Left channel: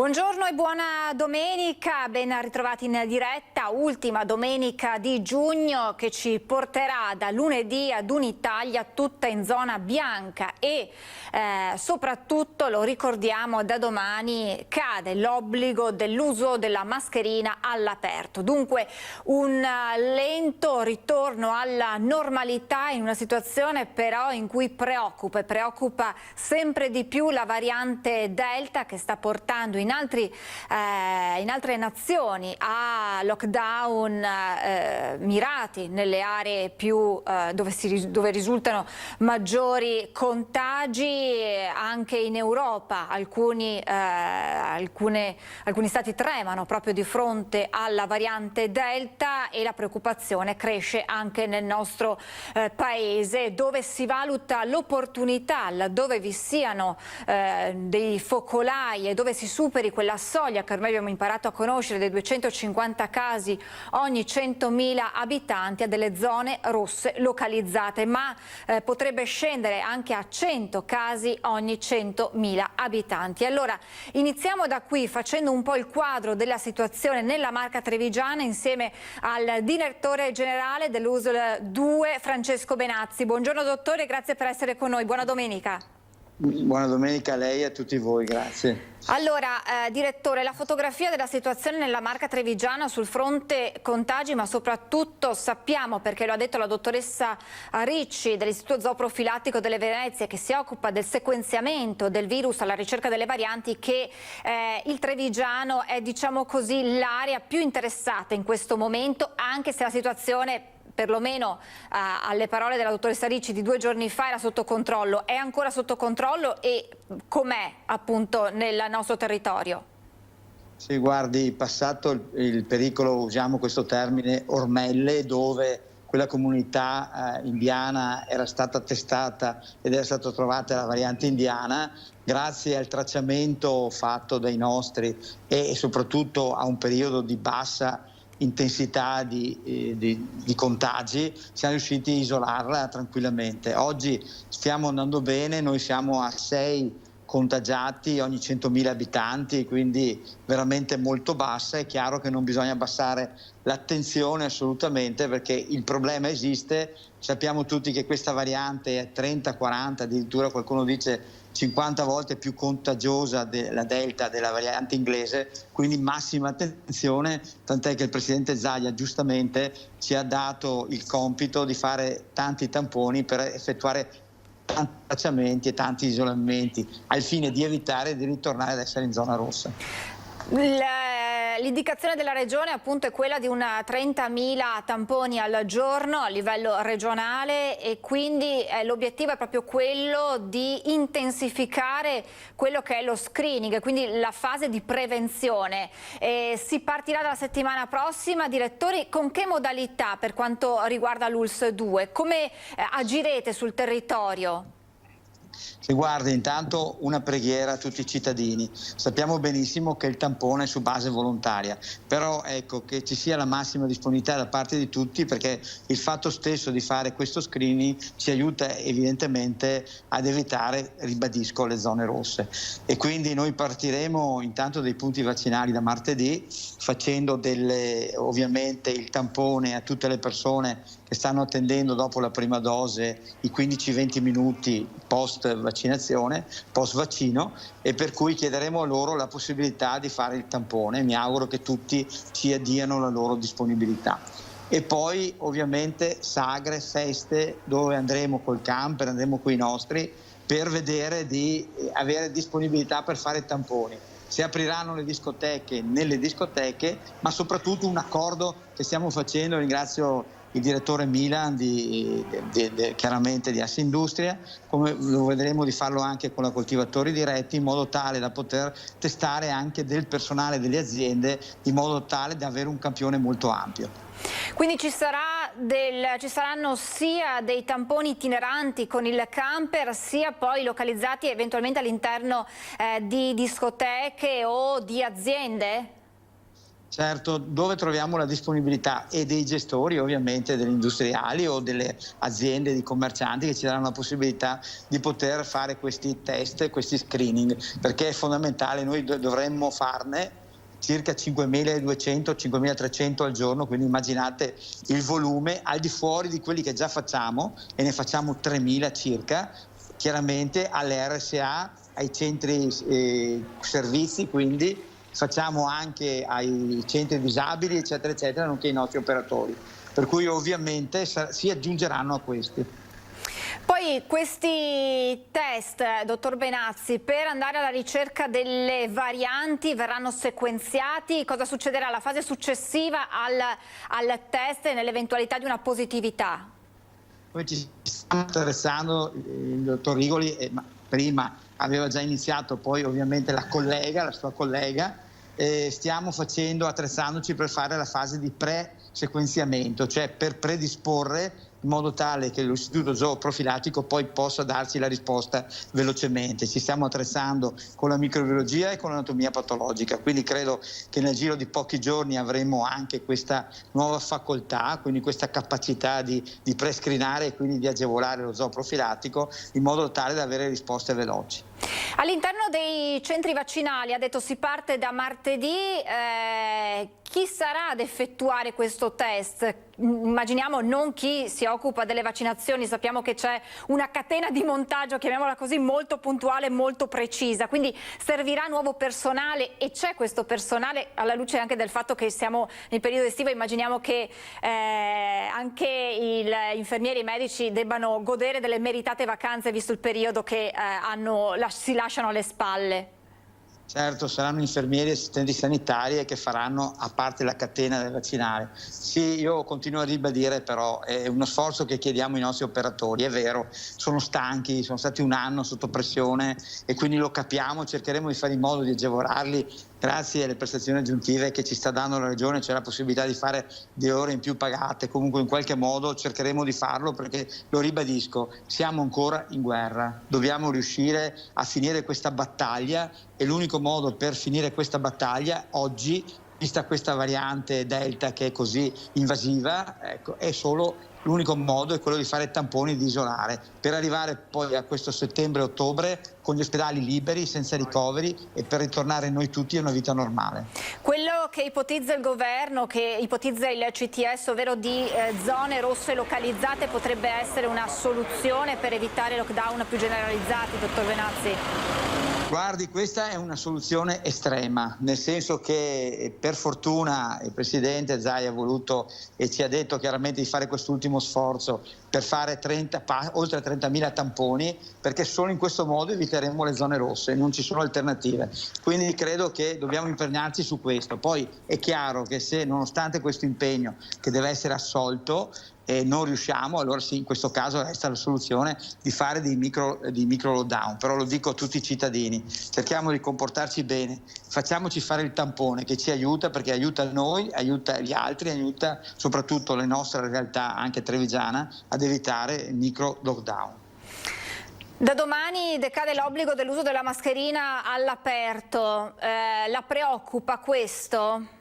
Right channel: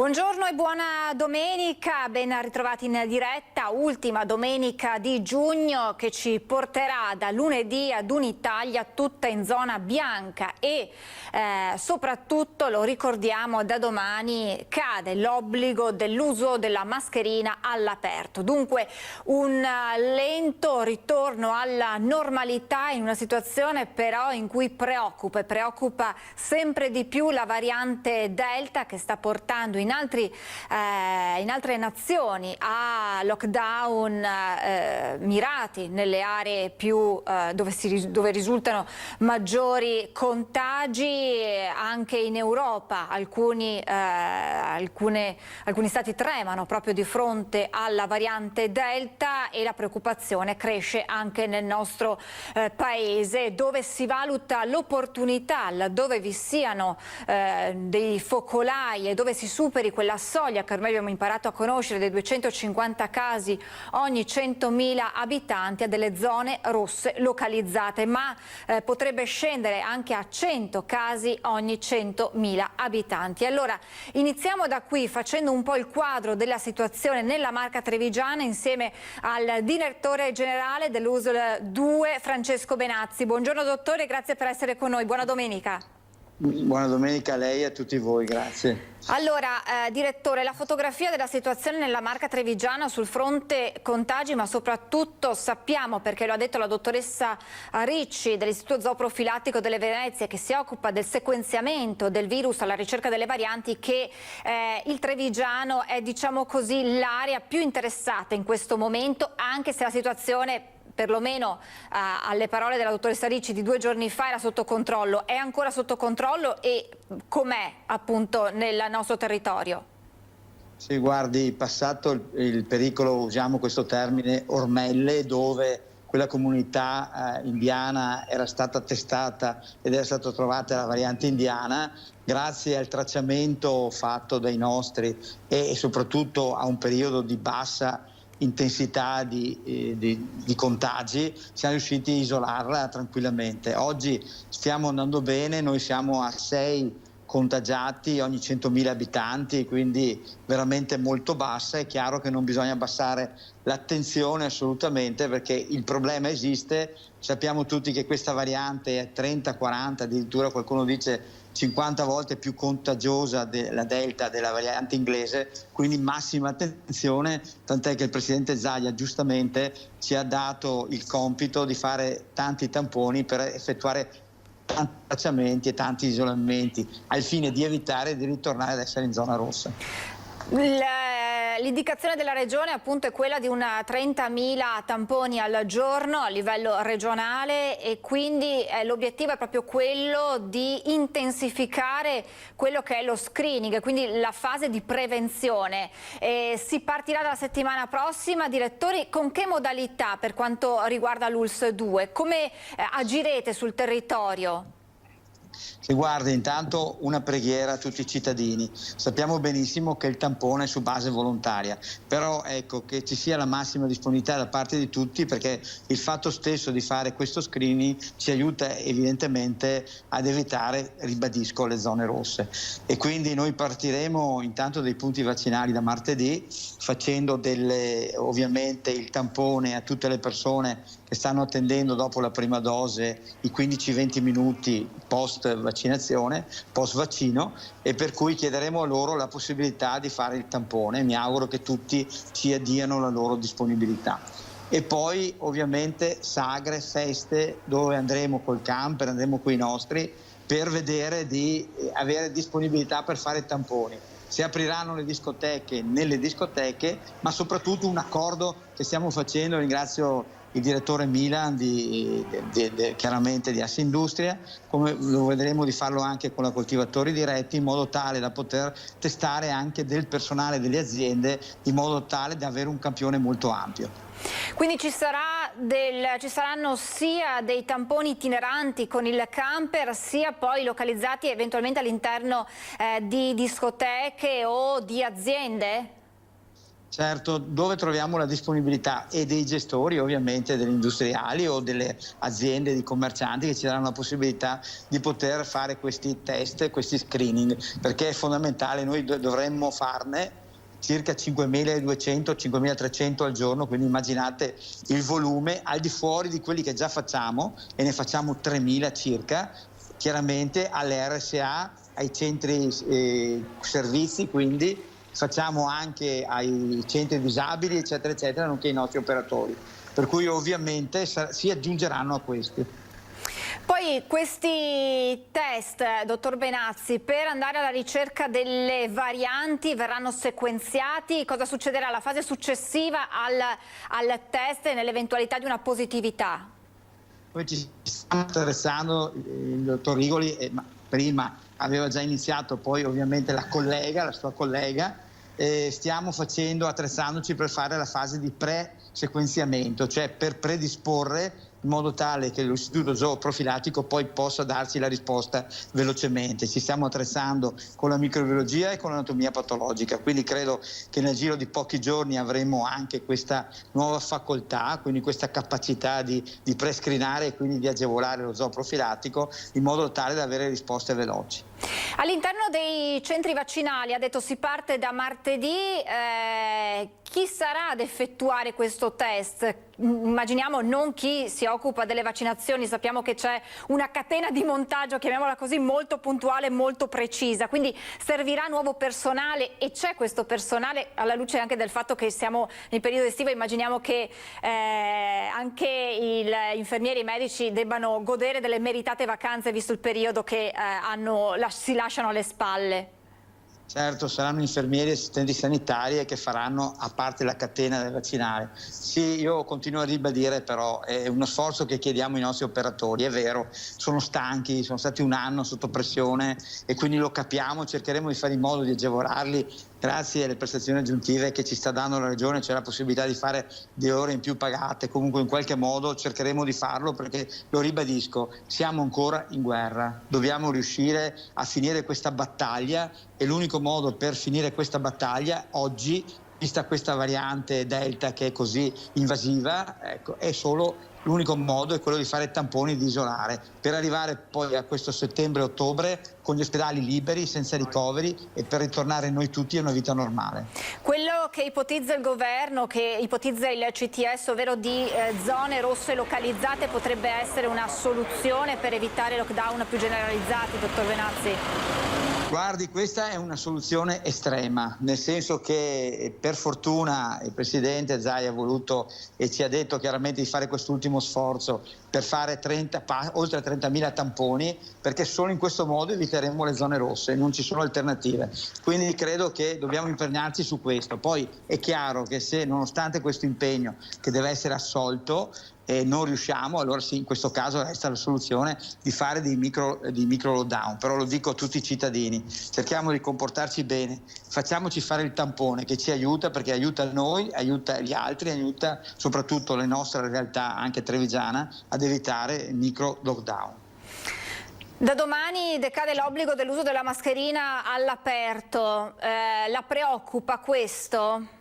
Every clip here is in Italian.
Buongiorno e buona domenica, ben ritrovati in diretta, ultima domenica di giugno che ci porterà da lunedì ad un'Italia tutta in zona bianca e soprattutto, lo ricordiamo, da domani cade l'obbligo dell'uso della mascherina all'aperto. Dunque un lento ritorno alla normalità in una situazione però in cui preoccupa sempre di più la variante Delta che sta portando in altre nazioni a lockdown mirati nelle aree più dove risultano maggiori contagi. Anche in Europa alcuni stati tremano proprio di fronte alla variante Delta e la preoccupazione cresce anche nel nostro paese, dove si valuta l'opportunità, laddove vi siano dei focolai e dove si superi quella soglia che ormai abbiamo imparato a conoscere dei 250 casi ogni 100.000 abitanti, a delle zone rosse localizzate, ma potrebbe scendere anche a 100 casi ogni 100.000 abitanti. Allora iniziamo da qui facendo un po' il quadro della situazione nella Marca Trevigiana insieme al direttore generale dell'USL 2 Francesco Benazzi. Buongiorno dottore, grazie per essere con noi, buona domenica. Buona domenica a lei e a tutti voi, grazie. Allora, direttore, la fotografia della situazione nella Marca Trevigiana sul fronte contagi, ma soprattutto sappiamo, perché lo ha detto la dottoressa Ricci dell'Istituto Zooprofilattico delle Venezie, che si occupa del sequenziamento del virus alla ricerca delle varianti, che il Trevigiano è, diciamo così, l'area più interessata in questo momento, anche se la situazione, perlomeno alle parole della dottoressa Ricci di 2 giorni fa, era sotto controllo. È ancora sotto controllo e com'è appunto nel nostro territorio? Sì, guardi, passato il pericolo, usiamo questo termine, ormelle, dove quella comunità indiana era stata testata ed era stata trovata la variante indiana, grazie al tracciamento fatto dai nostri e soprattutto a un periodo di bassa intensità di contagi, siamo riusciti a isolarla tranquillamente. Oggi stiamo andando bene, noi siamo a 6 contagiati ogni 100.000 abitanti, quindi veramente molto bassa. È chiaro che non bisogna abbassare l'attenzione assolutamente, perché il problema esiste. Sappiamo tutti che questa variante è 30, 40, addirittura qualcuno dice 50 volte più contagiosa della Delta, della variante inglese, quindi massima attenzione, tant'è che il presidente Zaia giustamente ci ha dato il compito di fare tanti tamponi per effettuare tanti tracciamenti e tanti isolamenti al fine di evitare di ritornare ad essere in zona rossa. L'indicazione della regione appunto è quella di una 30.000 tamponi al giorno a livello regionale e quindi l'obiettivo è proprio quello di intensificare quello che è lo screening, quindi la fase di prevenzione. Si partirà dalla settimana prossima, direttori, con che modalità per quanto riguarda l'ULS 2? Come agirete sul territorio? Sì, guardi, intanto una preghiera a tutti i cittadini. Sappiamo benissimo che il tampone è su base volontaria, però ecco che ci sia la massima disponibilità da parte di tutti, perché il fatto stesso di fare questo screening ci aiuta evidentemente ad evitare, ribadisco, le zone rosse. E quindi noi partiremo intanto dai punti vaccinali da martedì, facendo ovviamente il tampone a tutte le persone che stanno attendendo dopo la prima dose i 15-20 minuti post vaccinazione, post vaccino, e per cui chiederemo a loro la possibilità di fare il tampone. Mi auguro che tutti ci diano la loro disponibilità. E poi ovviamente sagre, feste, dove andremo col camper, andremo con i nostri, per vedere di avere disponibilità per fare tamponi. Si apriranno le discoteche nelle discoteche, ma soprattutto un accordo che stiamo facendo, ringrazio il direttore Milan chiaramente di Assindustria, come lo vedremo di farlo anche con la coltivatori diretti, in modo tale da poter testare anche del personale delle aziende, in modo tale da avere un campione molto ampio. Quindi ci saranno sia dei tamponi itineranti con il camper, sia poi localizzati eventualmente all'interno di discoteche o di aziende? Certo, dove troviamo la disponibilità e dei gestori, ovviamente degli industriali o delle aziende di commercianti che ci danno la possibilità di poter fare questi test, questi screening, perché è fondamentale, noi dovremmo farne circa 5.200, 5.300 al giorno, quindi immaginate il volume al di fuori di quelli che già facciamo, e ne facciamo 3.000 circa, chiaramente alle RSA, ai centri servizi, quindi facciamo anche ai centri disabili, eccetera, eccetera, nonché ai nostri operatori. Per cui ovviamente si aggiungeranno a questi. Poi questi test, dottor Benazzi, per andare alla ricerca delle varianti verranno sequenziati? Cosa succederà alla fase successiva al test nell'eventualità di una positività? Poi ci sta interessando il dottor Rigoli, prima aveva già iniziato, poi ovviamente la sua collega, stiamo attrezzandoci per fare la fase di pre-sequenziamento, cioè per predisporre in modo tale che l'istituto zooprofilattico poi possa darci la risposta velocemente. Ci stiamo attrezzando con la microbiologia e con l'anatomia patologica, quindi credo che nel giro di pochi giorni avremo anche questa nuova facoltà, quindi questa capacità di prescreenare e quindi di agevolare lo zooprofilattico in modo tale da avere risposte veloci. All'interno dei centri vaccinali, ha detto, si parte da martedì, chi sarà ad effettuare questo test? Immaginiamo non chi si occupa delle vaccinazioni, sappiamo che c'è una catena di montaggio, chiamiamola così, molto puntuale e molto precisa, quindi servirà nuovo personale, e c'è questo personale alla luce anche del fatto che siamo nel periodo estivo. Immaginiamo che anche gli infermieri e i medici debbano godere delle meritate vacanze visto il periodo che si lasciano alle spalle. Certo, saranno infermieri e assistenti sanitari che faranno a parte la catena del vaccinale. Sì, io continuo a ribadire, però è uno sforzo che chiediamo ai nostri operatori, è vero, sono stanchi, sono stati un anno sotto pressione e quindi lo capiamo, cercheremo di fare in modo di agevolarli grazie alle prestazioni aggiuntive che ci sta dando la Regione. C'è la possibilità di fare 2 ore in più pagate, comunque in qualche modo cercheremo di farlo, perché lo ribadisco, siamo ancora in guerra, dobbiamo riuscire a finire questa battaglia e l'unico modo per finire questa battaglia oggi, vista questa variante Delta che è così invasiva, ecco, è solo l'unico modo è quello di fare tamponi e di isolare, per arrivare poi a questo settembre-ottobre con gli ospedali liberi, senza ricoveri, e per ritornare noi tutti a una vita normale. Quello che ipotizza il governo, che ipotizza il CTS, ovvero di zone rosse localizzate, potrebbe essere una soluzione per evitare lockdown più generalizzati, dottor Benazzi? Guardi, questa è una soluzione estrema, nel senso che per fortuna il Presidente Zaia ha voluto e ci ha detto chiaramente di fare quest'ultimo sforzo per fare oltre 30.000 tamponi, perché solo in questo modo eviteremo le zone rosse, non ci sono alternative. Quindi credo che dobbiamo impegnarci su questo. Poi è chiaro che se, nonostante questo impegno che deve essere assolto, non riusciamo, allora sì, in questo caso resta la soluzione di fare dei micro lockdown. Però lo dico a tutti i cittadini, cerchiamo di comportarci bene, facciamoci fare il tampone che ci aiuta, perché aiuta noi, aiuta gli altri, aiuta soprattutto le nostre realtà, anche trevigiana, ad evitare micro lockdown. Da domani decade l'obbligo dell'uso della mascherina all'aperto, la preoccupa questo?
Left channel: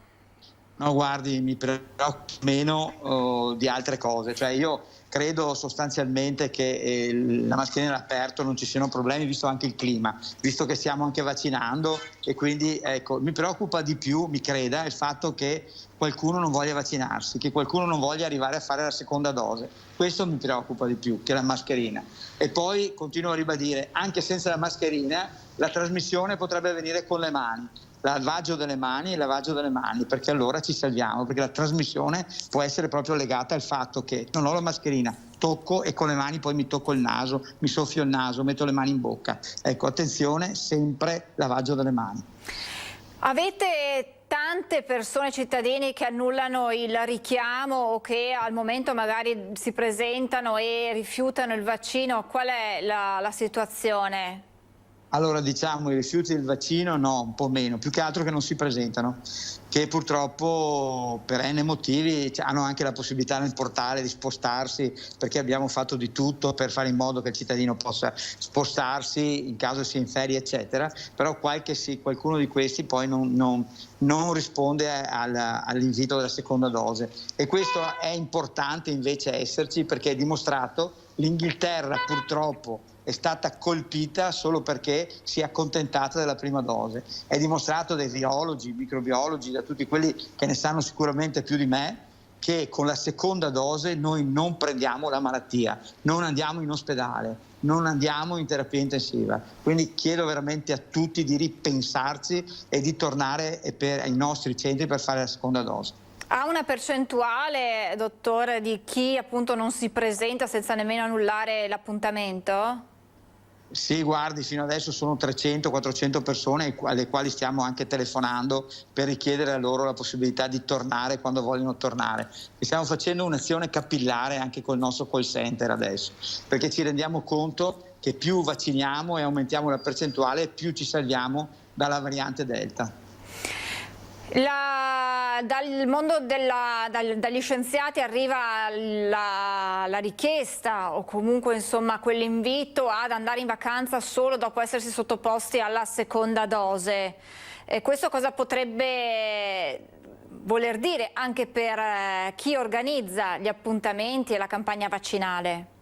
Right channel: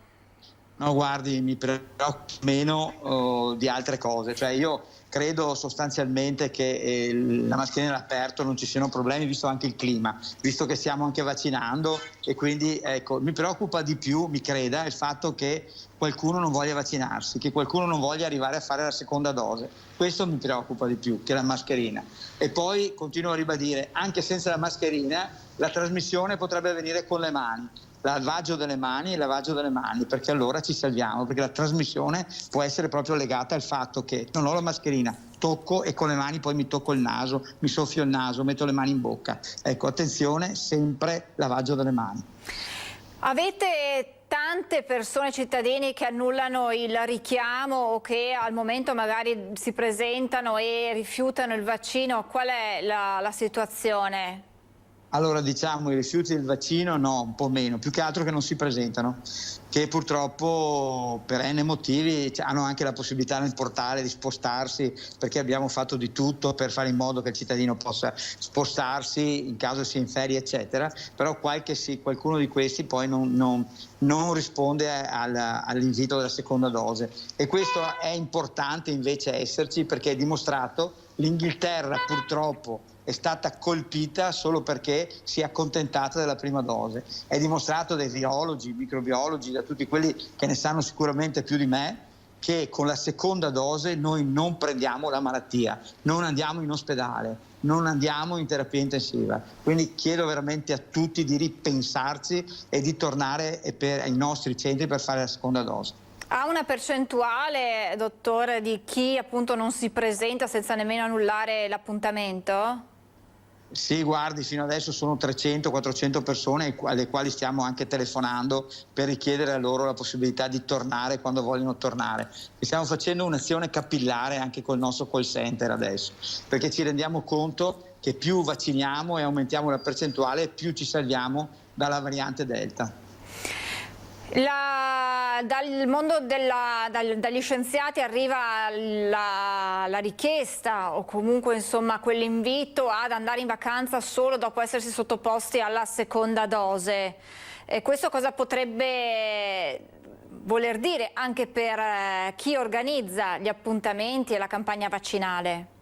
No, guardi, mi preoccupa meno di altre cose, cioè io credo sostanzialmente che la mascherina all'aperto non ci siano problemi, visto anche il clima, visto che stiamo anche vaccinando, e quindi ecco, mi preoccupa di più, mi creda, il fatto che qualcuno non voglia vaccinarsi, che qualcuno non voglia arrivare a fare la seconda dose. Questo mi preoccupa di più che la mascherina. E poi continuo a ribadire, anche senza la mascherina la trasmissione potrebbe avvenire con le mani. Lavaggio delle mani, perché allora ci salviamo, perché la trasmissione può essere proprio legata al fatto che non ho la mascherina, tocco e con le mani poi mi tocco il naso, mi soffio il naso, metto le mani in bocca. Ecco, attenzione, sempre lavaggio delle mani. Avete tante persone, cittadini, che annullano il richiamo o che al momento magari si presentano e rifiutano il vaccino? Qual è la situazione? Allora, diciamo, i rifiuti del vaccino no, un po' meno, più che altro che non si presentano, che purtroppo per N motivi hanno anche la possibilità nel portale di spostarsi, perché abbiamo fatto di tutto per fare in modo che il cittadino possa spostarsi in caso sia in ferie, eccetera, però qualcuno di questi poi non risponde all'invito della seconda dose. E questo è importante invece esserci, perché è dimostrato. L'Inghilterra purtroppo è stata colpita solo perché si è accontentata della prima dose. È dimostrato dai virologi, microbiologi, da tutti quelli che ne sanno sicuramente più di me, che con la seconda dose noi non prendiamo la malattia, non andiamo in ospedale, non andiamo in terapia intensiva. Quindi chiedo veramente a tutti di ripensarci e di tornare ai nostri centri per fare la seconda dose. Ha una percentuale, dottore, di chi appunto non si presenta senza nemmeno annullare l'appuntamento? Sì, guardi, fino adesso sono 300-400 persone alle quali stiamo anche telefonando per richiedere a loro la possibilità di tornare quando vogliono tornare. E stiamo facendo un'azione capillare anche col nostro call center adesso, perché ci rendiamo conto che più vacciniamo e aumentiamo la percentuale, più ci salviamo dalla variante Delta. Dal mondo dagli scienziati arriva la richiesta o comunque insomma quell'invito ad andare in vacanza solo dopo essersi sottoposti alla seconda dose. Questo cosa potrebbe voler dire anche per chi organizza gli appuntamenti e la campagna vaccinale?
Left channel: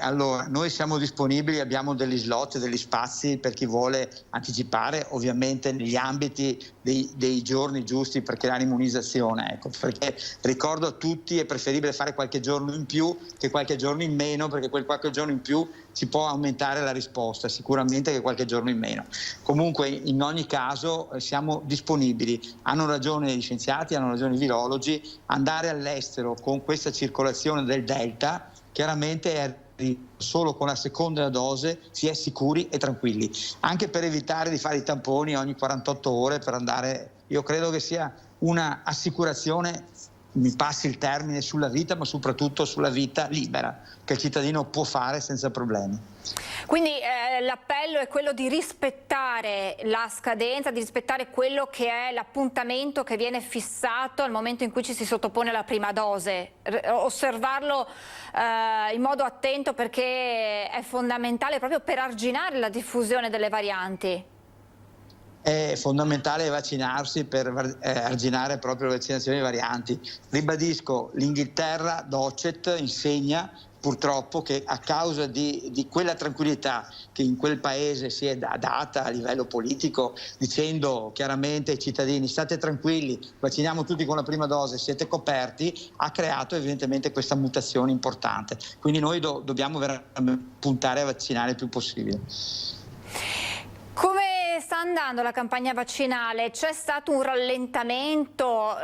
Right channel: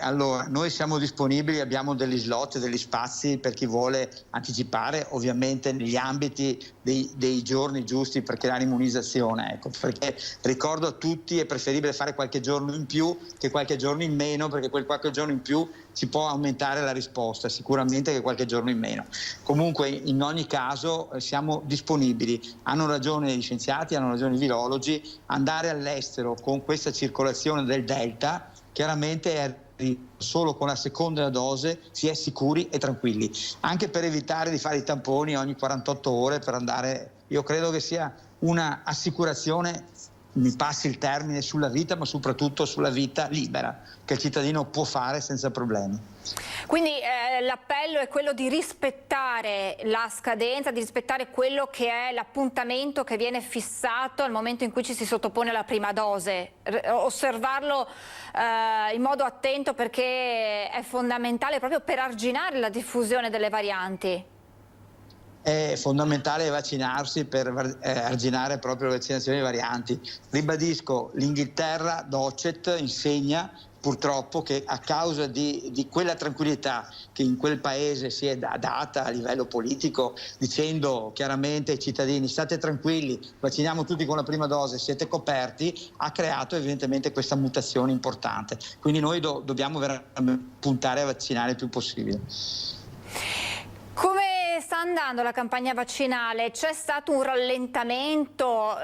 Allora, noi siamo disponibili, abbiamo degli slot, degli spazi per chi vuole anticipare, ovviamente negli ambiti dei giorni giusti per creare immunizzazione. Ecco, perché ricordo a tutti è preferibile fare qualche giorno in più che qualche giorno in meno, perché quel qualche giorno in più ci può aumentare la risposta, sicuramente che qualche giorno in meno. Comunque, in ogni caso, siamo disponibili. Hanno ragione gli scienziati, hanno ragione i virologi, andare all'estero con questa circolazione del Delta chiaramente è solo con la seconda dose si è sicuri e tranquilli, anche per evitare di fare i tamponi ogni 48 ore per andare. Io credo che sia una assicurazione, mi passi il termine, sulla vita, ma soprattutto sulla vita libera che il cittadino può fare senza problemi. Quindi l'appello è quello di rispettare la scadenza, di rispettare quello che è l'appuntamento che viene fissato al momento in cui ci si sottopone alla prima dose, osservarlo in modo attento, perché è fondamentale proprio per arginare la diffusione delle varianti. È fondamentale vaccinarsi per arginare proprio le vaccinazioni varianti. Ribadisco, l'Inghilterra, Docet, insegna purtroppo che a causa di quella tranquillità che in quel paese si è data a livello politico, dicendo chiaramente ai cittadini state tranquilli, vacciniamo tutti con la prima dose, siete coperti, ha creato evidentemente questa mutazione importante. Quindi noi dobbiamo veramente puntare a vaccinare il più possibile. Come sta andando la campagna vaccinale? C'è stato un rallentamento?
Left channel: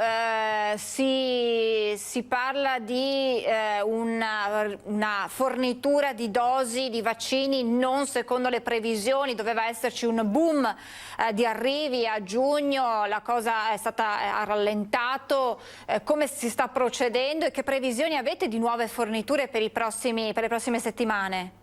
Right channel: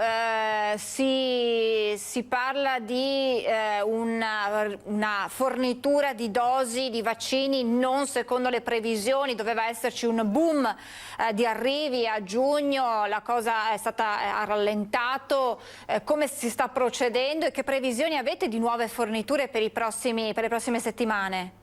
Si parla di una fornitura di dosi di vaccini non secondo le previsioni, doveva esserci un boom di arrivi a giugno, la cosa ha rallentato. Come si sta procedendo e che previsioni avete di nuove forniture per le prossime settimane?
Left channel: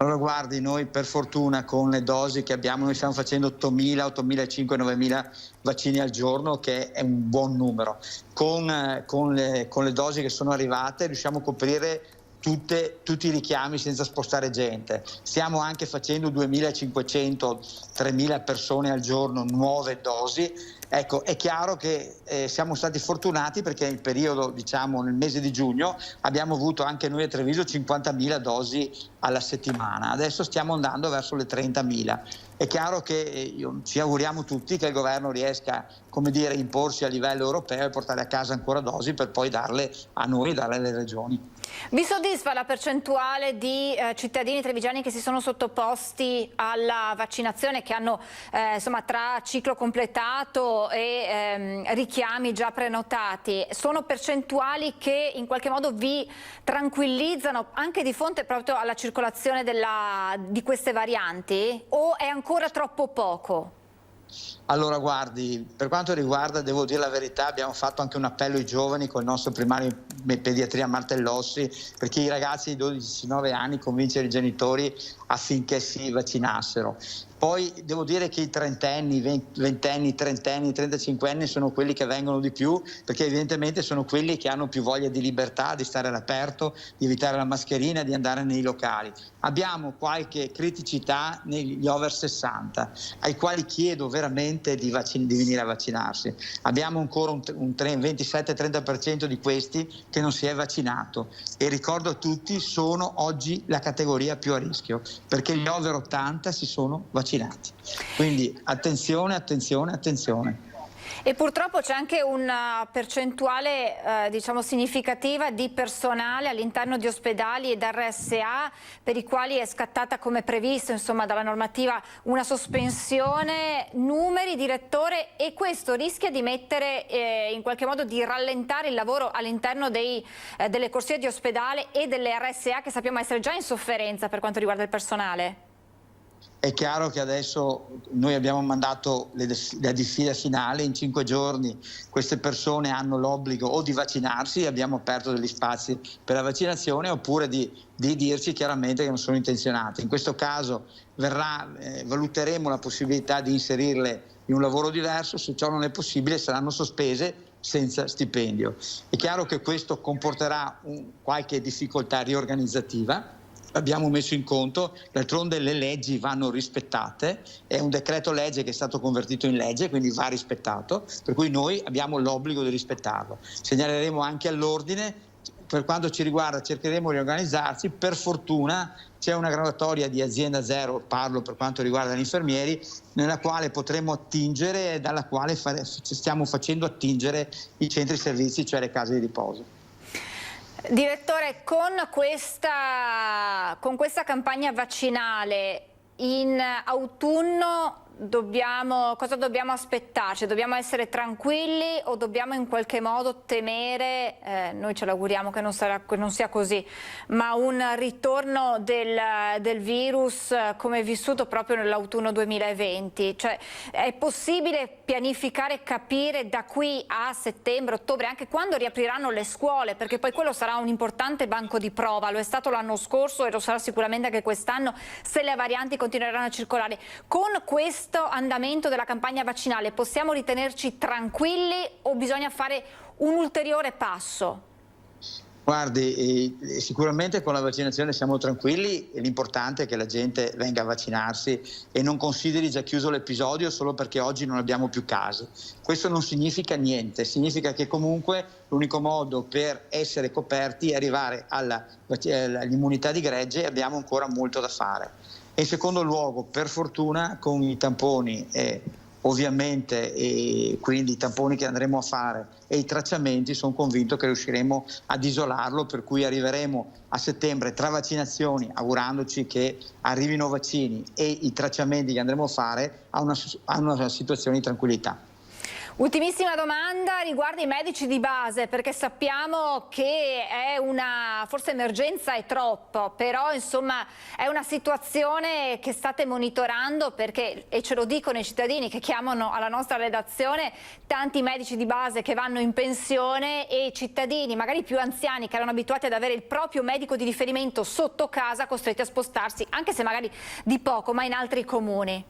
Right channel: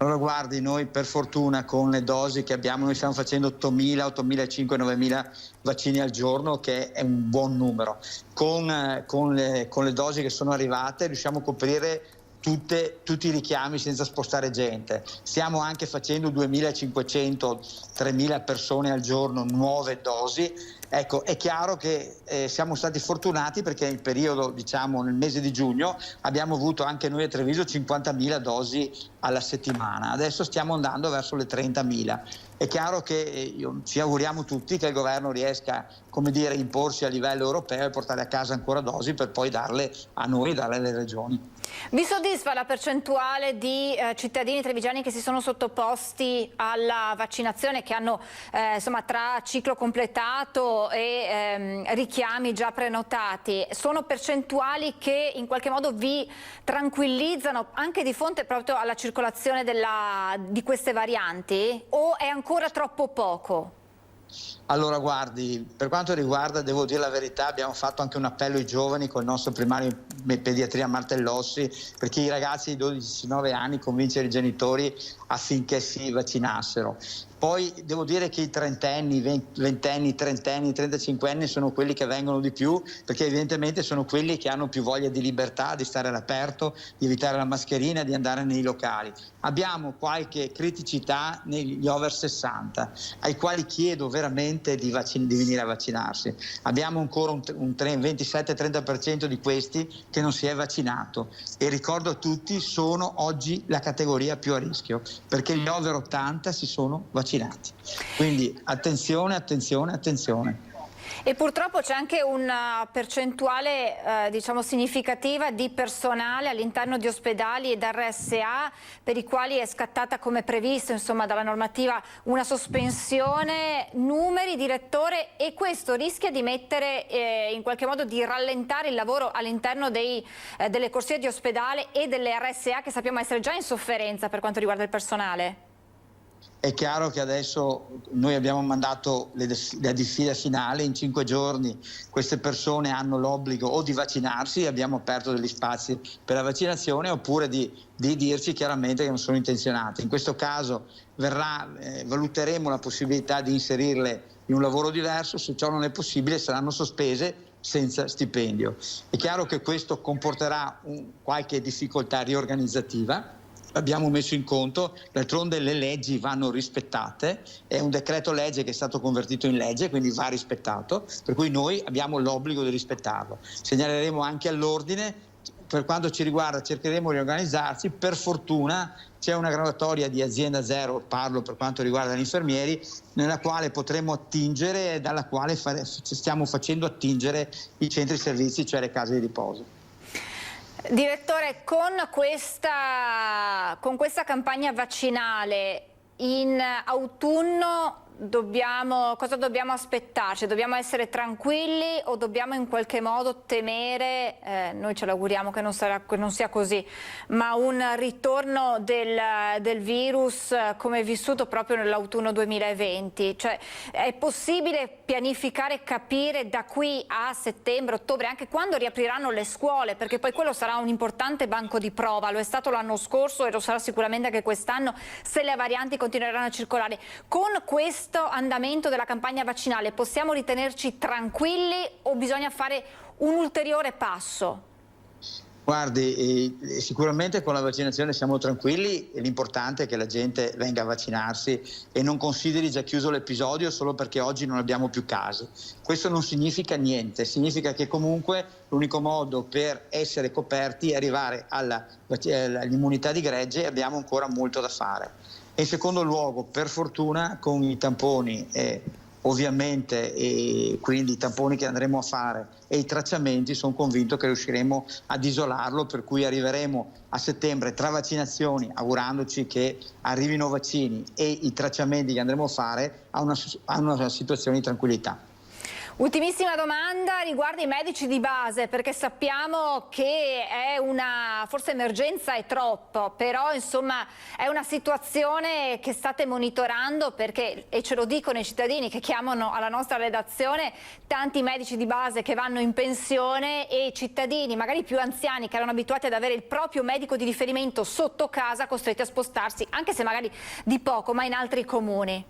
Allora guardi, noi per fortuna con le dosi che abbiamo, noi stiamo facendo 8.000, 8.500, 9.000 vaccini al giorno, che è un buon numero. Con le dosi che sono arrivate riusciamo a coprire tutti i richiami senza spostare gente. Stiamo anche facendo 2.500, 3.000 persone al giorno, nuove dosi. Ecco, è chiaro che siamo stati fortunati perché nel periodo, diciamo nel mese di giugno, abbiamo avuto anche noi a Treviso 50.000 dosi alla settimana. Adesso stiamo andando verso le 30.000. È chiaro che ci auguriamo tutti che il governo riesca, come dire, a imporsi a livello europeo e portare a casa ancora dosi per poi darle a noi e darle alle regioni. Vi soddisfa la percentuale di cittadini trevigiani che si sono sottoposti alla vaccinazione, che hanno insomma tra ciclo completato e richiami già prenotati? Sono percentuali che in qualche modo vi tranquillizzano anche di fronte proprio alla circolazione di queste varianti, o è ancora troppo poco? Allora guardi, per quanto riguarda, devo dire la verità, abbiamo fatto anche un appello ai giovani con il nostro primario pediatria Martellossi, perché i ragazzi di 12-19 anni convincere i genitori affinché si vaccinassero. Poi devo dire che i trentenni, ventenni, trentenni, 35 anni sono quelli che vengono di più, perché evidentemente sono quelli che hanno più voglia di libertà, di stare all'aperto, di evitare la mascherina, di andare nei locali. Abbiamo qualche criticità negli over 60, ai quali chiedo veramente di venire a vaccinarsi. Abbiamo ancora un 27-30% di questi che non si è vaccinato, e ricordo a tutti, sono oggi la categoria più a rischio, perché gli over 80 si sono vaccinati. Quindi attenzione, attenzione, attenzione. E purtroppo c'è anche una percentuale diciamo significativa di personale all'interno di ospedali ed RSA per i quali è scattata, come previsto insomma dalla normativa, una sospensione. Numeri, direttore, e questo rischia di mettere in qualche modo, di rallentare il lavoro all'interno delle corsie di ospedale e delle RSA, che sappiamo essere già in sofferenza per quanto riguarda il personale. È chiaro che adesso noi abbiamo mandato la diffida finale, in 5 giorni queste persone hanno l'obbligo o di vaccinarsi, abbiamo aperto degli spazi per la vaccinazione, oppure di dirci chiaramente che non sono intenzionate. In questo caso valuteremo la possibilità di inserirle in un lavoro diverso, se ciò non è possibile saranno sospese senza stipendio. È chiaro che questo comporterà qualche difficoltà riorganizzativa. Abbiamo messo in conto, d'altronde le leggi vanno rispettate, è un decreto legge che è stato convertito in legge, quindi va rispettato, per cui noi abbiamo l'obbligo di rispettarlo. Segnaleremo anche all'ordine, per quanto ci riguarda cercheremo di organizzarci, per fortuna c'è una graduatoria di azienda zero, parlo per quanto riguarda gli infermieri, nella quale potremo attingere e dalla quale stiamo facendo attingere i centri servizi, cioè le case di riposo. Direttore, con questa campagna vaccinale in autunno cosa dobbiamo aspettarci? Dobbiamo essere tranquilli o dobbiamo in qualche modo temere, noi ce l'auguriamo che non sia così, ma un ritorno del virus come vissuto proprio nell'autunno 2020? Cioè, è possibile pianificare e capire da qui a settembre, ottobre, anche quando riapriranno le scuole, perché poi quello sarà un importante banco di prova, lo è stato l'anno scorso e lo sarà sicuramente anche quest'anno se le varianti continueranno a circolare. Con questo andamento della campagna vaccinale possiamo ritenerci tranquilli o bisogna fare un ulteriore passo? Guardi, sicuramente con la vaccinazione siamo tranquilli, l'importante è che la gente venga a vaccinarsi e non consideri già chiuso l'episodio solo perché oggi non abbiamo più casi. Questo non significa niente, significa che comunque l'unico modo per essere coperti è arrivare all'immunità di gregge, e abbiamo ancora molto da fare. E in secondo luogo, per fortuna, con i tamponi ovviamente, e quindi i tamponi che andremo a fare e i tracciamenti, sono convinto che riusciremo ad isolarlo, per cui arriveremo a settembre tra vaccinazioni, augurandoci che arrivino vaccini, e i tracciamenti che andremo a fare a una situazione di tranquillità. Ultimissima domanda riguarda i medici di base, perché sappiamo che è forse emergenza è troppo, però insomma è una situazione che state monitorando, perché, e ce lo dicono i cittadini che chiamano alla nostra redazione, tanti medici di base che vanno in pensione e cittadini magari più anziani che erano abituati ad avere il proprio medico di riferimento sotto casa, costretti a spostarsi, anche se magari di poco, ma in altri comuni.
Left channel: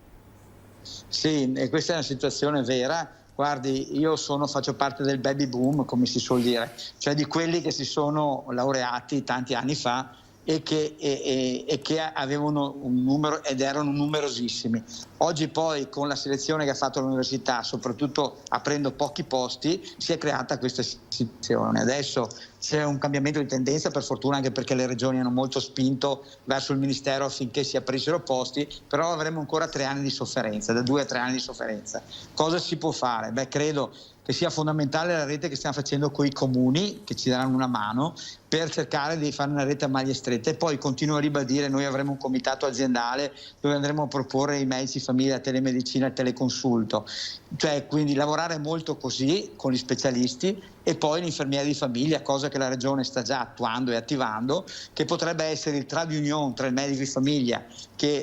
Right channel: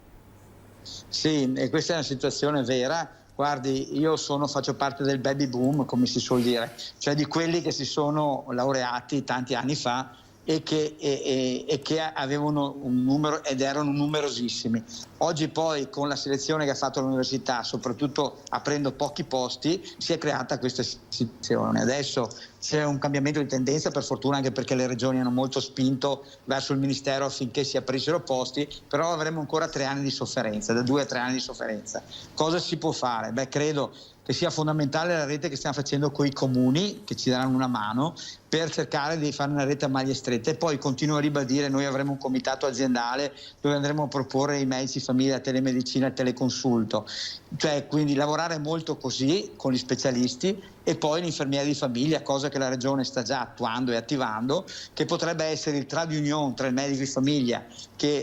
Sì, e questa è una situazione vera. Guardi, io faccio parte del baby boom, come si suol dire, cioè di quelli che si sono laureati tanti anni fa e che avevano un numero, ed erano numerosissimi. Oggi poi, con la selezione che ha fatto l'università, soprattutto aprendo pochi posti, si è creata questa situazione. Adesso c'è un cambiamento di tendenza, per fortuna, anche perché le regioni hanno molto spinto verso il Ministero affinché si aprissero posti, però avremo ancora 3 anni di sofferenza, da 2 a 3 anni di sofferenza. Cosa si può fare? Beh, credo che sia fondamentale la rete che stiamo facendo con i comuni, che ci daranno una mano, per cercare di fare una rete a maglie strette. E poi continuo a ribadire, noi avremo un comitato aziendale dove andremo a proporre i medici famiglia, telemedicina e teleconsulto. Cioè, quindi lavorare molto così con gli specialisti, e poi l'infermiere di famiglia, cosa che la Regione sta già attuando e attivando, che potrebbe essere il trade union tra il medico di famiglia,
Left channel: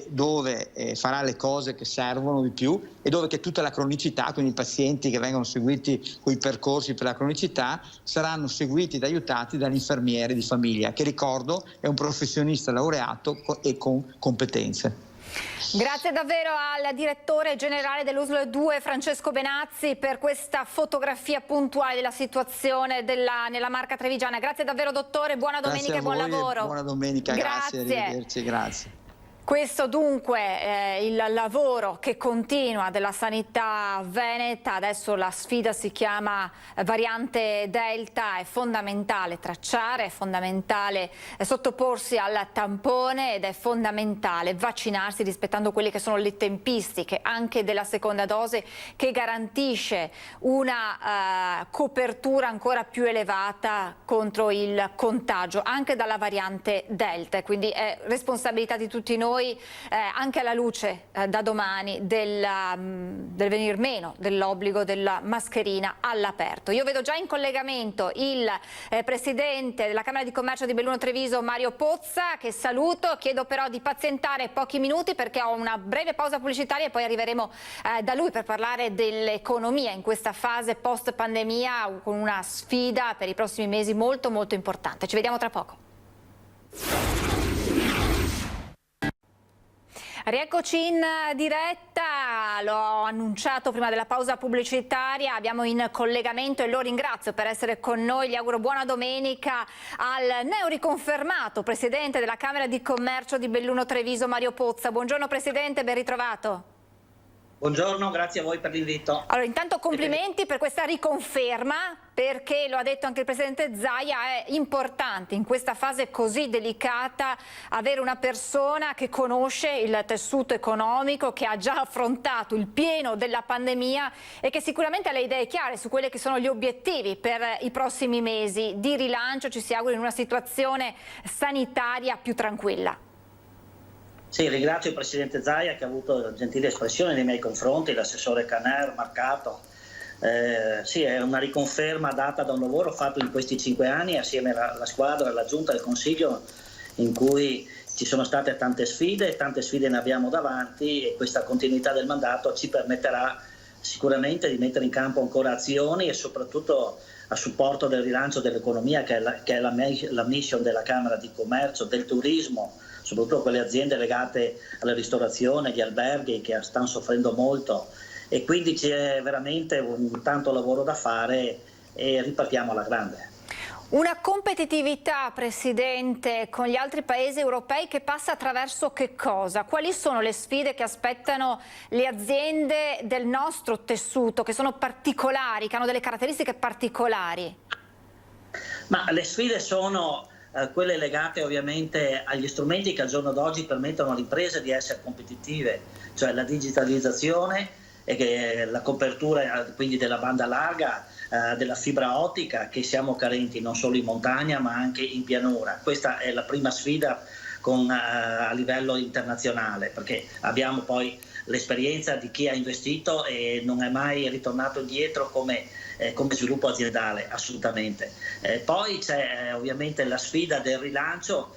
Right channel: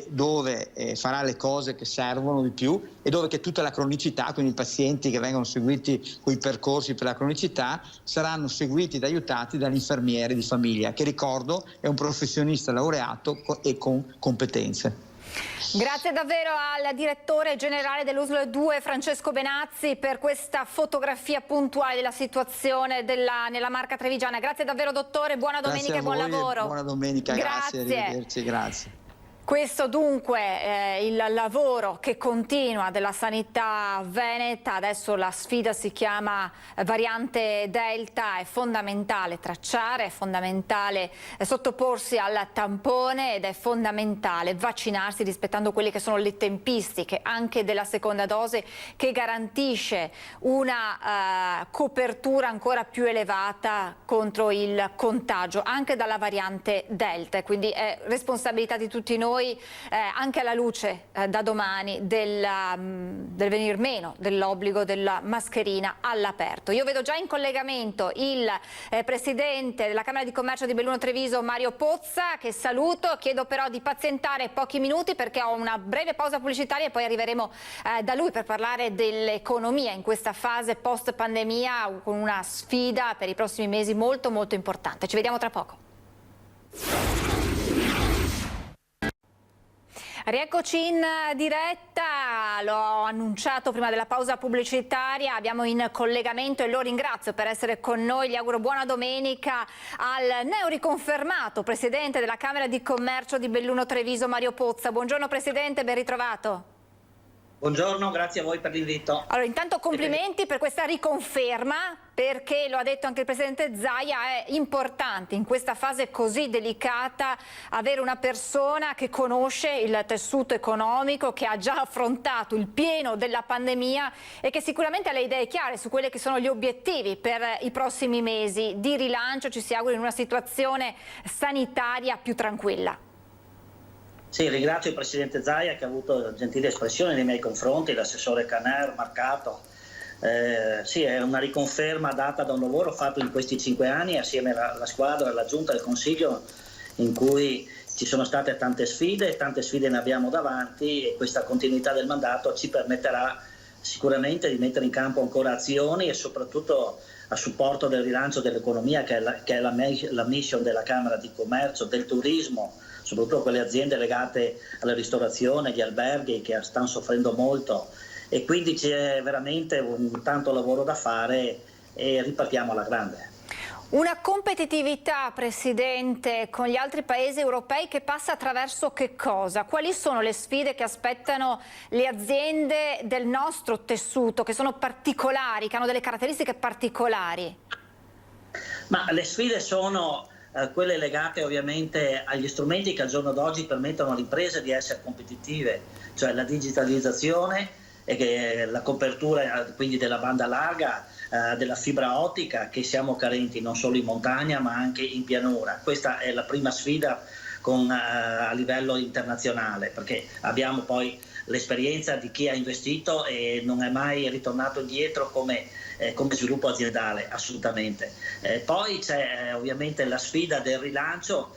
dove farà le cose che servono di più, e dove che tutta la cronicità, quindi i pazienti che vengono seguiti con i percorsi per la cronicità, saranno seguiti ed aiutati dall'infermiere di famiglia, che ricordo è un professionista laureato e con competenze. Grazie davvero al direttore generale dell'USL 2 Francesco Benazzi per questa fotografia puntuale della situazione nella Marca Trevigiana. Grazie davvero dottore, buona domenica e buon lavoro. Buona domenica, grazie, arrivederci, grazie. Questo dunque è il lavoro che continua della sanità veneta. Adesso la sfida si chiama variante Delta, è fondamentale tracciare, è fondamentale sottoporsi al tampone ed è fondamentale vaccinarsi rispettando quelle che sono le tempistiche anche della seconda dose, che garantisce una copertura ancora più elevata contro il contagio anche dalla variante Delta, quindi è responsabilità di tutti noi, anche alla luce da domani del venir meno dell'obbligo della mascherina all'aperto. Io vedo già in collegamento il presidente della Camera di Commercio di Belluno Treviso, Mario Pozza, che saluto. Chiedo però di pazientare pochi minuti perché ho una breve pausa pubblicitaria e poi arriveremo da lui per parlare dell'economia in questa fase post pandemia, con una sfida per i prossimi mesi molto molto importante. Ci vediamo tra poco. Rieccoci in diretta, l'ho annunciato prima della pausa pubblicitaria, abbiamo in collegamento, e lo ringrazio per essere con noi, gli auguro buona domenica al neoriconfermato Presidente della Camera di Commercio di Belluno Treviso, Mario Pozza. Buongiorno Presidente, ben ritrovato. Buongiorno, grazie a voi per l'invito. Allora, intanto complimenti per questa riconferma, perché lo ha detto anche il Presidente Zaia, è importante in questa fase così delicata avere una persona che conosce il tessuto economico, che ha già affrontato il pieno della pandemia e che sicuramente ha le idee chiare su quelli che sono gli obiettivi per i prossimi mesi di rilancio, ci si augura in una situazione sanitaria più tranquilla. Sì, ringrazio il Presidente Zaia che ha avuto gentili espressioni nei miei confronti, l'assessore Caner, Marcato. Sì, è una riconferma data da un lavoro fatto in questi 5 anni assieme alla squadra, alla Giunta e al Consiglio, in cui ci sono state tante sfide ne abbiamo davanti, e questa continuità del mandato ci permetterà sicuramente di mettere in campo ancora azioni e soprattutto a supporto del rilancio dell'economia, che è la mission della Camera di Commercio, del turismo, soprattutto quelle aziende legate alla ristorazione, agli alberghi che stanno soffrendo molto, e quindi c'è veramente tanto lavoro da fare e ripartiamo alla grande. Una competitività, Presidente, con gli altri paesi europei che passa attraverso che cosa? Quali sono le sfide che aspettano le aziende del nostro tessuto, che sono particolari, che hanno delle caratteristiche particolari? Ma le sfide sono quelle legate ovviamente agli strumenti che al giorno d'oggi permettono alle imprese di essere competitive, cioè la digitalizzazione e la copertura quindi della banda larga, della fibra ottica, che siamo carenti non solo in montagna ma anche in pianura. Questa è la prima sfida a livello internazionale, perché abbiamo poi l'esperienza di chi ha investito e non è mai ritornato indietro come sviluppo aziendale, assolutamente. Poi c'è ovviamente la sfida del rilancio.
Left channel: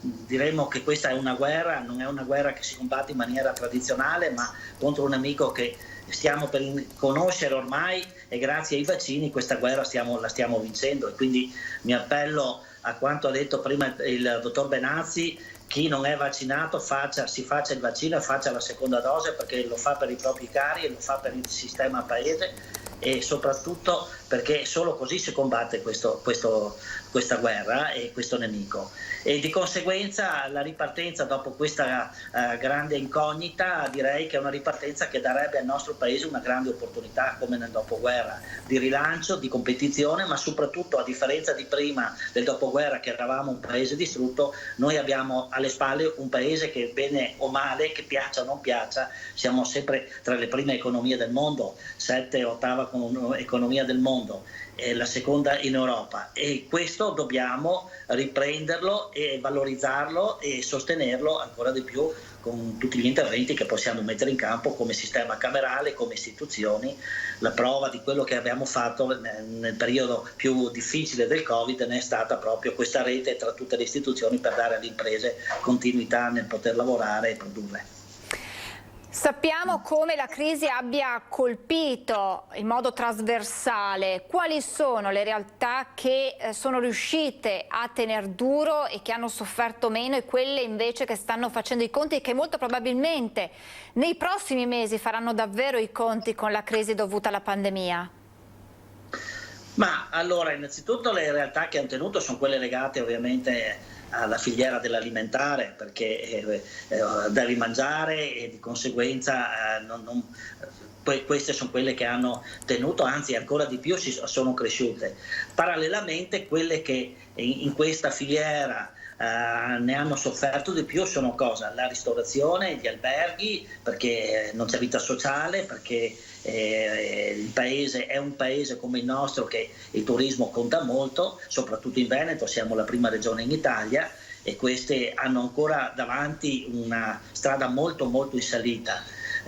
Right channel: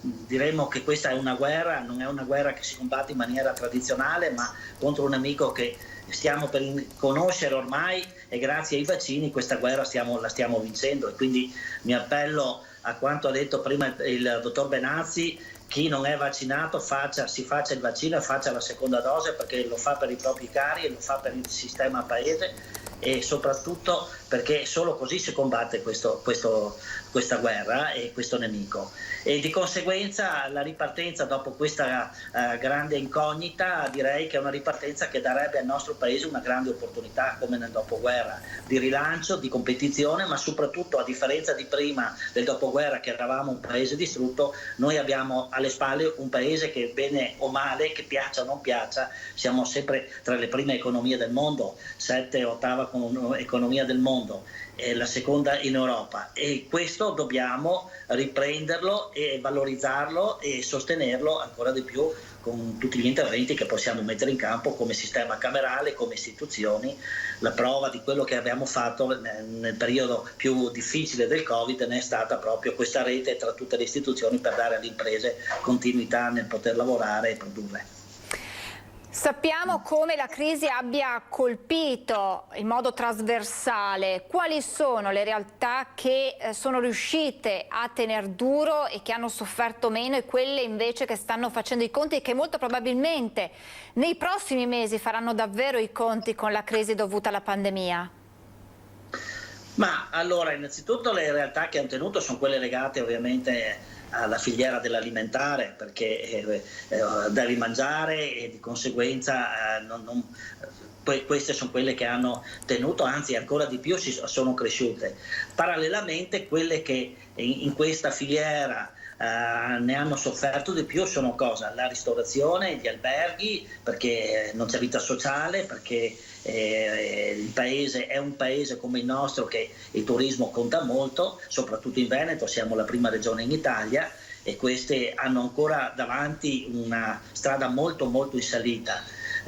Diremmo che questa è una guerra, non è una guerra che si combatte in maniera tradizionale, ma contro un nemico che stiamo per conoscere ormai, e grazie ai vaccini questa guerra la stiamo vincendo. E quindi mi appello a quanto ha detto prima il dottor Benazzi: chi non è vaccinato si faccia il vaccino e faccia la seconda dose, perché lo fa per i propri cari e lo fa per il sistema paese, e soprattutto perché solo così si combatte questa guerra e questo nemico. E di conseguenza la ripartenza dopo questa grande incognita, direi che è una ripartenza che darebbe al nostro paese una grande opportunità, come nel dopoguerra, di rilancio, di competizione, ma soprattutto, a differenza di prima del dopoguerra, che eravamo un paese distrutto, noi abbiamo alle spalle un paese che, bene o male, che piaccia o non piaccia, siamo sempre tra le prime economie del mondo, 7, 8 terza economia del mondo, la seconda in Europa, e questo dobbiamo riprenderlo e valorizzarlo e sostenerlo ancora di più con tutti gli interventi che possiamo mettere in campo come sistema camerale, come istituzioni. La prova di quello che abbiamo fatto nel periodo più difficile del Covid ne è stata proprio questa rete tra tutte le istituzioni per dare alle imprese continuità nel poter lavorare e produrre. Sappiamo come la crisi abbia colpito in modo trasversale. Quali sono le realtà che sono riuscite a tener duro e che hanno sofferto meno, e quelle invece che stanno facendo i conti e che molto probabilmente nei prossimi mesi faranno davvero i conti con la crisi dovuta alla pandemia? Ma allora, innanzitutto le realtà che hanno tenuto sono quelle legate ovviamente alla filiera dell'alimentare, perché devi mangiare e di conseguenza queste sono quelle che hanno tenuto, anzi ancora di più sono cresciute. Parallelamente quelle che in questa filiera ne hanno sofferto di più sono cosa? La ristorazione, gli alberghi, perché non c'è vita sociale, perché il paese è un paese come il nostro che il turismo conta molto, soprattutto in Veneto, siamo la prima regione in Italia, e queste hanno ancora davanti una strada molto molto in salita.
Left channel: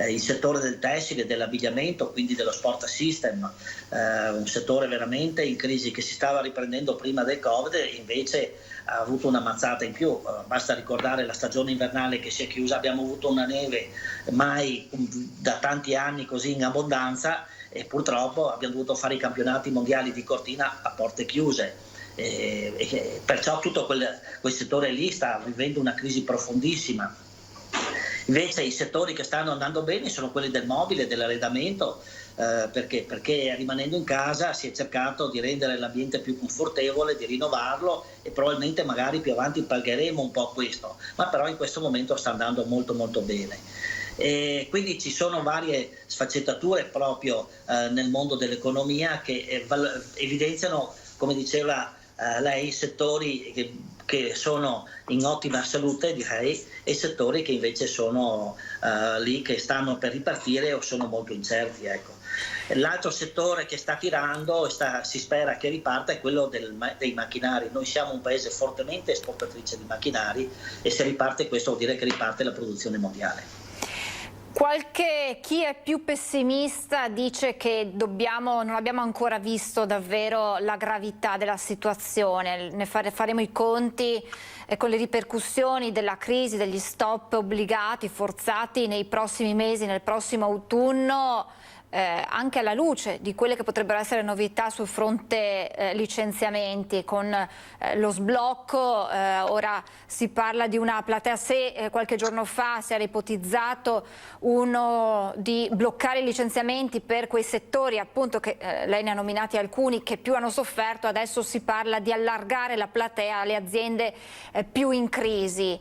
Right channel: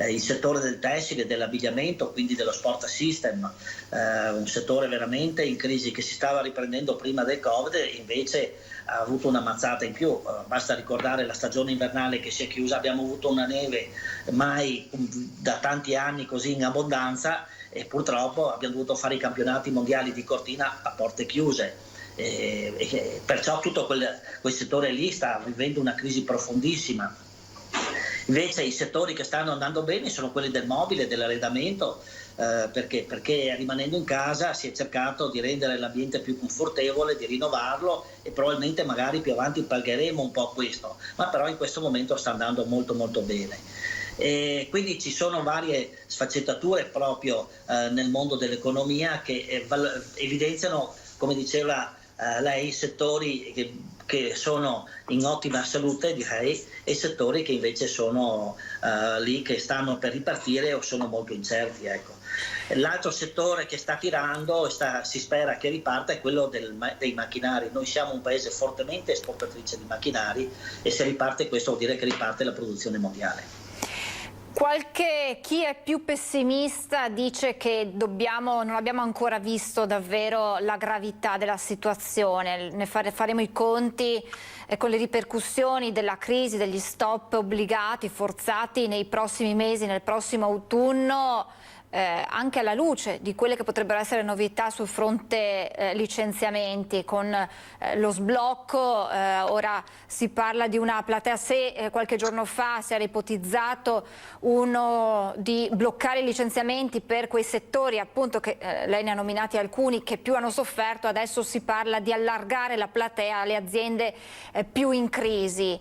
Il settore del tessile, dell'abbigliamento, quindi dello sport system, un settore veramente in crisi che si stava riprendendo prima del Covid, invece ha avuto una mazzata in più. Basta ricordare la stagione invernale che si è chiusa, abbiamo avuto una neve mai da tanti anni così in abbondanza, e purtroppo abbiamo dovuto fare i campionati mondiali di cortina a porte chiuse. E perciò tutto quel settore lì sta vivendo una crisi profondissima. Invece i settori che stanno andando bene sono quelli del mobile, dell'arredamento, perché rimanendo in casa si è cercato di rendere l'ambiente più confortevole, di rinnovarlo, e probabilmente magari più avanti pagheremo un po' questo, ma però in questo momento sta andando molto molto bene. E quindi ci sono varie sfaccettature proprio nel mondo dell'economia che evidenziano, come diceva lei, settori che sono in ottima salute, direi, e settori che invece sono lì che stanno per ripartire o sono molto incerti, ecco. L'altro settore che sta tirando e si spera che riparta è quello dei macchinari. Noi siamo un paese fortemente esportatrice di macchinari, e se riparte questo vuol dire che riparte la produzione mondiale. Chi è più pessimista dice che non abbiamo ancora visto davvero la gravità della situazione, faremo i conti con le ripercussioni della crisi, degli stop obbligati, forzati nei prossimi mesi, nel prossimo autunno, anche alla luce di quelle che potrebbero essere novità sul fronte licenziamenti, con lo sblocco. Ora si parla di una platea, se qualche giorno fa si era ipotizzato uno di bloccare i licenziamenti per quei settori, appunto, che lei ne ha nominati alcuni, che più hanno sofferto. Adesso si parla di allargare la platea alle aziende più in crisi.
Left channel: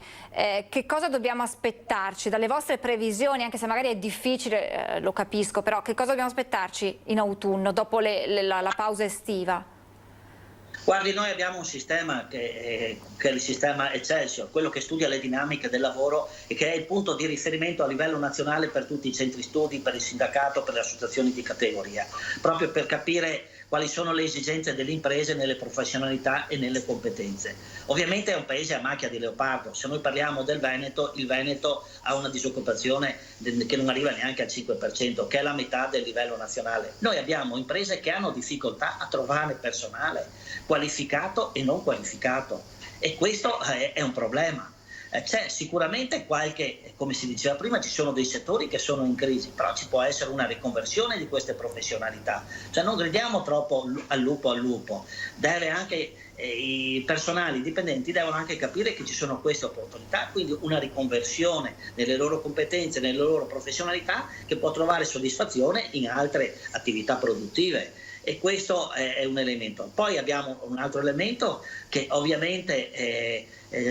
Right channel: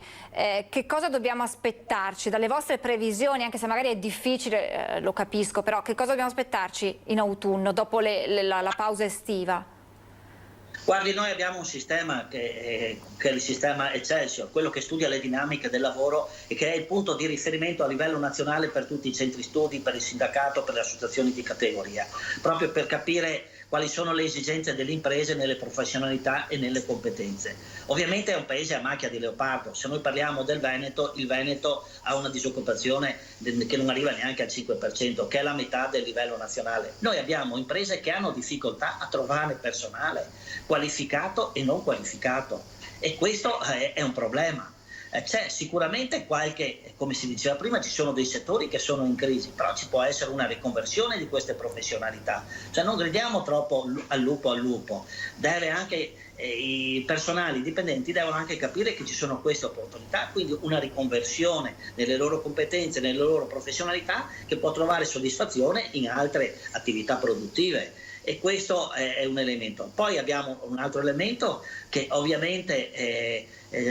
Che cosa dobbiamo aspettarci dalle vostre previsioni, anche se magari è difficile, lo capisco, però che cosa dobbiamo aspettarci in autunno, dopo la pausa estiva? Guardi, noi abbiamo un sistema che è il sistema Excelsior, quello che studia le dinamiche del lavoro e che è il punto di riferimento a livello nazionale per tutti i centri studi, per il sindacato, per le associazioni di categoria, proprio per capire quali sono le esigenze delle imprese nelle professionalità e nelle competenze. Ovviamente è un paese a macchia di leopardo. Se noi parliamo del Veneto, il Veneto ha una disoccupazione che non arriva neanche al 5%, che è la metà del livello nazionale. Noi abbiamo imprese che hanno difficoltà a trovare personale qualificato e non qualificato, e questo è un problema. C'è sicuramente come si diceva prima, ci sono dei settori che sono in crisi, però ci può essere una riconversione di queste professionalità. Cioè non gridiamo troppo al lupo. Deve anche i personali dipendenti devono anche capire che ci sono queste opportunità, quindi una riconversione nelle loro competenze, nelle loro professionalità, che può trovare soddisfazione in altre attività produttive. E questo è un elemento. Poi abbiamo un altro elemento che ovviamente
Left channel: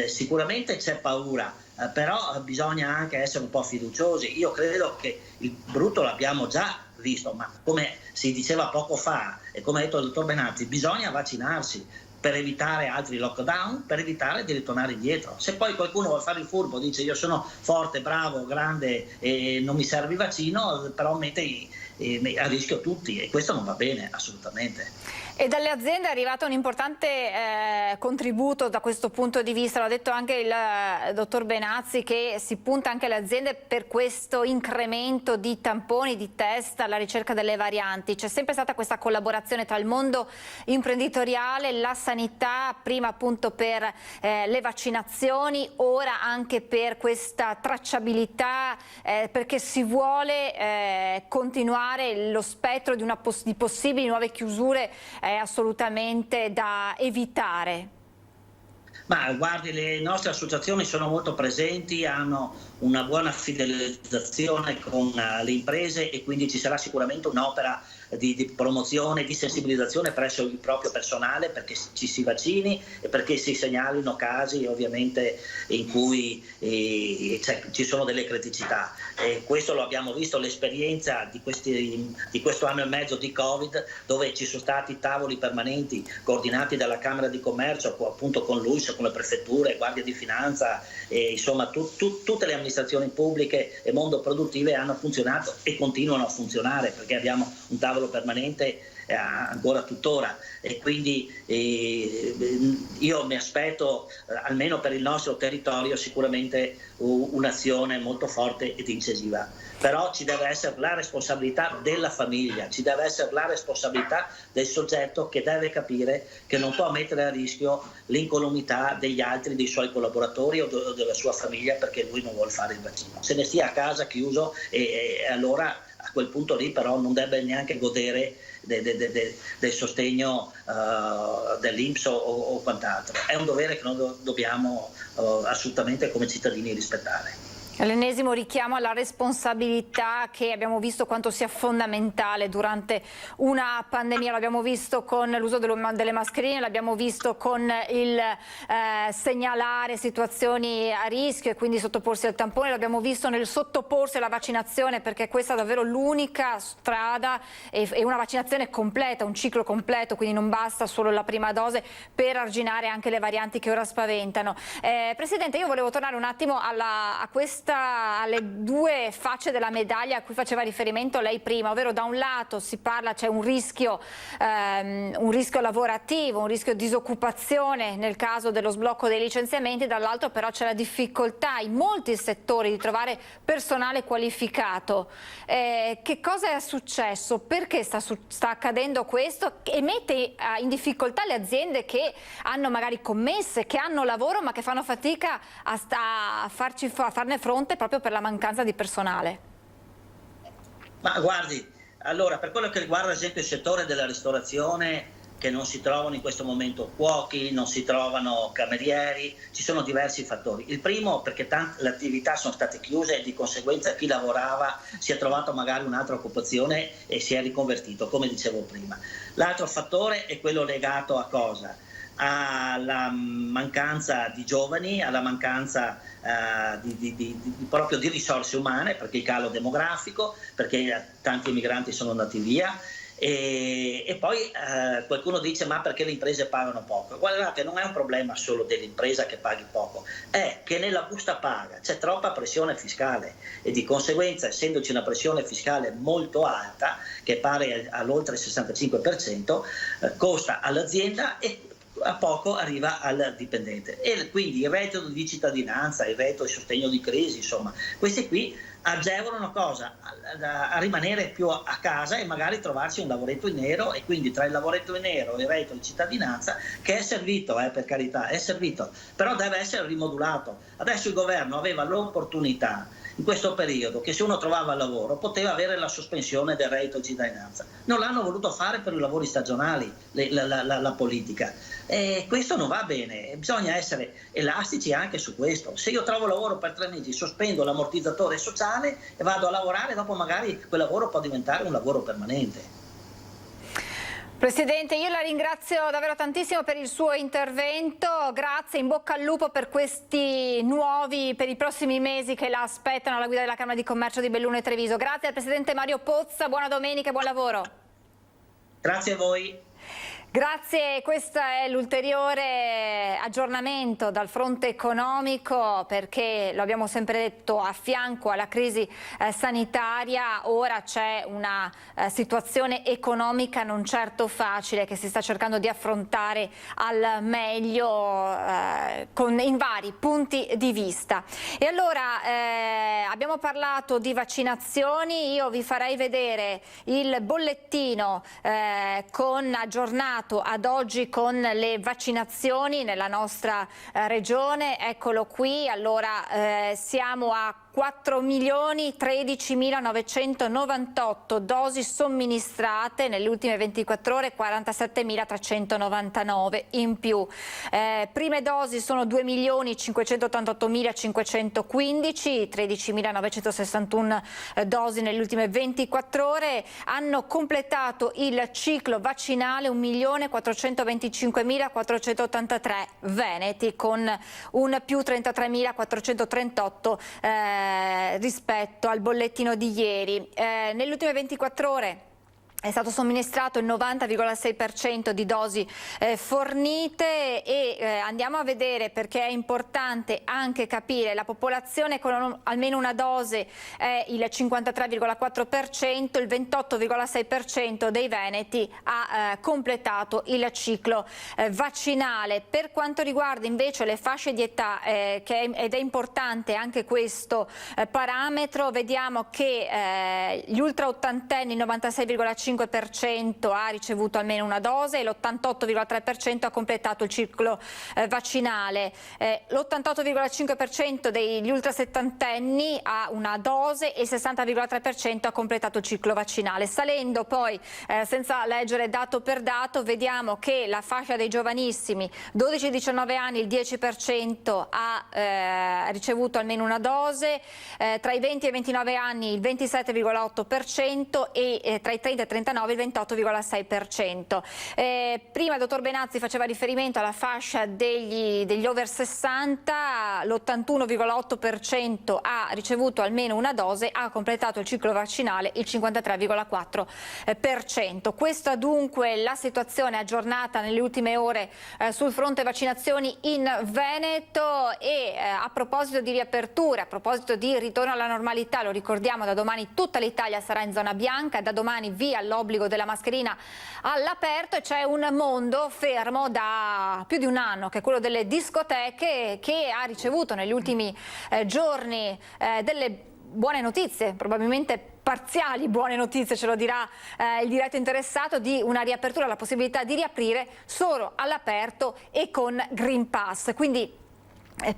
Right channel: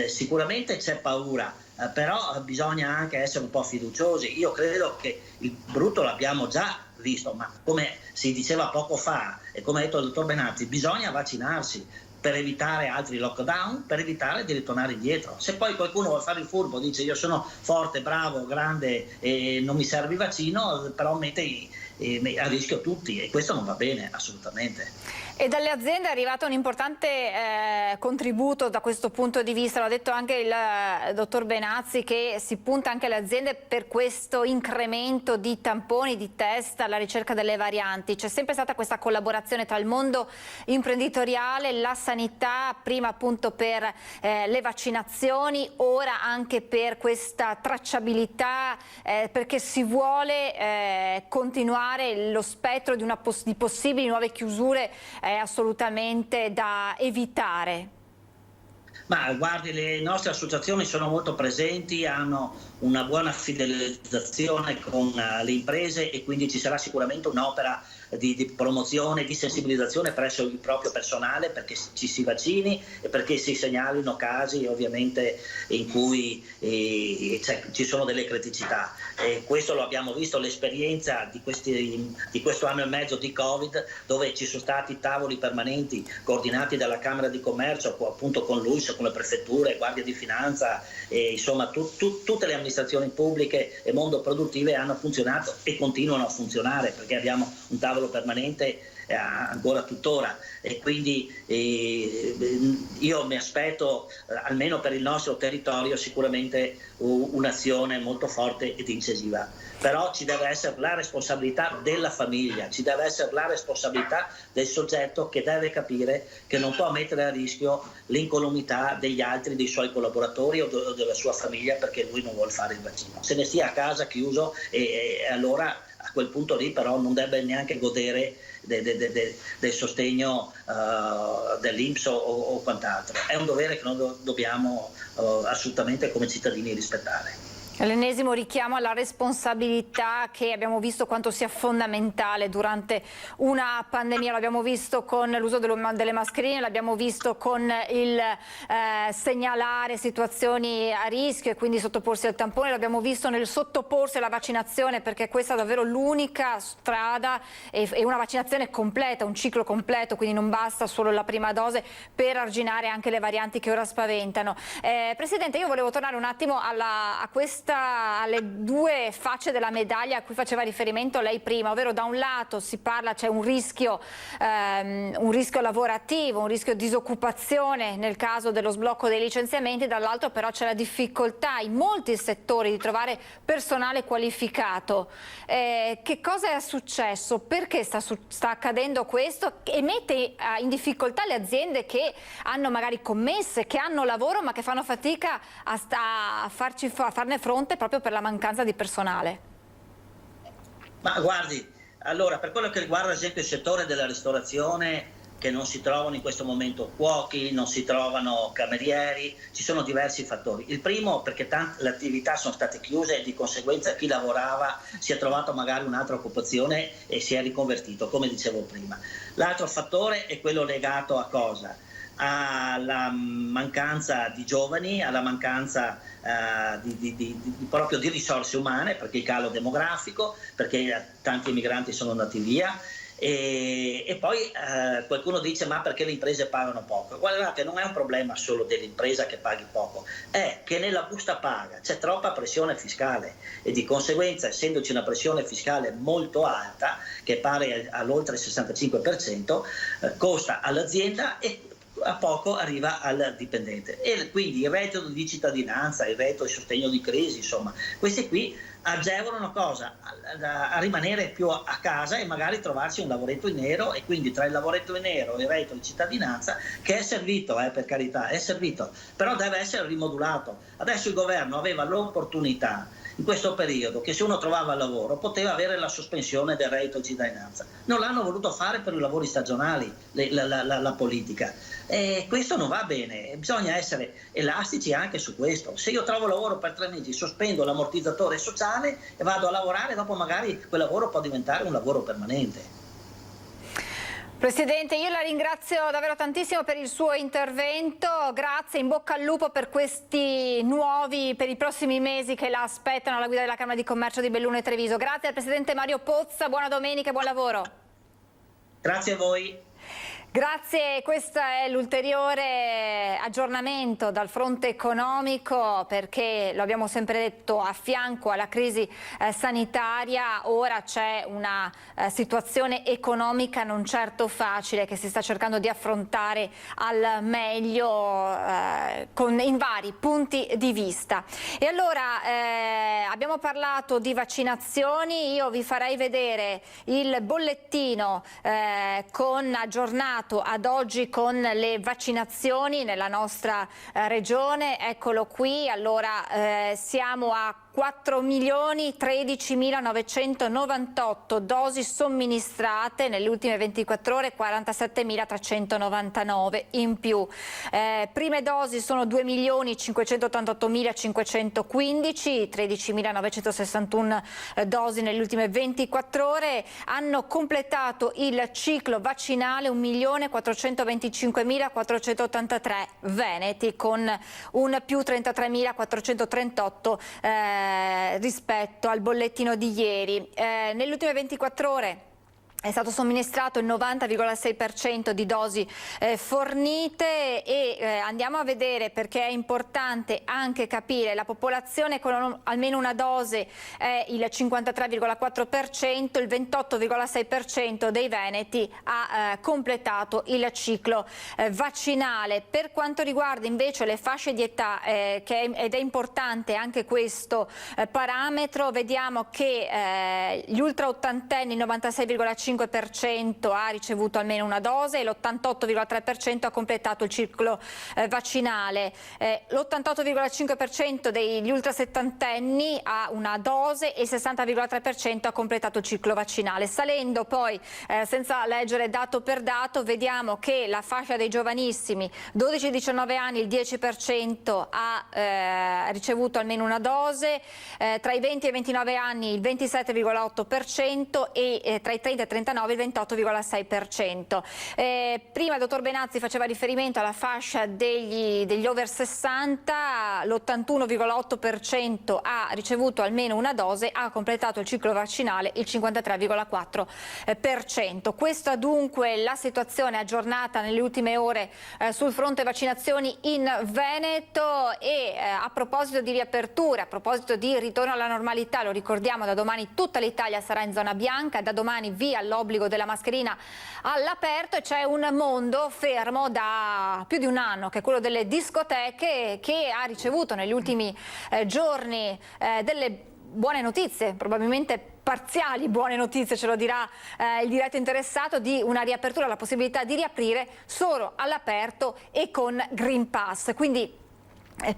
sicuramente c'è paura, però bisogna anche essere un po' fiduciosi. Io credo che il brutto l'abbiamo già visto, ma come si diceva poco fa e come ha detto il dottor Benazzi, bisogna vaccinarsi per evitare altri lockdown, per evitare di ritornare indietro. Se poi qualcuno vuole fare il furbo, dice io sono forte, bravo, grande e non mi serve il vaccino, però mette a rischio tutti, e questo non va bene assolutamente. E dalle aziende è arrivato un importante contributo da questo punto di vista, l'ha detto anche il dottor Benazzi, che si punta anche alle aziende per questo incremento di tamponi, di test alla ricerca delle varianti. C'è sempre stata questa collaborazione tra il mondo imprenditoriale, la sanità, prima appunto per le vaccinazioni, ora anche per questa tracciabilità, perché si vuole continuare lo spettro di possibili nuove chiusure è assolutamente da evitare. Ma guardi, le nostre associazioni sono molto presenti, hanno una buona fidelizzazione con le imprese, e quindi ci sarà sicuramente un'opera di promozione, di sensibilizzazione presso il proprio personale, perché ci si vaccini e perché si segnalino casi ovviamente in cui ci sono delle criticità. Questo lo abbiamo visto, l'esperienza di questo anno e mezzo di Covid, dove ci sono stati tavoli permanenti coordinati dalla Camera di Commercio, appunto con l'UIS, con le prefetture, Guardia di Finanza, insomma tutte le amministrazioni pubbliche e mondo produttive hanno funzionato e continuano a funzionare, perché abbiamo un tavolo permanente ancora tuttora, e quindi io mi aspetto almeno per il nostro territorio sicuramente un'azione molto forte ed incisiva. Però ci deve essere la responsabilità della famiglia, ci deve essere la responsabilità del soggetto, che deve capire che non può mettere a rischio l'incolumità degli altri, dei suoi collaboratori o della sua famiglia, perché lui non vuole fare il vaccino. Se ne stia a casa chiuso, e allora a quel punto lì però non deve neanche godere del sostegno dell'INPS o quant'altro. È un dovere che noi dobbiamo assolutamente come cittadini rispettare. L'ennesimo richiamo alla responsabilità, che abbiamo visto quanto sia fondamentale durante una pandemia. L'abbiamo visto con l'uso delle mascherine, l'abbiamo visto con il segnalare situazioni a rischio e quindi sottoporsi al tampone, l'abbiamo visto nel sottoporsi alla vaccinazione, perché questa è davvero l'unica strada, e una vaccinazione completa, un ciclo completo, quindi non basta solo la prima dose per arginare anche le varianti che ora spaventano. Presidente, io volevo tornare un attimo alle due facce della medaglia a cui faceva riferimento lei prima, ovvero da un lato si parla, c'è un rischio lavorativo, un rischio disoccupazione nel caso dello sblocco dei licenziamenti, dall'altro però c'è la difficoltà in molti settori di trovare personale qualificato. Che cosa è successo? Perché sta accadendo questo? E mette in difficoltà le aziende che hanno magari commesse, che hanno lavoro ma che fanno fatica a farne fronte proprio per la mancanza di personale. Ma guardi, allora, per quello che riguarda ad esempio il settore della ristorazione, che non si trovano in questo momento cuochi, non si trovano camerieri, ci sono diversi fattori. Il primo, perché le attività sono state chiuse e di conseguenza chi lavorava si è trovato magari un'altra occupazione e si è riconvertito, come dicevo prima. L'altro fattore è quello legato a cosa? Alla mancanza di giovani, alla mancanza proprio di risorse umane, perché il calo demografico, perché tanti emigranti sono andati via, e poi qualcuno dice: ma perché le imprese pagano poco? Guardate, non è un problema solo dell'impresa che paghi poco, è che nella busta paga c'è troppa pressione fiscale, e di conseguenza, essendoci una pressione fiscale molto alta, che è pari all'oltre il 65%, costa all'azienda e a poco arriva al dipendente. E quindi il reddito di cittadinanza, il reddito di sostegno di crisi, insomma, questi qui agevolano cosa? A rimanere più a casa e magari trovarsi un lavoretto in nero, e quindi tra il lavoretto in nero e il reddito di cittadinanza, che è servito, per carità, è servito, però deve essere rimodulato. Adesso il governo aveva l'opportunità in questo periodo che se uno trovava lavoro poteva avere la sospensione del reddito di cittadinanza. Non l'hanno voluto fare per i lavori stagionali, la politica. E questo non va bene, bisogna essere elastici anche su questo. Se io trovo lavoro per 3 mesi, sospendo l'ammortizzatore sociale e vado a lavorare, dopo magari quel lavoro può diventare un lavoro permanente. Presidente, io la ringrazio davvero tantissimo per il suo intervento, grazie, in bocca al lupo per questi per i prossimi mesi che la aspettano alla guida della Camera di Commercio di Belluno e Treviso. Grazie al Presidente Mario Pozza, buona domenica e buon lavoro. Grazie a voi. Grazie, questo è l'ulteriore aggiornamento dal fronte economico, perché lo abbiamo sempre detto, a fianco alla crisi sanitaria ora c'è una situazione economica non certo facile che si sta cercando di affrontare al meglio in vari punti di vista. E allora abbiamo parlato di vaccinazioni, io vi farei vedere il bollettino aggiornato ad oggi con le vaccinazioni nella nostra regione. Eccolo qui. Allora siamo a 4.013.998 dosi somministrate nelle ultime 24 ore, 47.399 in più. Prime dosi sono 2.588.515, 13.961 dosi nelle ultime 24 ore. Hanno completato il ciclo vaccinale 1.425.483 veneti, con un più 33.438 rispetto al bollettino di ieri. Nelle ultime 24 ore è stato somministrato il 90,6% di dosi fornite e andiamo a vedere, perché è importante anche capire, la popolazione con almeno una dose è il 53,4%, il 28,6% dei veneti ha completato il ciclo vaccinale. Per quanto riguarda invece le fasce di età, ed è importante anche questo parametro, vediamo che gli ultra ottantenni, il 96,5% ha ricevuto almeno una dose e l'88,3% ha completato il ciclo vaccinale. L'88,5% degli ultrasettantenni ha una dose e il 60,3% ha completato il ciclo vaccinale. Salendo poi, senza leggere dato per dato, vediamo che la fascia dei giovanissimi 12-19 anni il 10% ha ricevuto almeno una dose, tra i 20 e i 29 anni il 27,8% e tra i 30 e 39 il 28,6%. Prima il dottor Benazzi faceva riferimento alla fascia degli over 60, l'81,8% ha ricevuto almeno una dose, ha completato il ciclo vaccinale il 53,4%. Questa dunque la situazione aggiornata nelle ultime ore sul fronte vaccinazioni in Veneto. E a proposito di riapertura, a proposito di ritorno alla normalità, lo ricordiamo, da domani tutta l'Italia sarà in zona bianca, da domani via l'obbligo della mascherina all'aperto, e c'è un mondo fermo da più di un anno, che è quello delle discoteche, che ha ricevuto negli ultimi giorni delle buone notizie, probabilmente parziali buone notizie, ce lo dirà il diretto interessato, di una riapertura, la possibilità di riaprire solo all'aperto e con Green Pass. Quindi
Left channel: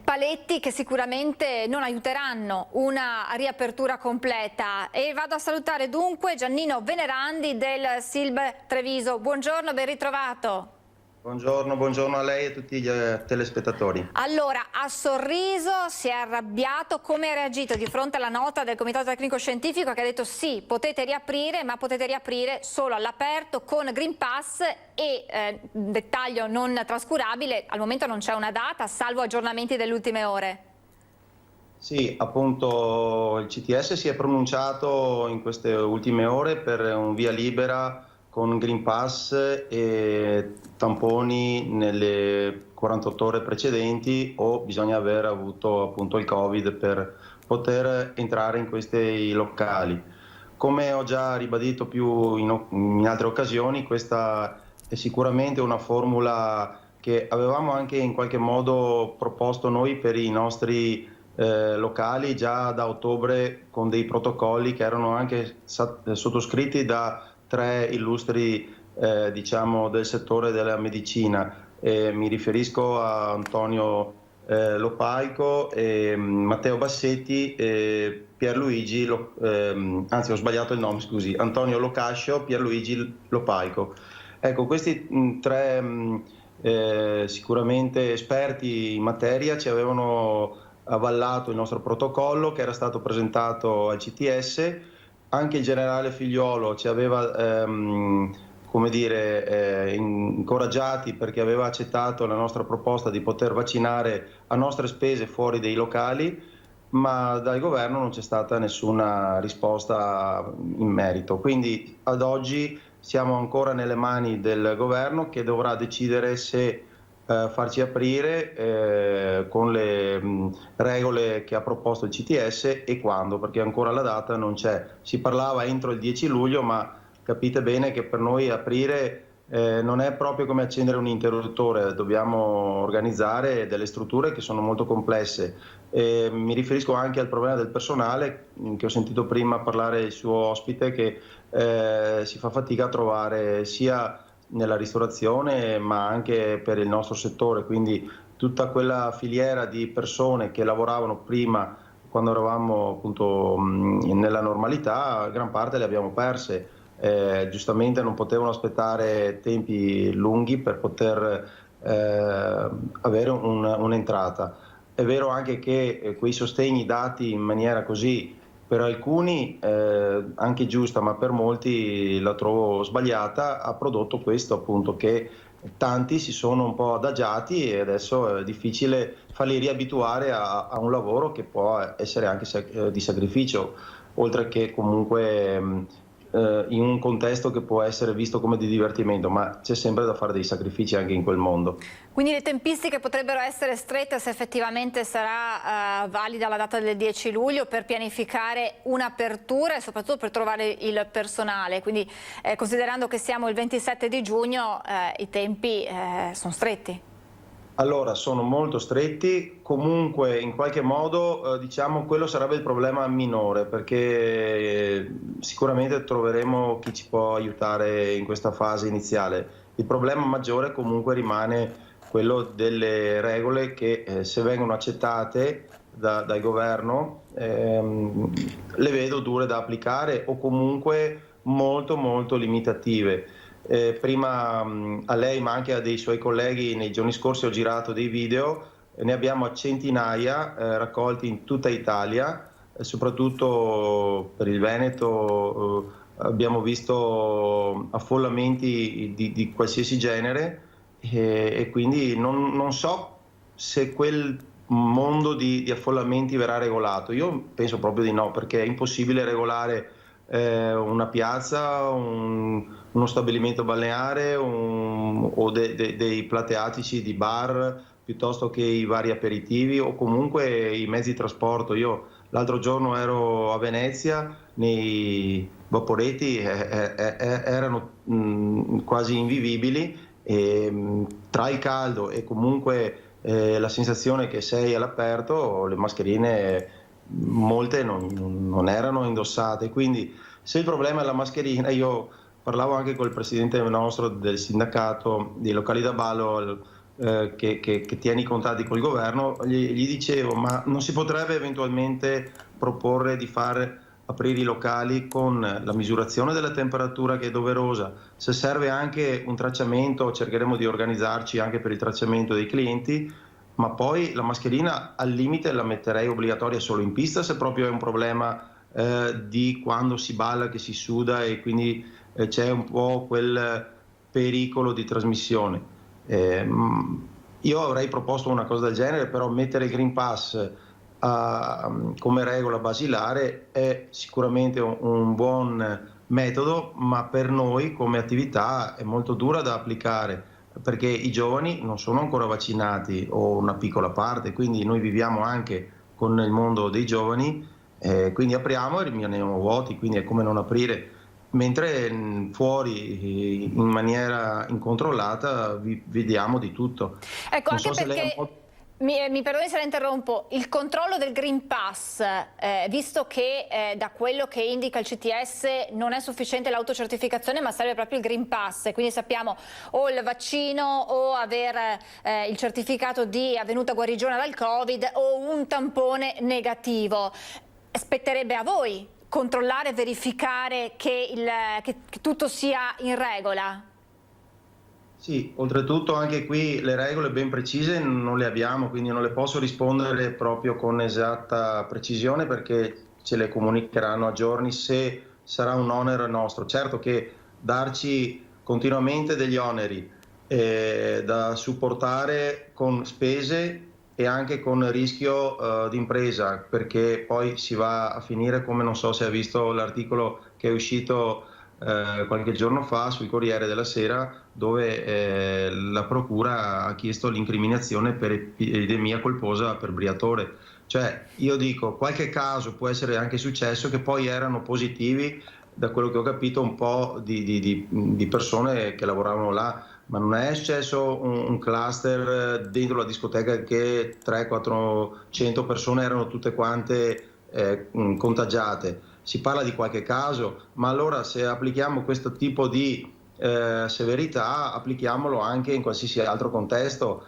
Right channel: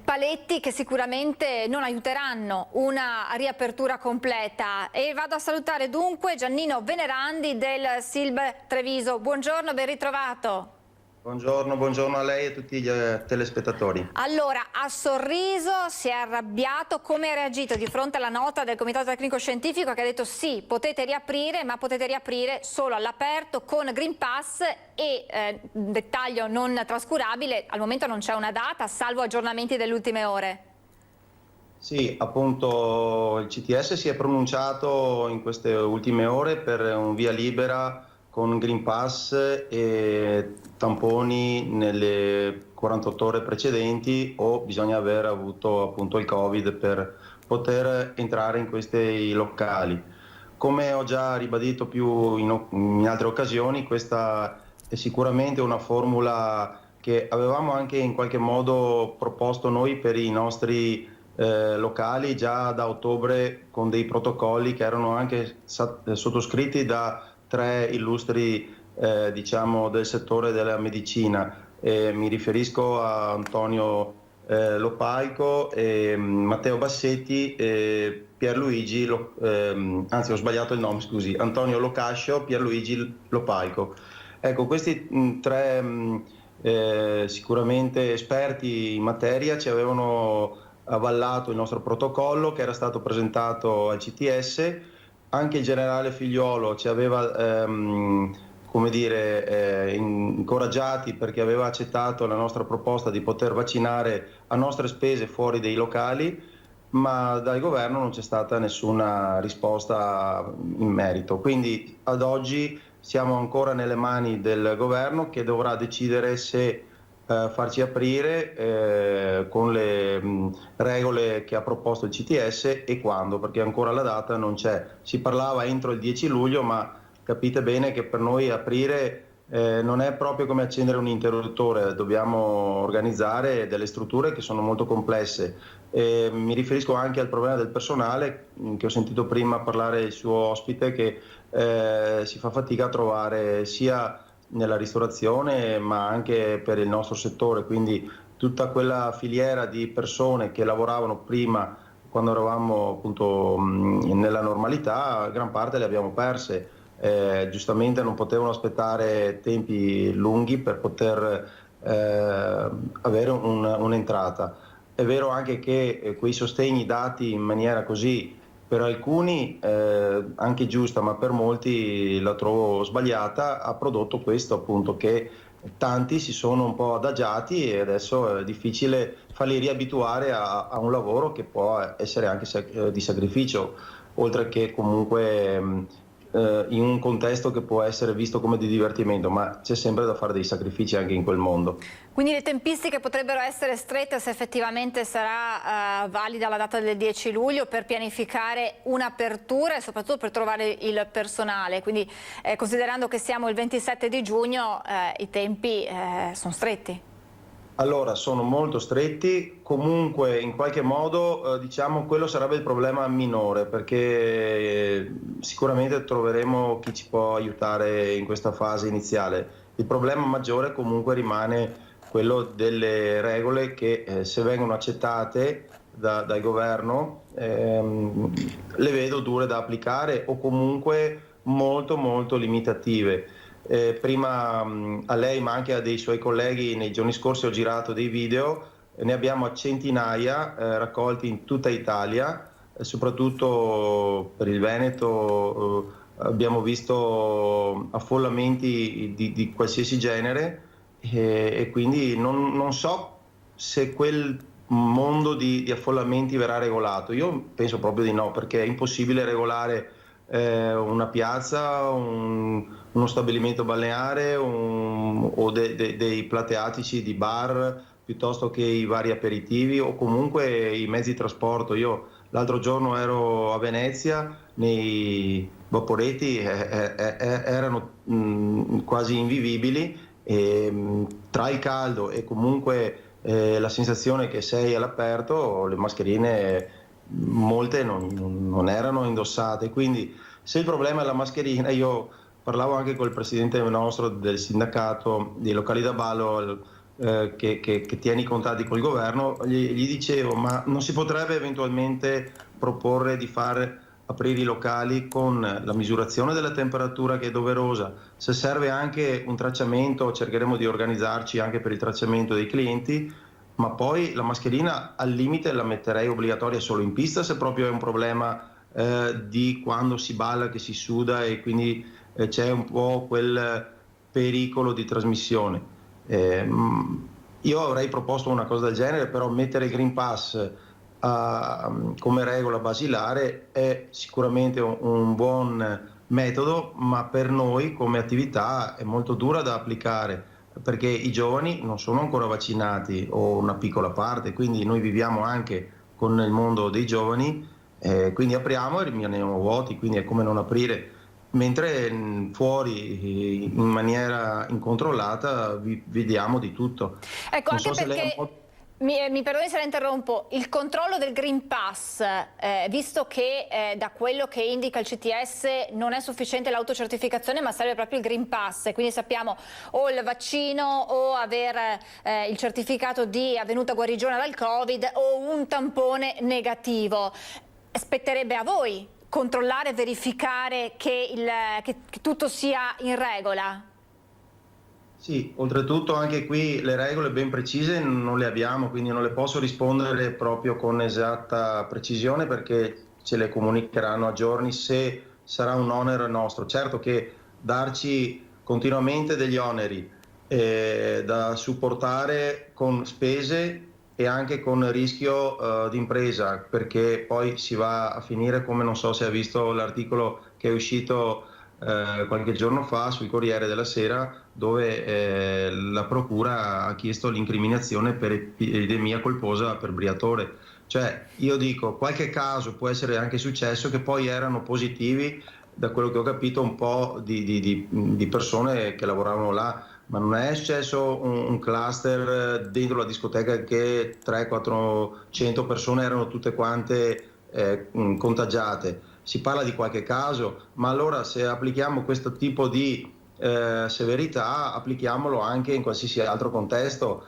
paletti che sicuramente non aiuteranno una riapertura completa. E vado a salutare dunque Giannino Venerandi del SILB Treviso. Buongiorno, ben ritrovato. Buongiorno a lei e a tutti gli telespettatori. Allora, ha sorriso, si è arrabbiato, come ha reagito di fronte alla nota del Comitato Tecnico Scientifico che ha detto sì, potete riaprire, ma potete riaprire solo all'aperto con Green Pass e, un dettaglio non trascurabile, al momento non c'è una data, salvo aggiornamenti delle ultime ore. Sì, appunto il CTS si è pronunciato in queste ultime ore per un via libera con Green Pass e tamponi nelle 48 ore precedenti, o bisogna aver avuto appunto il Covid per poter entrare in questi locali. Come ho già ribadito più in altre occasioni, questa è sicuramente una formula che avevamo anche in qualche modo proposto noi per i nostri locali già da ottobre, con dei protocolli che erano anche sottoscritti da 3 illustri diciamo del settore della medicina. Mi riferisco a Antonio Lopaico, Matteo Bassetti, Pierluigi, anzi ho sbagliato il nome, scusi, Antonio Locascio, Pierluigi Lopaico. Ecco, questi 3 sicuramente esperti in materia ci avevano avallato il nostro protocollo, che era stato presentato al CTS. Anche il generale Figliuolo ci aveva incoraggiati, perché aveva accettato la nostra proposta di poter vaccinare a nostre spese fuori dei locali, ma dal governo non c'è stata nessuna risposta in merito. Quindi ad oggi siamo ancora nelle mani del governo, che dovrà decidere se farci aprire con le regole che ha proposto il CTS e quando, perché ancora la data non c'è. Si parlava entro il 10 luglio, ma capite bene che per noi aprire non è proprio come accendere un interruttore, dobbiamo organizzare delle strutture che sono molto complesse. Mi riferisco anche al problema del personale, che ho sentito prima parlare il suo ospite, che si fa fatica a trovare sia nella ristorazione ma anche per il nostro settore, quindi tutta quella filiera di persone che lavoravano prima quando eravamo appunto nella normalità, gran parte le abbiamo perse. Giustamente non potevano aspettare tempi lunghi per poter avere un'entrata. È vero anche che quei sostegni dati in maniera così per alcuni anche giusta, ma per molti la trovo sbagliata, ha prodotto questo appunto, che tanti si sono un po' adagiati e adesso è difficile farli riabituare a un lavoro che può essere anche di sacrificio, oltre che comunque in un contesto che può essere visto come di divertimento, ma c'è sempre da fare dei sacrifici anche in quel mondo. Quindi le tempistiche potrebbero essere strette se effettivamente sarà valida la data del 10 luglio per pianificare un'apertura e soprattutto per trovare il personale. Quindi considerando che siamo il 27 di giugno i tempi sono stretti. Allora, sono molto stretti, comunque in qualche modo diciamo quello sarebbe il problema minore, perché sicuramente troveremo chi ci può aiutare in questa fase iniziale. Il problema maggiore comunque rimane quello delle regole che se vengono accettate dal governo le vedo dure da applicare o comunque molto molto limitative. Prima a lei ma anche a dei suoi colleghi nei giorni scorsi ho girato dei video, ne abbiamo centinaia raccolti in tutta Italia, soprattutto per il Veneto abbiamo visto affollamenti di qualsiasi genere e quindi non so se quel mondo di affollamenti verrà regolato. Io penso proprio di no, perché è impossibile regolare una piazza, uno stabilimento balneare o dei plateatici di bar piuttosto che i vari aperitivi o comunque i mezzi di trasporto. Io l'altro giorno ero a Venezia, nei vaporetti erano quasi invivibili e, tra il caldo e comunque la sensazione che sei all'aperto, le mascherine molte non erano indossate, quindi se il problema è la mascherina, io parlavo anche col presidente nostro del sindacato dei locali da ballo che tiene i contatti col governo, gli dicevo ma non si potrebbe eventualmente proporre di far aprire i locali con la misurazione della temperatura che è doverosa, se serve anche un tracciamento cercheremo di organizzarci anche per il tracciamento dei clienti, ma poi la mascherina al limite la metterei obbligatoria solo in pista se proprio è un problema di quando si balla che si suda e quindi c'è un po' quel pericolo di trasmissione. Io avrei proposto una cosa del genere, però mettere il Green Pass come regola basilare è sicuramente un buon metodo, ma per noi come attività è molto dura da applicare, perché i giovani non sono ancora vaccinati o una piccola parte, quindi noi viviamo anche con il mondo dei giovani, quindi apriamo e rimaniamo vuoti, quindi è come non aprire, mentre fuori in maniera incontrollata vediamo di tutto. Ecco, non anche so perché... Mi perdoni se la interrompo, il controllo del Green Pass, visto che da quello che indica il CTS non è sufficiente l'autocertificazione ma serve proprio il Green Pass, quindi sappiamo o il vaccino o aver il certificato di avvenuta guarigione dal Covid o un tampone negativo, spetterebbe a voi controllare e verificare che tutto sia in regola? Sì, oltretutto anche qui le regole ben precise non le abbiamo, quindi non le posso rispondere proprio con esatta precisione perché ce le comunicheranno a giorni se sarà un onere nostro. Certo che darci continuamente degli oneri da supportare con spese e anche con rischio di impresa, perché poi si va a finire come non so se ha visto l'articolo che è uscito qualche giorno fa sul Corriere della Sera, dove la procura ha chiesto l'incriminazione per epidemia colposa per Briatore. Cioè, io dico, qualche caso può essere anche successo che poi erano positivi, da quello che ho capito, un po' di persone che lavoravano là, ma non è successo un cluster dentro la discoteca che 300-400 persone erano tutte quante contagiate. Si parla di qualche caso, ma allora se applichiamo questo tipo di severità, applichiamolo anche in qualsiasi altro contesto.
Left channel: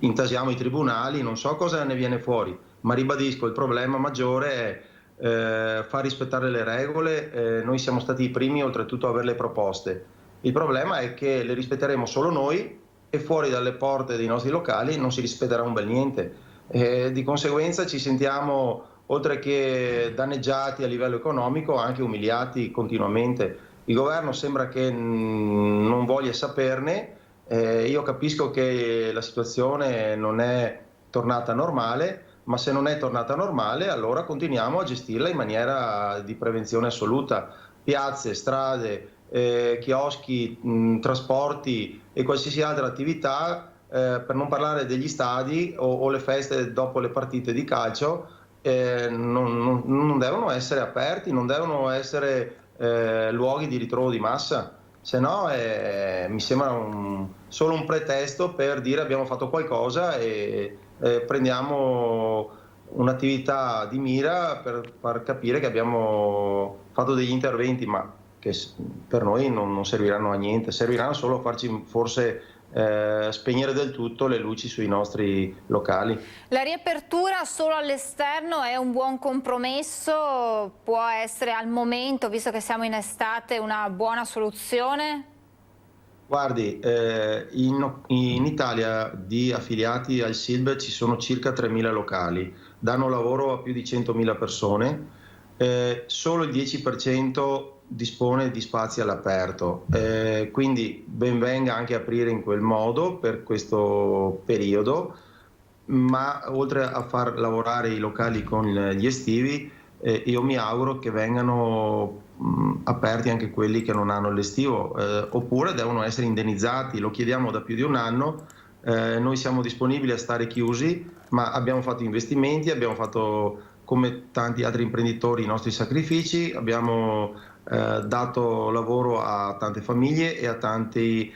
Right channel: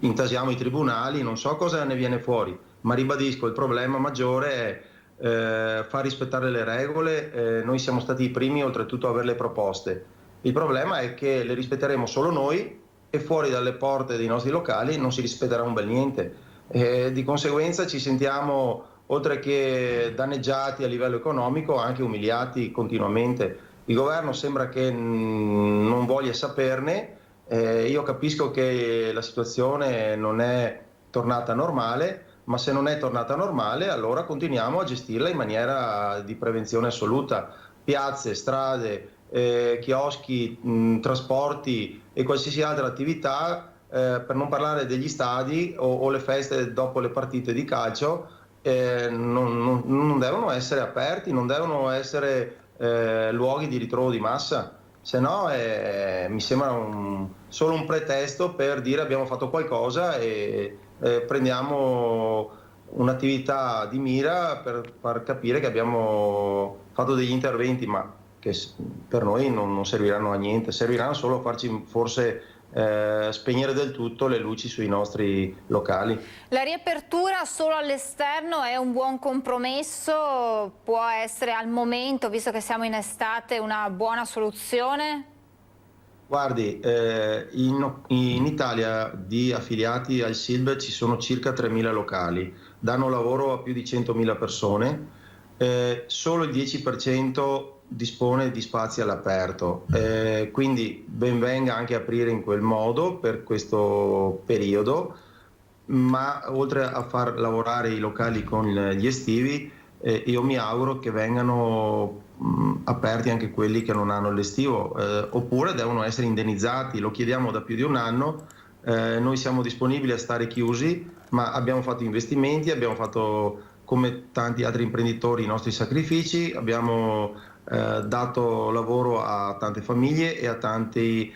Intasiamo i tribunali, non so cosa ne viene fuori, ma ribadisco, il problema maggiore è far rispettare le regole. Noi siamo stati i primi oltretutto a averle proposte. Il problema è che le rispetteremo solo noi e fuori dalle porte dei nostri locali non si rispetterà un bel niente. Di conseguenza ci sentiamo, oltre che danneggiati a livello economico, anche umiliati continuamente. Il governo sembra che non voglia saperne. Io capisco che la situazione non è tornata normale, ma se non è tornata normale allora continuiamo a gestirla in maniera di prevenzione assoluta. Piazze, strade, chioschi, trasporti e qualsiasi altra attività, per non parlare degli stadi o le feste dopo le partite di calcio, non devono essere aperti, non devono essere luoghi di ritrovo di massa, se no mi sembra solo un pretesto per dire abbiamo fatto qualcosa e prendiamo un'attività di mira per far capire che abbiamo fatto degli interventi, ma che per noi non serviranno a niente, serviranno solo a farci forse spegnere del tutto le luci sui nostri locali. La riapertura solo all'esterno è un buon compromesso? Può essere al momento, visto che siamo in estate, una buona soluzione? Guardi, in Italia di affiliati al SILB ci sono circa 3.000 locali, danno lavoro a più di 100.000 persone, solo il 10% dispone di spazi all'aperto, quindi ben venga anche aprire in quel modo per questo periodo, ma oltre a far lavorare i locali con gli estivi, io mi auguro che vengano aperti anche quelli che non hanno l'estivo, oppure devono essere indennizzati. Lo chiediamo da più di un anno. Noi siamo disponibili a stare chiusi, ma abbiamo fatto investimenti, abbiamo fatto, come tanti altri imprenditori, i nostri sacrifici, abbiamo dato lavoro a tante famiglie e a tanti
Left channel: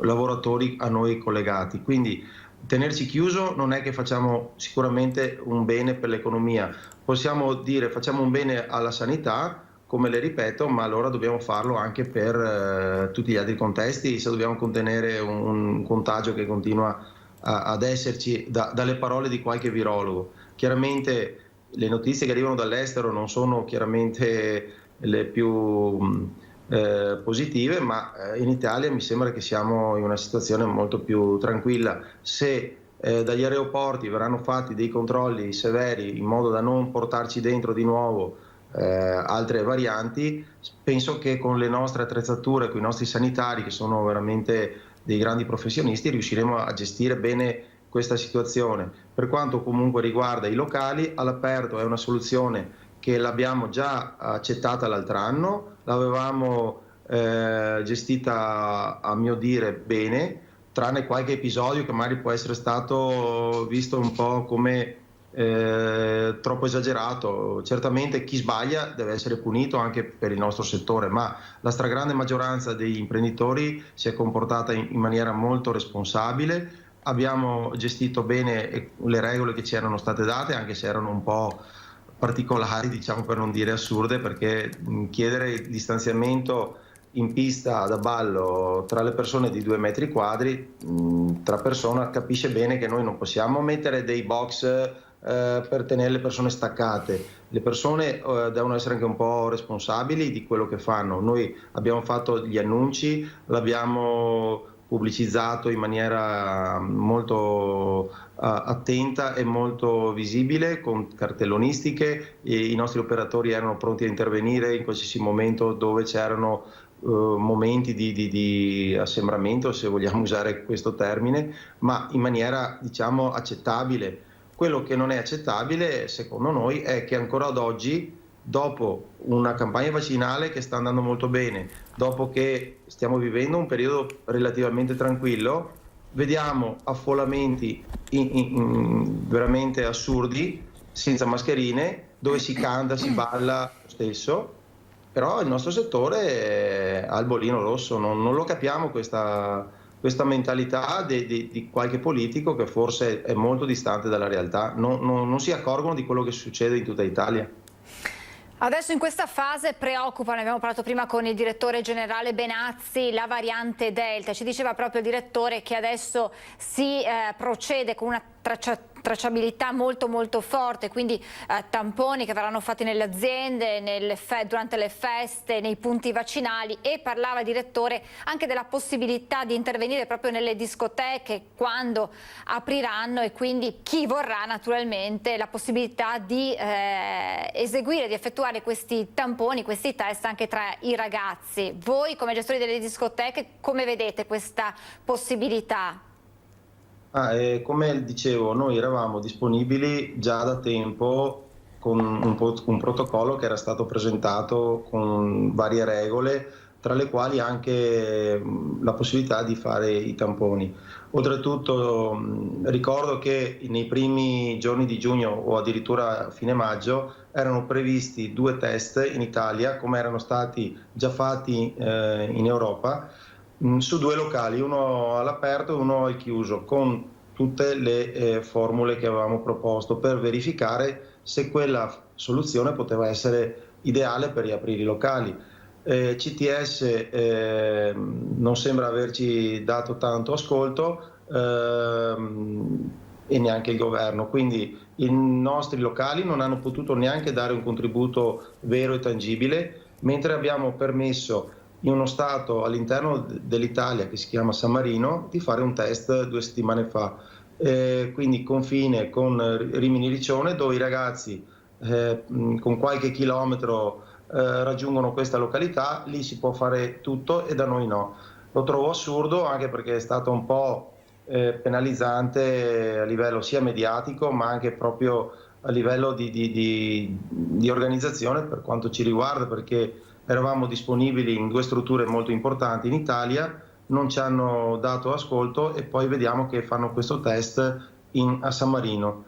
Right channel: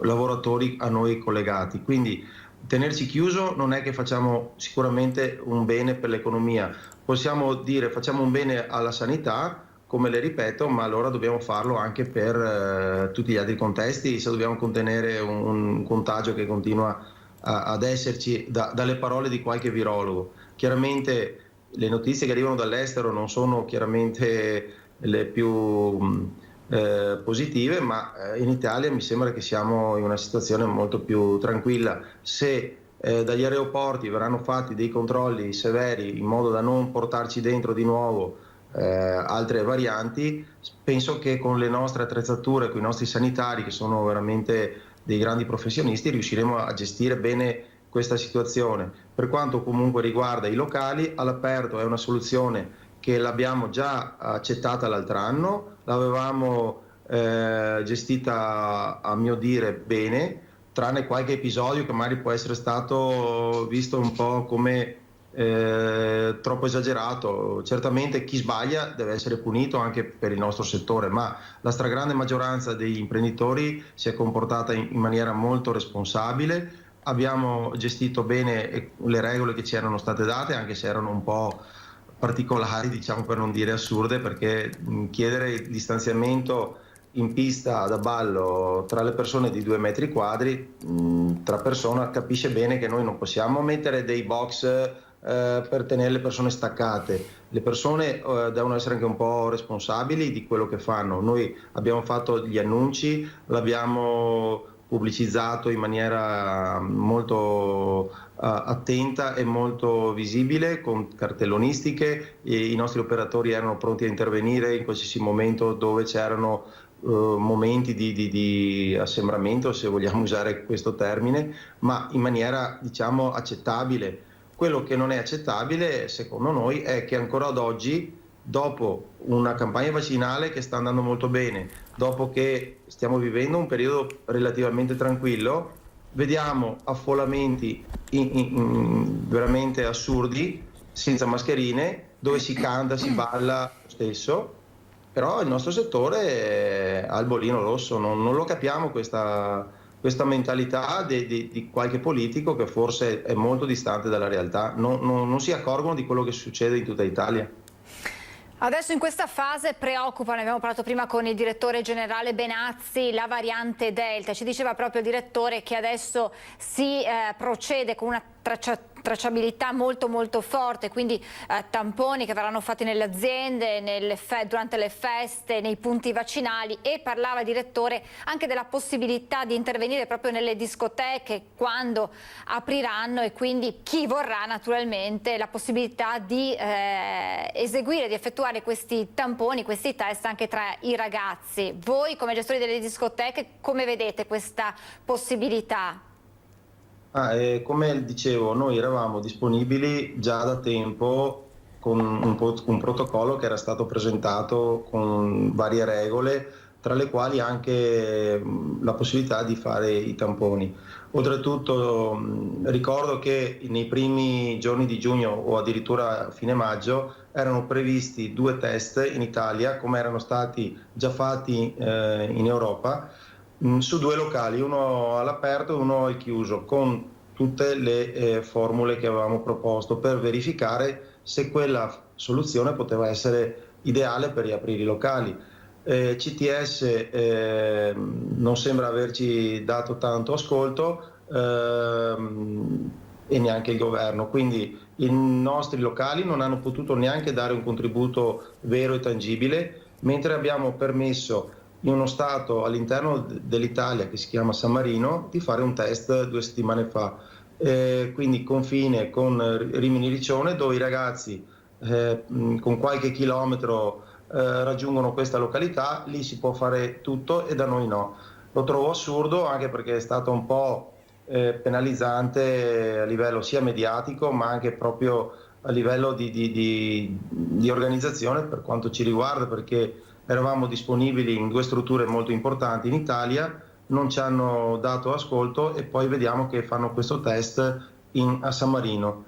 lavoratori a noi collegati. Quindi tenerci chiuso non è che facciamo sicuramente un bene per l'economia. Possiamo dire facciamo un bene alla sanità, come le ripeto, ma allora dobbiamo farlo anche per tutti gli altri contesti, se dobbiamo contenere un contagio che continua ad esserci dalle parole di qualche virologo. Chiaramente le notizie che arrivano dall'estero non sono chiaramente le più positive, ma in Italia mi sembra che siamo in una situazione molto più tranquilla. Se dagli aeroporti verranno fatti dei controlli severi in modo da non portarci dentro di nuovo altre varianti, penso che con le nostre attrezzature, con i nostri sanitari, che sono veramente dei grandi professionisti, riusciremo a gestire bene questa situazione. Per quanto comunque riguarda i locali, all'aperto è una soluzione che l'abbiamo già accettata l'altro anno, l'avevamo gestita a mio dire bene, tranne qualche episodio che magari può essere stato visto un po' come troppo esagerato. Certamente chi sbaglia deve essere punito anche per il nostro settore, ma la stragrande maggioranza degli imprenditori si è comportata in maniera molto responsabile. Abbiamo gestito bene le regole che ci erano state date, anche se erano un po' particolari, diciamo, per non dire assurde, perché chiedere il distanziamento in pista da ballo tra le persone di 2 metri quadri, tra persone, capisce bene che noi non possiamo mettere dei box per tenere le persone staccate. Le persone devono essere anche un po' responsabili di quello che fanno. Noi abbiamo fatto gli annunci, l'abbiamo pubblicizzato in maniera molto attenta e molto visibile, con cartellonistiche. I nostri operatori erano pronti a intervenire in qualsiasi momento dove c'erano momenti di assembramento, se vogliamo usare questo termine, ma in maniera, diciamo, accettabile. Quello che non è accettabile, secondo noi, è che ancora ad oggi dopo una campagna vaccinale che sta andando molto bene, dopo che stiamo vivendo un periodo relativamente tranquillo, vediamo affollamenti veramente assurdi, senza mascherine, dove si canta, si balla lo stesso, però il nostro settore ha il bollino rosso, non lo capiamo questa mentalità di qualche politico che forse è molto distante dalla realtà, non si accorgono di quello che succede in tutta Italia. Adesso in questa fase preoccupa, ne abbiamo parlato prima con il direttore generale Benazzi, la variante Delta. Ci diceva proprio il direttore che adesso si procede con una tracciabilità molto forte, quindi tamponi che verranno fatti nelle aziende, durante le feste, nei punti vaccinali, e parlava il direttore anche della possibilità di intervenire proprio nelle discoteche quando apriranno, e quindi chi vorrà naturalmente la possibilità di eseguire, di effettuare questi tamponi, questi test anche tra i ragazzi. Voi come gestori delle discoteche come vedete questa possibilità? Come dicevo, noi eravamo disponibili già da tempo con un protocollo che era stato presentato con varie regole, tra le quali anche la possibilità di fare i tamponi. Oltretutto ricordo che nei primi giorni di giugno o addirittura a fine maggio erano previsti 2 test in Italia, come erano stati già fatti in Europa, su 2 locali, uno all'aperto e uno al chiuso, con tutte le formule che avevamo proposto per verificare se quella soluzione poteva essere ideale per riaprire i locali. CTS non sembra averci dato tanto ascolto e neanche il governo, quindi i nostri locali non hanno potuto neanche dare un contributo vero e tangibile, mentre abbiamo permesso in uno stato all'interno dell'Italia che si chiama San Marino di fare un test 2 settimane fa, quindi confine con Rimini Riccione, dove i ragazzi con qualche chilometro raggiungono questa località, lì si può fare tutto e da noi no. Lo trovo assurdo, anche perché è stato un po' penalizzante a livello sia mediatico ma anche proprio a livello di organizzazione per quanto ci riguarda, perché eravamo disponibili in 2 strutture molto importanti in Italia, non ci hanno dato ascolto e poi vediamo che fanno questo test a San Marino.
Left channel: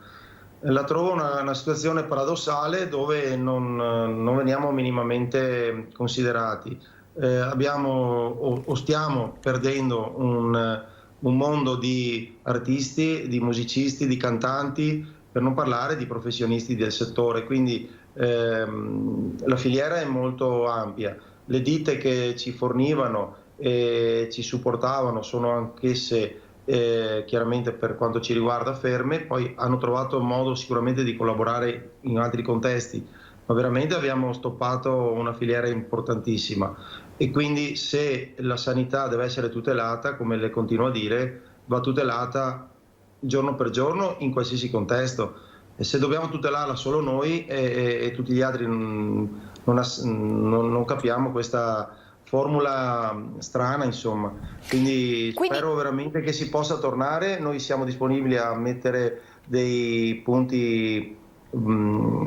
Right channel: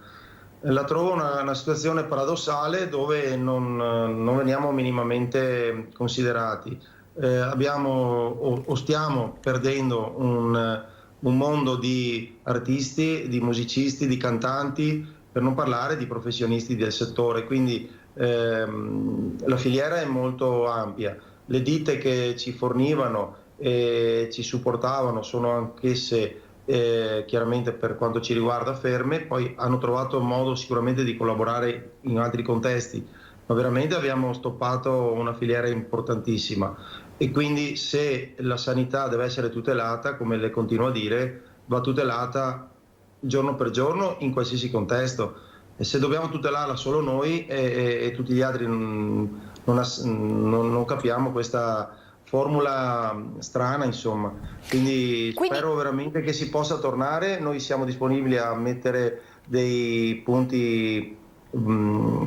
La trovo una situazione paradossale dove non veniamo minimamente considerati. Stiamo perdendo un mondo di artisti, di musicisti, di cantanti, per non parlare di professionisti del settore, quindi la filiera è molto ampia. Le ditte che ci fornivano e ci supportavano sono anch'esse chiaramente per quanto ci riguarda ferme, poi hanno trovato modo sicuramente di collaborare in altri contesti, ma veramente abbiamo stoppato una filiera importantissima e quindi se la sanità deve essere tutelata, come le continuo a dire, va tutelata giorno per giorno in qualsiasi contesto, e se dobbiamo tutelarla solo noi e tutti gli altri non capiamo questa formula strana, insomma. Quindi spero veramente che si possa tornare. Noi siamo disponibili a mettere dei punti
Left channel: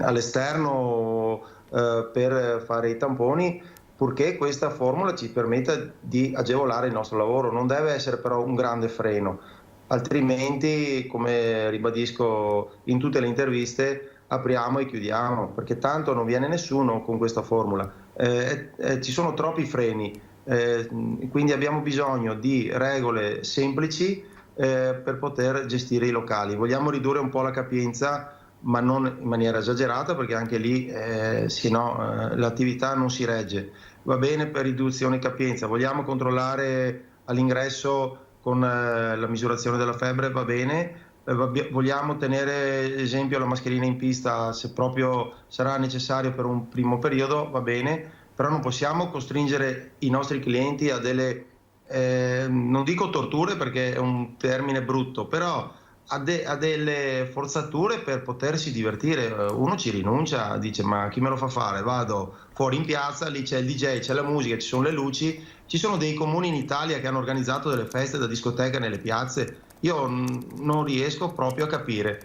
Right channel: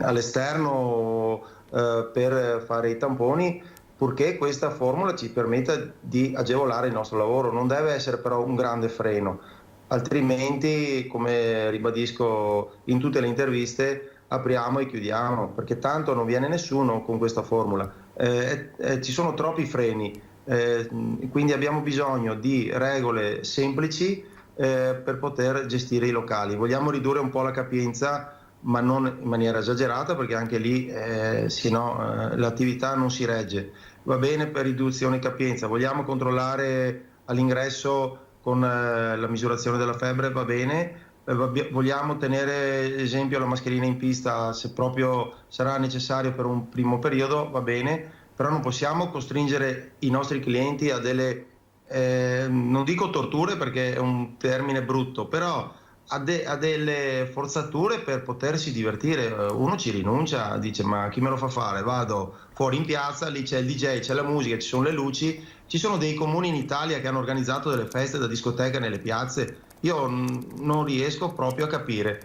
all'esterno per fare i tamponi, purché questa formula ci permetta di agevolare il nostro lavoro. Non deve essere però un grande freno, altrimenti, come ribadisco in tutte le interviste, apriamo e chiudiamo, perché tanto non viene nessuno con questa formula. Ci sono troppi freni, quindi abbiamo bisogno di regole semplici per poter gestire i locali. Vogliamo ridurre un po' la capienza, ma non in maniera esagerata, perché anche lì l'attività non si regge. Va bene per riduzione di capienza, vogliamo controllare all'ingresso con la misurazione della febbre, va bene. Vogliamo tenere esempio la mascherina in pista se proprio sarà necessario per un primo periodo, va bene, però non possiamo costringere i nostri clienti a delle, non dico torture perché è un termine brutto, però a delle forzature per potersi divertire. Uno ci rinuncia, dice ma chi me lo fa fare? Vado fuori in piazza, lì c'è il DJ, c'è la musica, ci sono le luci, ci sono dei comuni in Italia che hanno organizzato delle feste da discoteca nelle piazze. Io non riesco proprio a capire.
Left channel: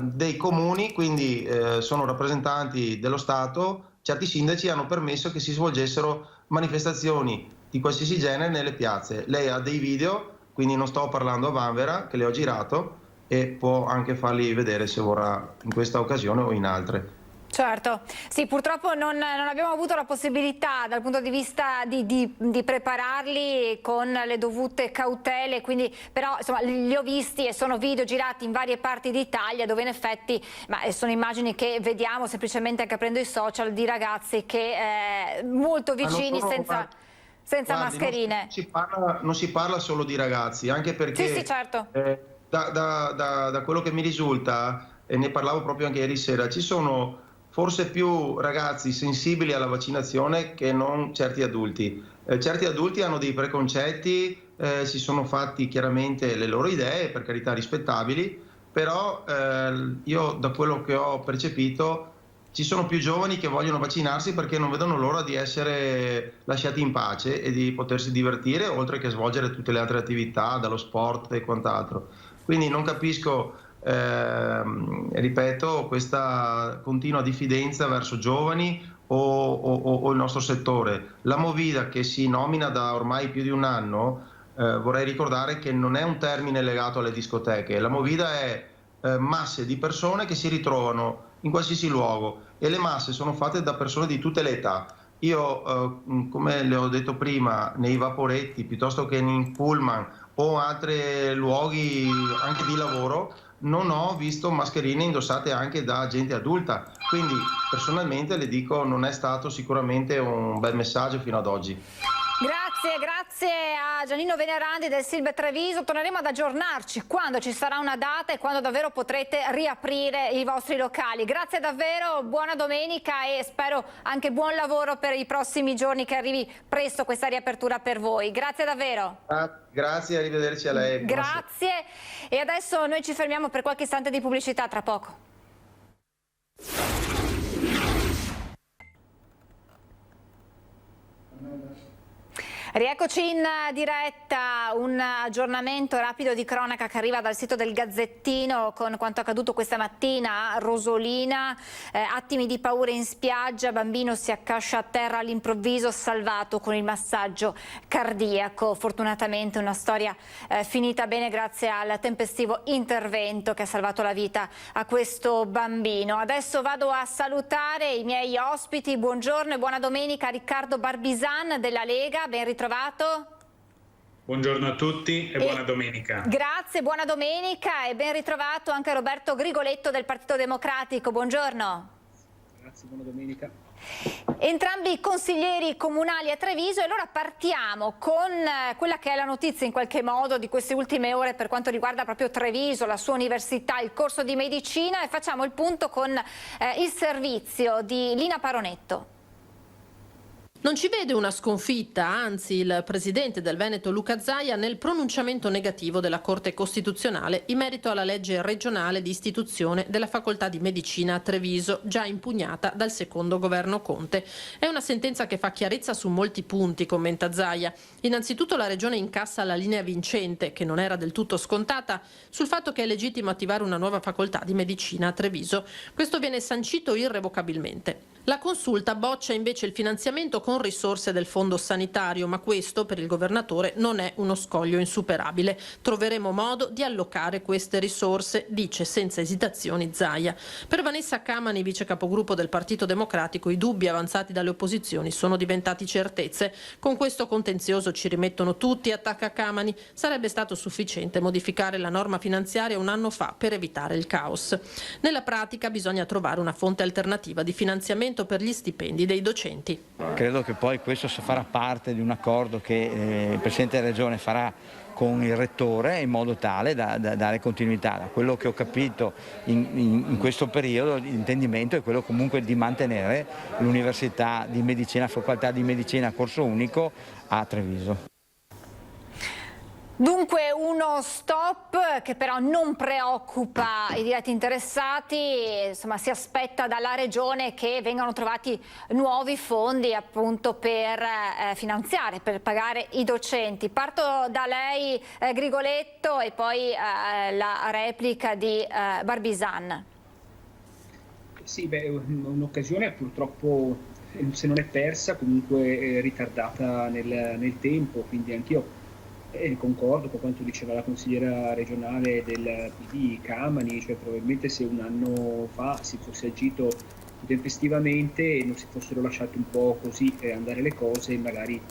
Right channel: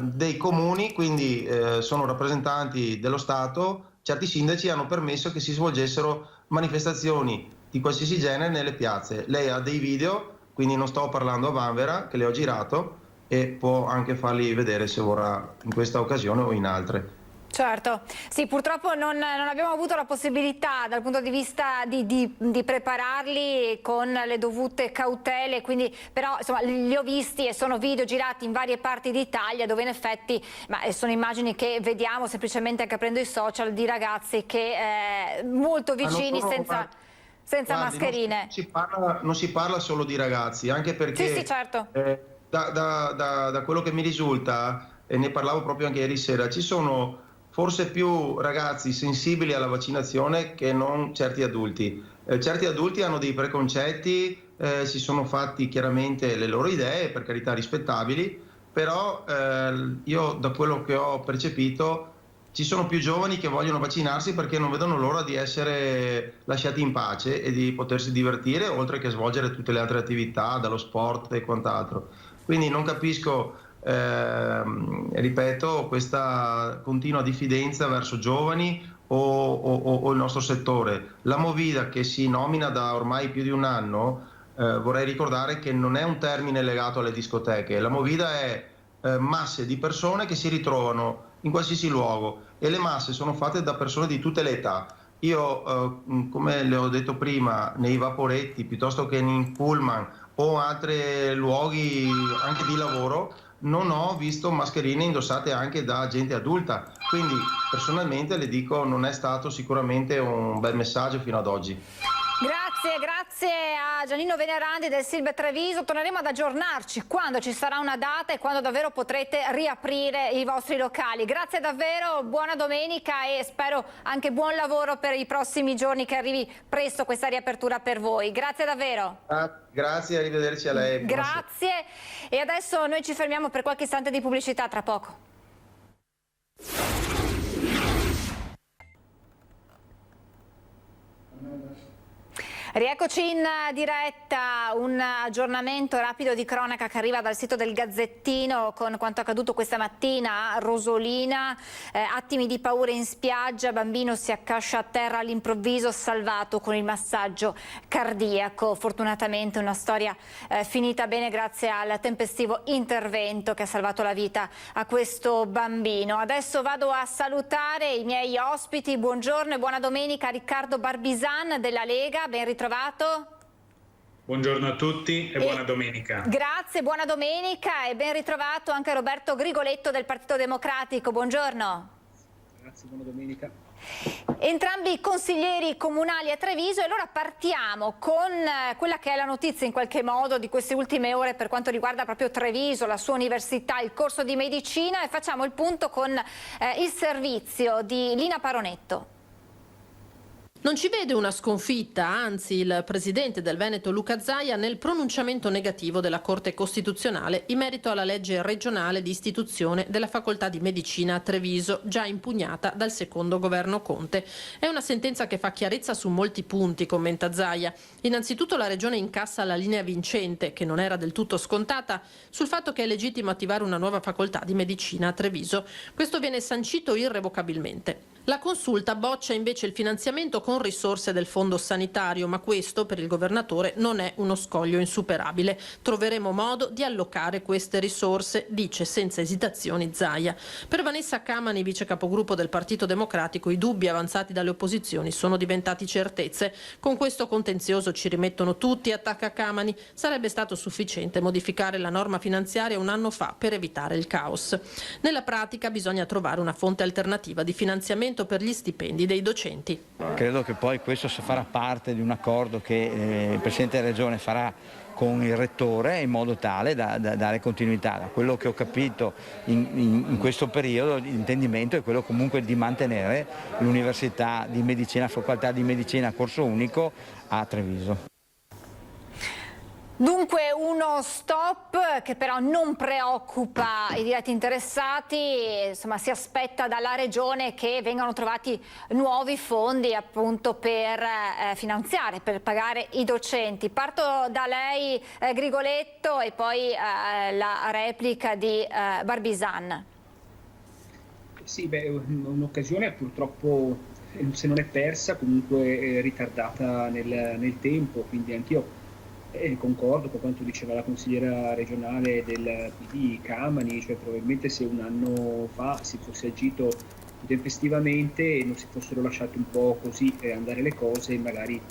dei comuni, quindi sono rappresentanti dello Stato, certi sindaci hanno permesso che si svolgessero manifestazioni di qualsiasi genere nelle piazze. Lei ha dei video, quindi non sto parlando a vanvera, che le ho girato, e può anche farli vedere se vorrà in questa occasione o in altre. Certo, sì, purtroppo non abbiamo avuto la possibilità dal punto di vista di prepararli con le dovute cautele, quindi, però insomma li ho visti e sono video girati in varie parti d'Italia dove in effetti sono immagini che vediamo semplicemente anche aprendo i social di ragazzi che molto vicini senza mascherine. Non si parla solo di ragazzi, anche perché sì, certo. Da quello che mi risulta, e ne parlavo proprio anche ieri sera, ci sono forse più ragazzi sensibili alla vaccinazione che non certi adulti. Certi adulti hanno dei preconcetti, si sono fatti chiaramente le loro idee, per carità rispettabili, però io da quello che ho percepito ci sono più giovani che vogliono vaccinarsi perché non vedono l'ora di essere lasciati in pace e di potersi divertire, oltre che svolgere tutte le altre attività, dallo sport e quant'altro. Quindi non capisco, ripeto, questa continua diffidenza verso giovani o il nostro settore. La Movida, che si nomina da ormai più di un anno, vorrei ricordare che non è un termine legato alle discoteche. La Movida è masse di persone che si ritrovano in qualsiasi luogo, e le masse sono fatte da persone di tutte le età. Io, come le ho detto prima, nei vaporetti piuttosto che in pullman o altri luoghi anche di lavoro, non ho visto mascherine indossate anche da gente adulta, quindi personalmente le dico non è stato sicuramente un bel messaggio fino ad oggi. Grazie a Giannino Venerandi del Silve Treviso. Torneremo ad aggiornarci quando ci sarà una data e quando davvero potrete riaprire i vostri locali. Grazie davvero, buona domenica e spero anche buon lavoro per i prossimi giorni, che arrivi presto questa riapertura per voi. Grazie davvero. Grazie, arrivederci a lei. Grazie, e adesso noi ci fermiamo per qualche istante di pubblicità, tra poco. Rieccoci in diretta, un aggiornamento rapido di cronaca che arriva dal sito del Gazzettino con quanto accaduto questa mattina a Rosolina. Attimi di paura in spiaggia, bambino si accascia a terra all'improvviso, salvato con il massaggio cardiaco. Fortunatamente una storia finita bene grazie al tempestivo intervento che ha salvato la vita a questo bambino. Adesso vado a salutare i miei ospiti. Buongiorno e buona domenica a Riccardo Barbisan della Lega, ben ritrovato. Buongiorno a tutti e buona domenica. Grazie, buona domenica e ben ritrovato anche Roberto Grigoletto del Partito Democratico. Buongiorno. Grazie, buona domenica. Entrambi consiglieri comunali a Treviso, e allora partiamo con quella che è la notizia in qualche modo di queste ultime ore per quanto riguarda proprio Treviso, la sua università, il corso di medicina, e facciamo il punto con il servizio di Lina Paronetto. Non ci vede una sconfitta, anzi il presidente del Veneto Luca Zaia nel pronunciamento negativo della Corte Costituzionale in merito alla legge regionale di istituzione della facoltà di medicina a Treviso, già impugnata dal secondo governo Conte. È una sentenza che fa chiarezza su molti punti, commenta Zaia. Innanzitutto la regione incassa la linea vincente, che non era del tutto scontata, sul fatto che è legittimo attivare una nuova facoltà di medicina a Treviso. Questo viene sancito irrevocabilmente. La consulta boccia invece il finanziamento con risorse del fondo sanitario, ma questo per il governatore non è uno scoglio insuperabile. Troveremo modo di allocare queste risorse, dice senza esitazioni Zaia. Per Vanessa Camani, vice capogruppo del Partito Democratico, i dubbi avanzati dalle opposizioni sono diventati certezze. Con questo contenzioso ci rimettono tutti, attacca Camani. Sarebbe stato sufficiente modificare la norma finanziaria un anno fa per evitare il caos. Nella pratica bisogna trovare una fonte alternativa di finanziamento per gli stipendi dei docenti. Credo che poi questo farà parte di un accordo che il Presidente della Regione farà con il Rettore in modo tale da dare continuità. Da quello che ho capito in questo periodo l'intendimento è quello comunque di mantenere l'Università di Medicina, facoltà di Medicina a corso unico a Treviso. Dunque uno stop che però non preoccupa i diretti interessati, insomma si aspetta dalla Regione che vengano trovati nuovi fondi appunto per finanziare, per pagare i docenti. Parto da lei Grigoletto e poi la replica di Barbisan. Sì, un'occasione purtroppo, se non è persa, comunque ritardata nel tempo, quindi anch'io concordo con quanto diceva la consigliera regionale del PD Camani, cioè probabilmente se un anno fa si fosse agito tempestivamente e non si fossero lasciate un po' così andare le cose, magari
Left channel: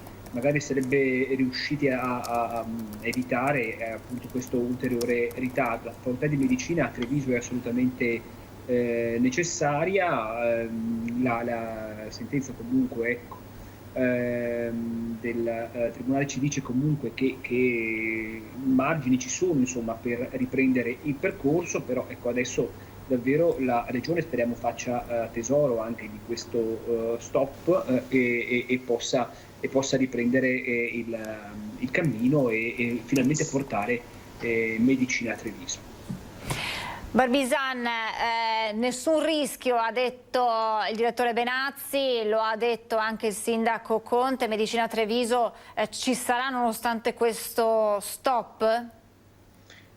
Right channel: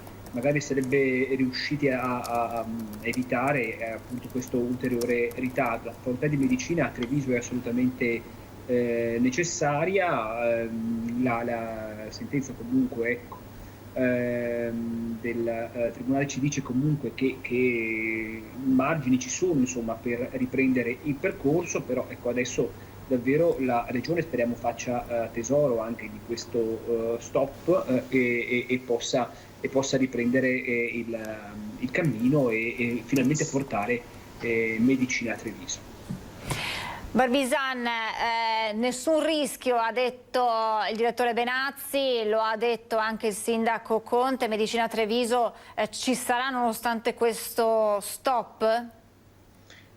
sarebbe riusciti a evitare appunto questo ulteriore ritardo. La facoltà di medicina a Treviso è assolutamente necessaria, la sentenza comunque ecco del Tribunale ci dice comunque che margini ci sono insomma per riprendere il percorso, però ecco adesso davvero la Regione speriamo faccia tesoro anche di questo stop e possa riprendere il cammino e finalmente portare medicina a Treviso. Barbisan, nessun rischio, ha detto il direttore Benazzi, lo ha detto anche il sindaco Conte, Medicina Treviso ci sarà nonostante questo stop?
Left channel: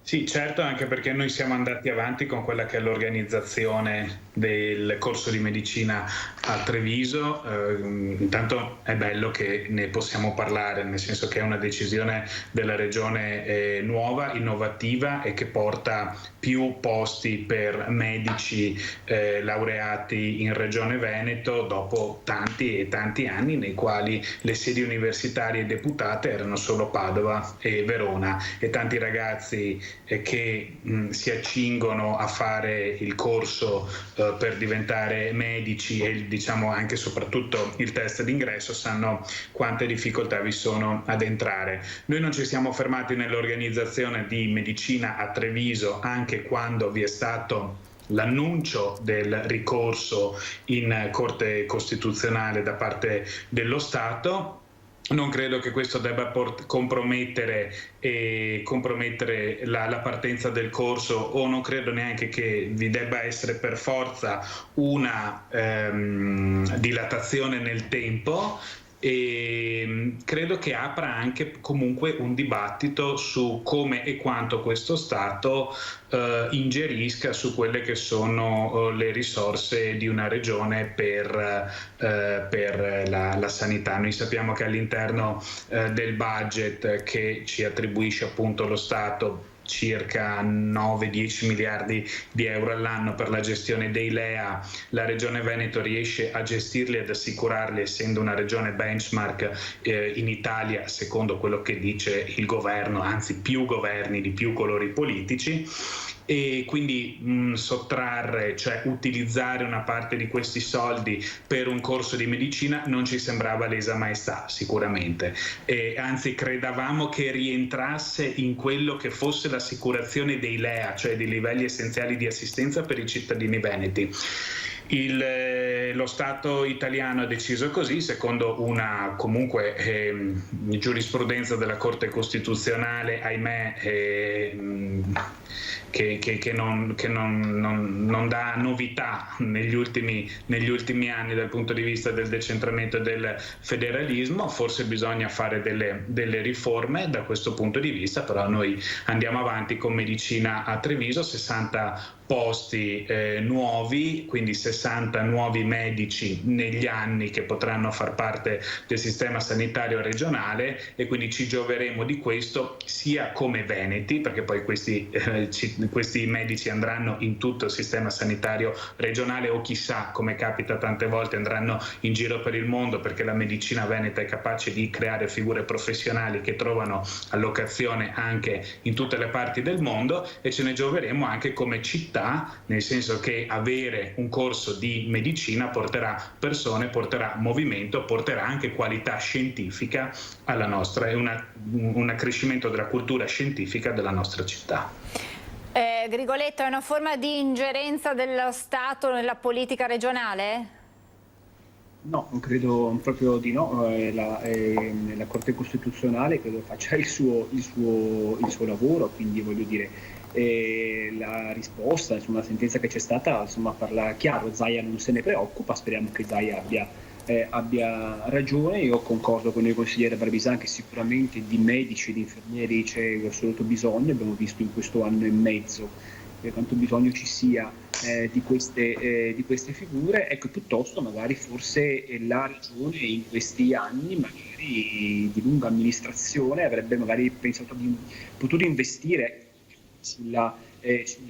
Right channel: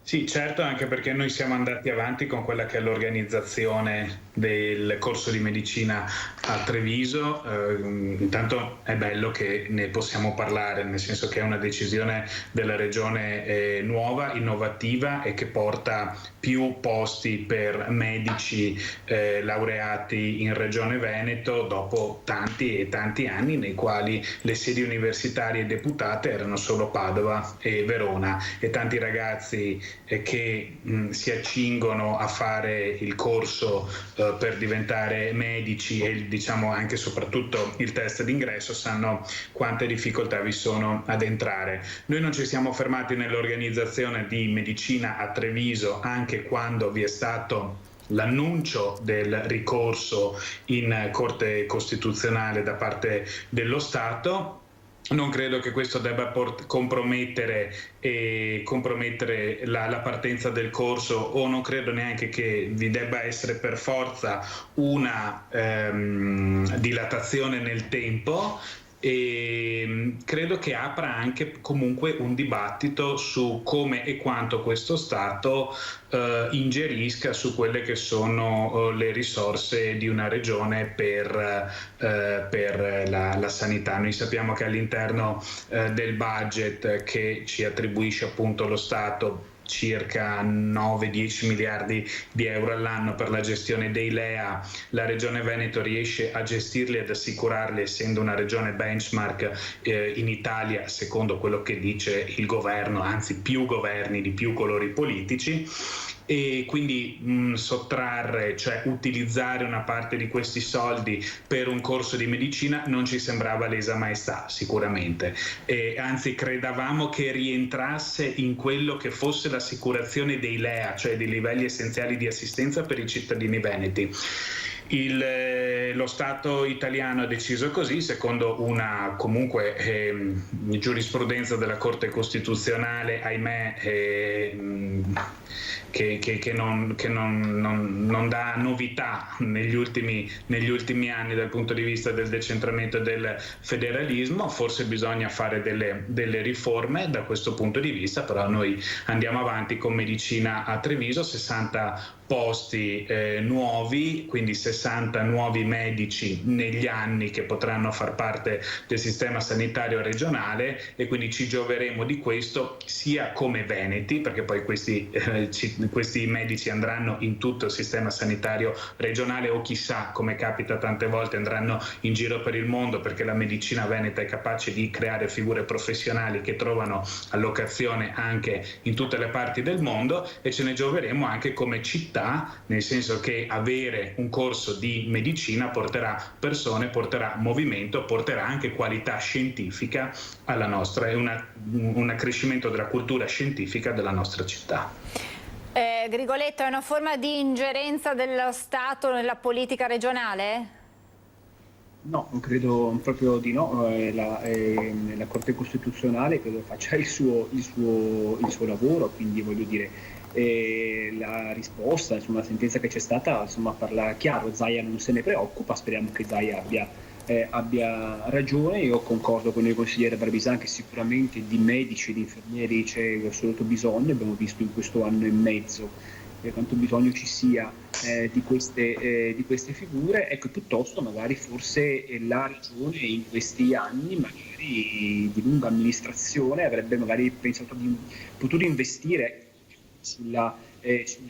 Sì, certo, anche perché noi siamo andati avanti con quella che è l'organizzazione del corso di medicina a Treviso. Intanto è bello che ne possiamo parlare, nel senso che è una decisione della Regione nuova, innovativa e che porta più posti per medici laureati in Regione Veneto dopo tanti e tanti anni nei quali le sedi universitarie deputate erano solo Padova e Verona, e tanti ragazzi che si accingono a fare il corso per diventare medici e diciamo anche e soprattutto il test d'ingresso sanno quante difficoltà vi sono ad entrare. Noi non ci siamo fermati nell'organizzazione di medicina a Treviso anche quando vi è stato l'annuncio del ricorso in Corte Costituzionale da parte dello Stato. Non credo che questo debba compromettere la partenza del corso, o non credo neanche che vi debba essere per forza una dilatazione nel tempo. E credo che apra anche comunque un dibattito su come e quanto questo Stato ingerisca su quelle che sono le risorse di una regione per la sanità. Noi sappiamo che all'interno del budget che ci attribuisce appunto lo Stato circa 9-10 miliardi di euro all'anno per la gestione dei LEA, la Regione Veneto riesce a gestirli ed assicurarli, essendo una regione benchmark in Italia, secondo quello che dice il governo, anzi più governi di più colori politici. E quindi sottrarre, cioè utilizzare una parte di questi soldi per un corso di medicina non ci sembrava lesa maestà sicuramente, e anzi credevamo che rientrasse in quello che fosse l'assicurazione dei LEA, cioè dei livelli essenziali di assistenza per i cittadini veneti. Lo Stato italiano ha deciso così, secondo una comunque giurisprudenza della Corte Costituzionale, ahimè, che non dà novità negli ultimi anni dal punto di vista del decentramento e del federalismo. Forse bisogna fare delle riforme da questo punto di vista, però noi andiamo avanti con medicina a Treviso, 60 posti nuovi, quindi 60 nuovi medici negli anni che potranno far parte del sistema sanitario regionale, e quindi ci gioveremo di questo sia come veneti, perché poi questi medici andranno in tutto il sistema sanitario regionale, o chissà, come capita tante volte, andranno in giro per il mondo, perché la medicina veneta è capace di creare figure professionali che trovano allocazione anche in tutte le parti del mondo, e ce ne gioveremo anche come città, nel senso che avere un corso di medicina porterà persone, porterà movimento, porterà anche qualità scientifica alla nostra, è un accrescimento della cultura scientifica della nostra città. Grigoletto, è una forma di ingerenza dello Stato nella politica regionale? No, credo proprio di no. La Corte Costituzionale credo faccia il suo lavoro, quindi voglio dire, la risposta, insomma, la sentenza che c'è stata, insomma, parla chiaro. Zaia non se ne preoccupa, speriamo che Zaia abbia ragione. Io concordo con il consigliere Barbisan che sicuramente di medici e di infermieri c'è assoluto bisogno, abbiamo visto in questo anno e mezzo quanto bisogno ci sia di queste figure. Ecco, piuttosto magari forse la regione in questi anni, magari di lunga amministrazione, avrebbe magari potuto investire sulla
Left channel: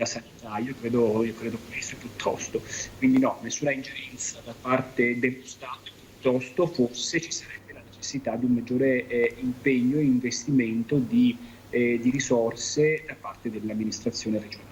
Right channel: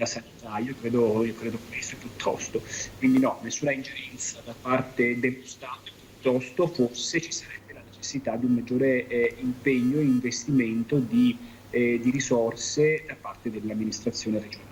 sanità. Io credo questo piuttosto. Quindi no, nessuna ingerenza da parte dello Stato, piuttosto forse ci sarebbe la necessità di un maggiore impegno e investimento di risorse da parte dell'amministrazione regionale.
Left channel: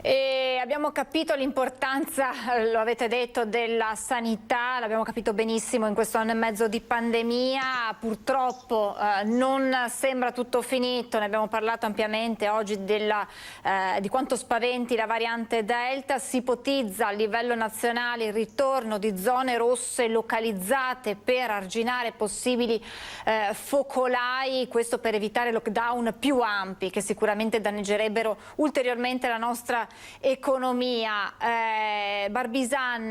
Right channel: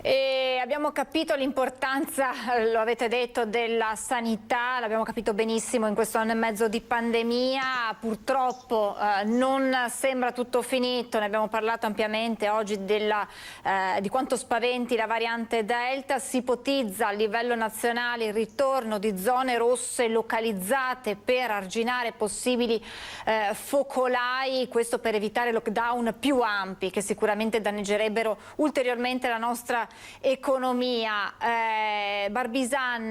E abbiamo capito l'importanza, lo avete detto, della sanità, l'abbiamo capito benissimo in questo anno e mezzo di pandemia. Purtroppo non sembra tutto finito, ne abbiamo parlato ampiamente oggi di quanto spaventi la variante Delta. Si ipotizza a livello nazionale il ritorno di zone rosse localizzate per arginare possibili focolai, questo per evitare lockdown più ampi che sicuramente danneggerebbero ulteriormente la nostra economia. Barbisan,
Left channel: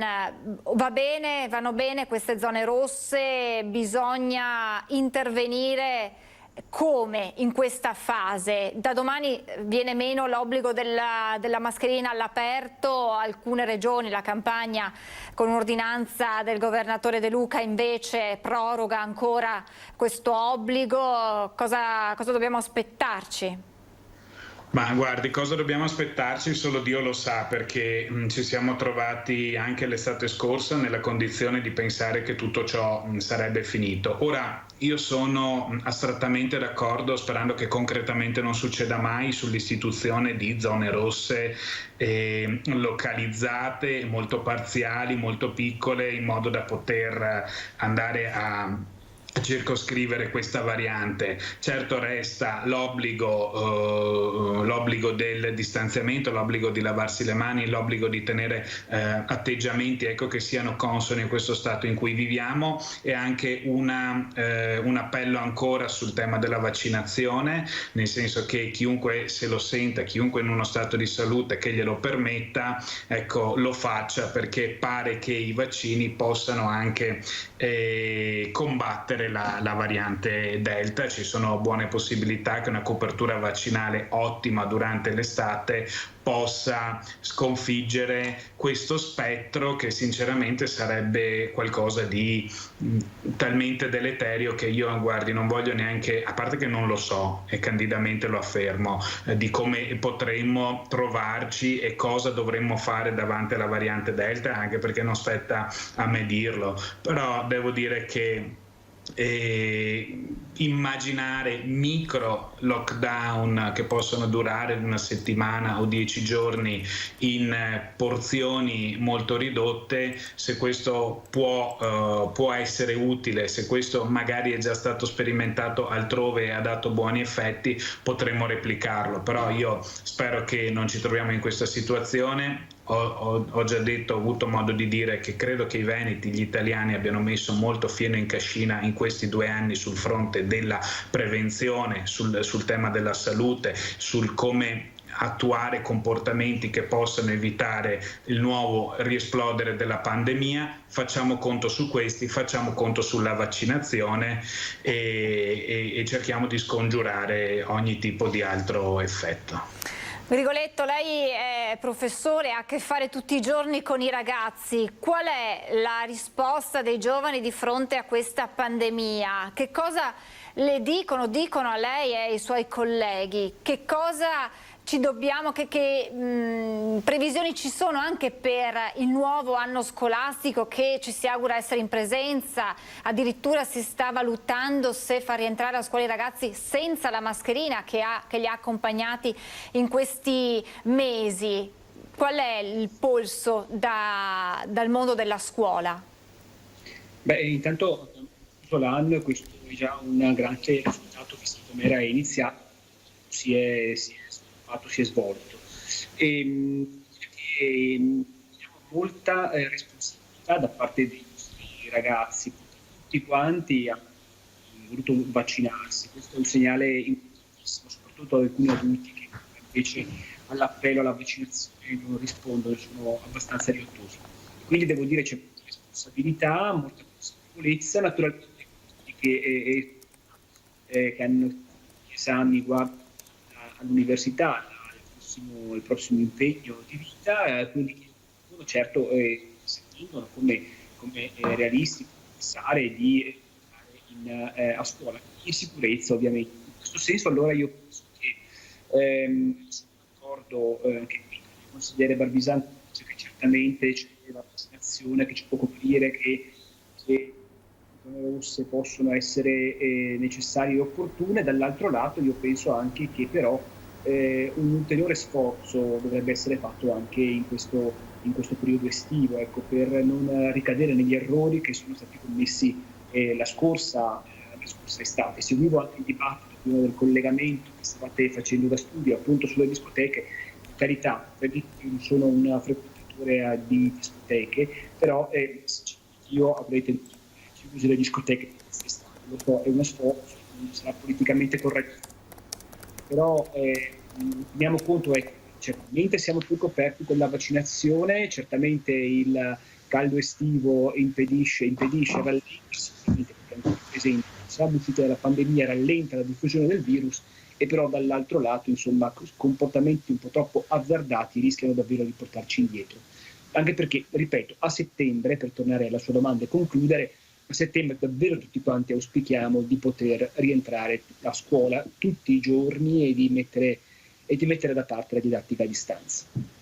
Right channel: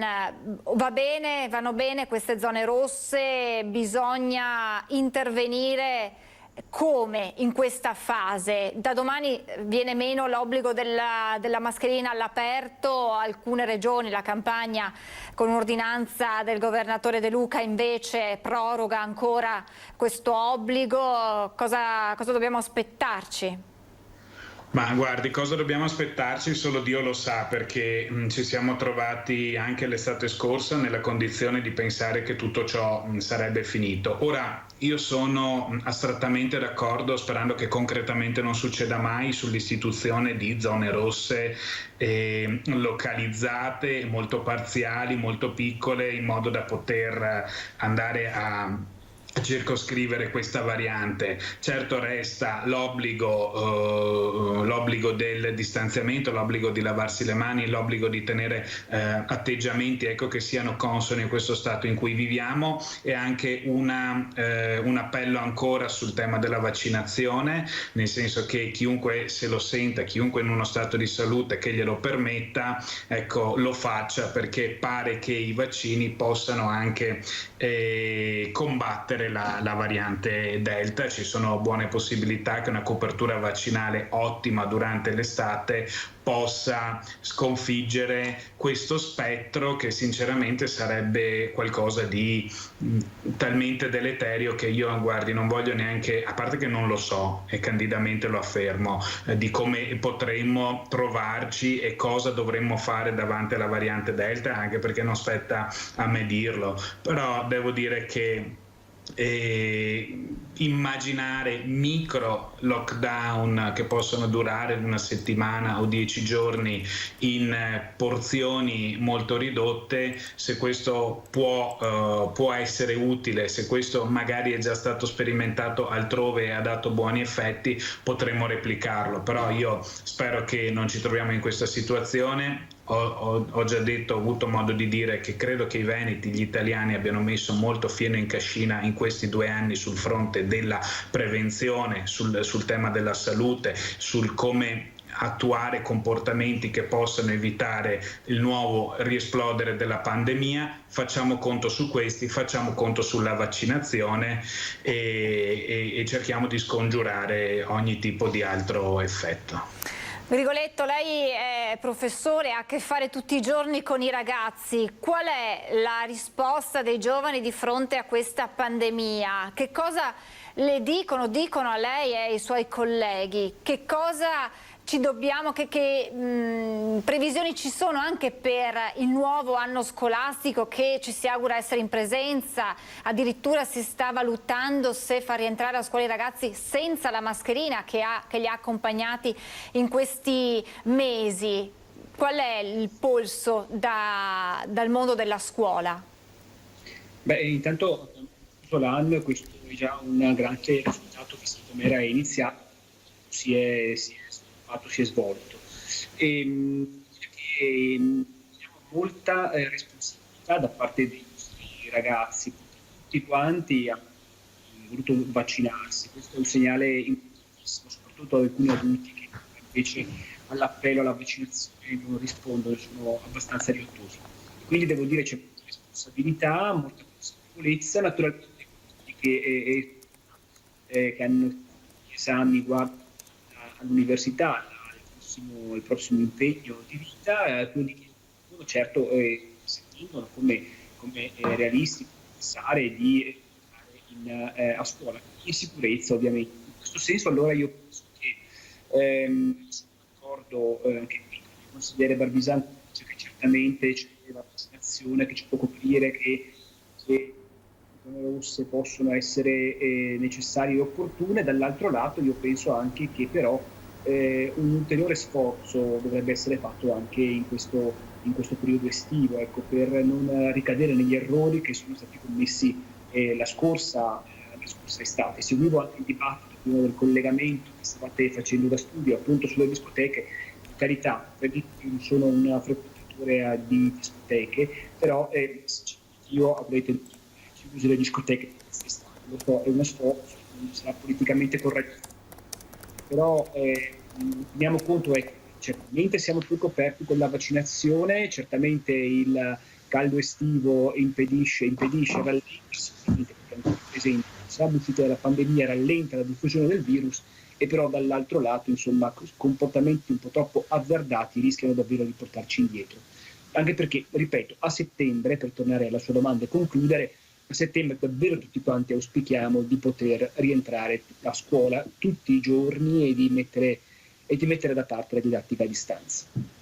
vanno bene queste zone rosse? Bisogna intervenire come in questa fase? Da domani viene meno l'obbligo della mascherina all'aperto, alcune regioni, la Campania con un'ordinanza del governatore De Luca invece proroga ancora questo obbligo. Cosa dobbiamo aspettarci? Ma guardi, cosa dobbiamo aspettarci? Solo Dio lo sa, perché ci siamo trovati anche l'estate scorsa nella condizione di pensare che tutto ciò sarebbe finito. Ora, io sono astrattamente d'accordo, sperando che concretamente non succeda mai, sull'istituzione di zone rosse localizzate, molto parziali, molto piccole, in modo da poter andare a circoscrivere questa variante. Certo resta l'obbligo del distanziamento, l'obbligo di lavarsi le mani, l'obbligo di tenere atteggiamenti che siano consoni a questo stato in cui viviamo, e anche un appello ancora sul tema della vaccinazione, nel senso che chiunque se lo senta, chiunque in uno stato di salute che glielo permetta, lo faccia, perché pare che i vaccini possano anche combattere la variante Delta. Ci sono buone possibilità che una copertura vaccinale ottima durante l'estate possa sconfiggere questo spettro, che sinceramente sarebbe qualcosa di talmente deleterio che io, guardi, non voglio neanche, a parte che non lo so e candidamente lo affermo, di come potremmo trovarci e cosa dovremmo fare davanti alla variante Delta, anche perché non spetta a me dirlo. Però devo dire che immaginare micro lockdown che possono durare una settimana o 10 giorni in porzioni molto ridotte, se questo può essere utile, se questo magari è già stato sperimentato altrove e ha dato buoni effetti, potremmo replicarlo. Però io spero che non ci troviamo in questa situazione. Ho già detto, ho avuto modo di dire che credo che i veneti, gli italiani abbiano messo molto fieno in cascina in questi 2 anni sul fronte della prevenzione, sul tema della salute, sul come attuare comportamenti che possano evitare il nuovo riesplodere della pandemia. Facciamo conto su questi, facciamo conto sulla vaccinazione e cerchiamo di scongiurare ogni tipo di altro effetto. Grigoletto, lei è professore, ha a che fare tutti i giorni con i ragazzi. Qual è la risposta dei giovani di fronte a questa pandemia? Che cosa le dicono a lei e ai suoi colleghi? Che cosa ci dobbiamo, che previsioni ci sono anche per il nuovo anno scolastico che ci si augura essere in presenza? Addirittura si sta valutando se far rientrare a scuola i ragazzi senza la mascherina che li ha accompagnati in questi mesi. Qual è il polso dal mondo della scuola? Intanto tutto l'anno, questo è già un grande risultato visto come era iniziato, si è svolto. Abbiamo molta responsabilità volontà da parte dei nostri ragazzi, tutti quanti hanno voluto vaccinarsi. Questo è un segnale importantissimo, soprattutto ad alcuni adulti che invece all'appello alla vaccinazione non rispondono, sono abbastanza riottosi. Quindi devo dire c'è molta responsabilità, molta consapevolezza, naturalmente che hanno gli esami all'università, il prossimo impegno di vita, quelli che sono certo sentono come realistico pensare di andare a scuola in sicurezza, ovviamente. In questo senso allora io penso che sono d'accordo anche qui con il consigliere Barbisani, che certamente c'è la vaccinazione che ci può coprire, che le zone rosse possono essere necessarie e opportune. Dall'altro lato io penso anche che però un ulteriore sforzo dovrebbe essere fatto anche in questo periodo estivo, ecco, per non ricadere negli errori che sono stati commessi la scorsa estate. Seguivo anche il dibattito prima del collegamento che stavate facendo da studio appunto sulle discoteche. Per carità, non sono un frequentatore di discoteche, però io avrei chiuso le discoteche quest'estate. Lo so, è uno sforzo, non sarà politicamente corretto, però teniamo conto, certamente siamo più coperti con la vaccinazione, certamente il caldo estivo impedisce, rallenta sicuramente, perché ancora presente, sarà l'uscita della pandemia, rallenta la diffusione del virus, e però dall'altro lato, insomma, comportamenti un po' troppo azzardati rischiano davvero di portarci indietro. Anche perché, ripeto, a settembre, per tornare alla sua domanda e concludere, a settembre davvero tutti quanti auspichiamo di poter rientrare a scuola tutti i giorni e di mettere da parte la didattica a distanza.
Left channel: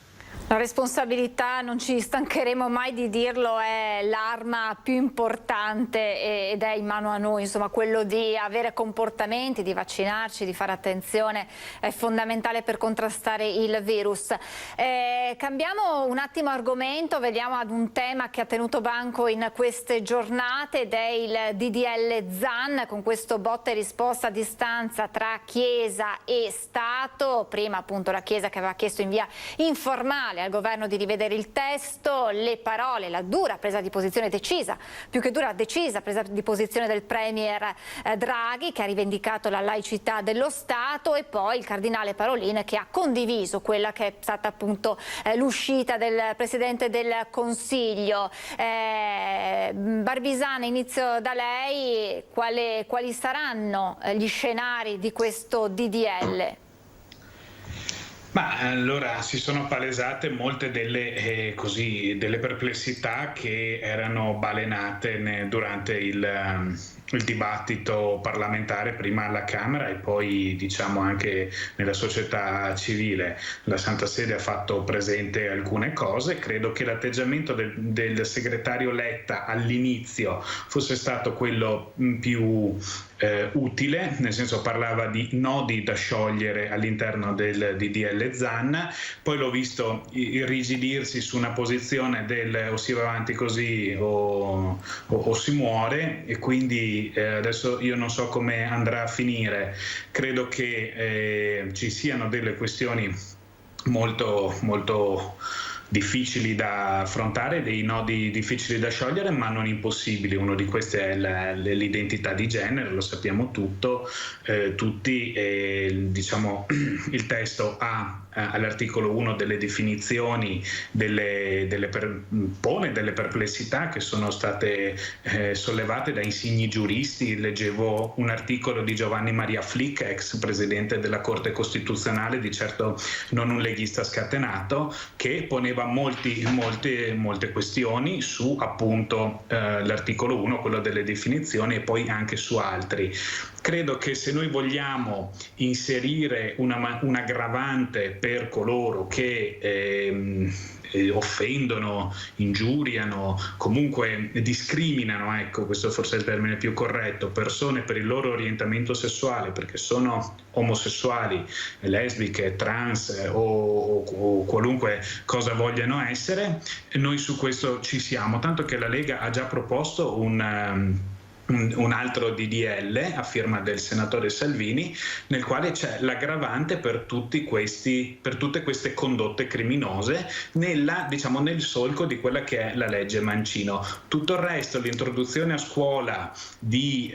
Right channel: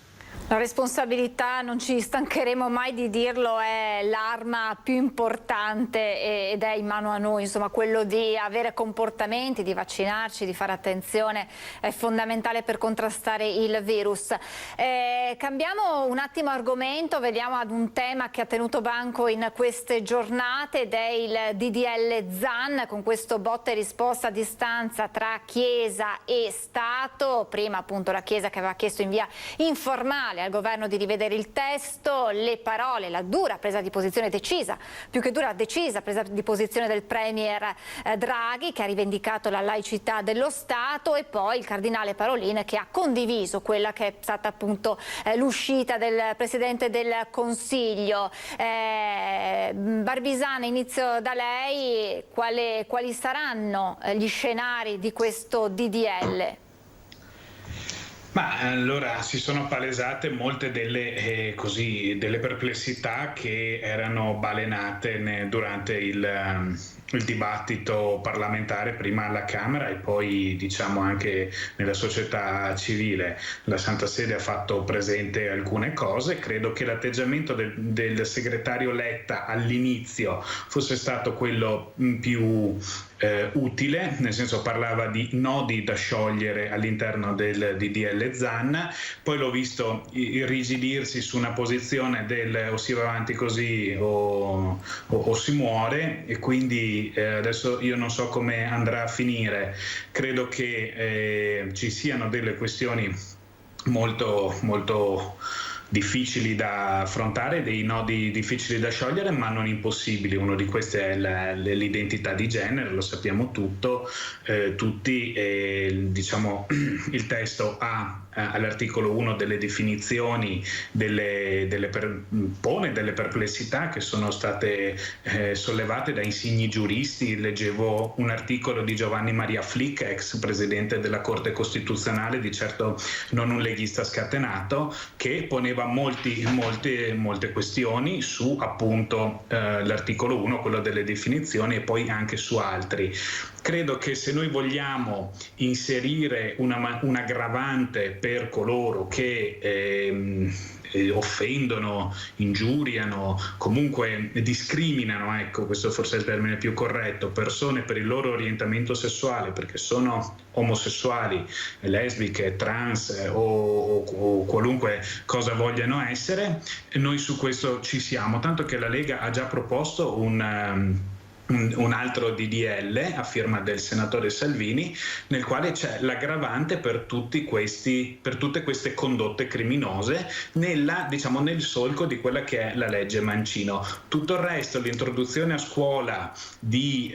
La responsabilità, non ci stancheremo mai di dirlo, è l'arma più importante ed è in mano a noi, insomma, quello di avere comportamenti, di vaccinarci, di fare attenzione, è fondamentale per contrastare il virus. Cambiamo un attimo argomento, vediamo ad un tema che ha tenuto banco in queste giornate ed è il DDL Zan, con questo botta e risposta a distanza tra Chiesa e Stato. Prima appunto la Chiesa che aveva chiesto in via informale al governo di rivedere il testo, le parole, la dura presa di posizione decisa, più che dura, decisa presa di posizione del premier Draghi, che ha rivendicato la laicità dello Stato, e poi il cardinale Parolin, che ha condiviso quella che è stata appunto l'uscita del Presidente del Consiglio. Barbisani, inizio da lei, quali saranno gli scenari di questo DDL? Ma allora si sono palesate molte delle perplessità che erano balenate durante il dibattito parlamentare, prima alla Camera e poi diciamo anche nella società civile. La Santa Sede ha fatto presente alcune cose. Credo che l'atteggiamento del segretario Letta all'inizio fosse stato quello più utile, nel senso parlava di nodi da sciogliere all'interno del DDL Zan, poi l'ho visto irrigidirsi su una posizione del o si va avanti così o si muore, e quindi adesso io non so come andrà a finire. Credo che ci siano delle questioni molto molto difficili da affrontare, dei nodi difficili da sciogliere ma non impossibili. Uno di questi è l'identità di genere, lo sappiamo tutti, diciamo il testo ha all'articolo 1 delle definizioni, pone delle perplessità che sono state sollevate da insigni giuristi. Leggevo un articolo di Giovanni Maria Flick, ex presidente della Corte Costituzionale, di certo non un leghista scatenato, che poneva molte questioni su appunto l'articolo 1, quello delle definizioni, e poi anche su altri. Credo che se noi vogliamo inserire un'aggravante per coloro che offendono, ingiuriano, comunque discriminano, ecco, questo forse è il termine più corretto, persone per il loro orientamento sessuale, perché sono omosessuali, lesbiche, trans o qualunque cosa vogliano essere, noi su questo ci siamo, tanto che la Lega ha già proposto un altro DDL a firma del senatore Salvini, nel quale c'è l'aggravante per tutte queste condotte criminose nel solco di quella che è la legge Mancino. Tutto il resto, l'introduzione a scuola di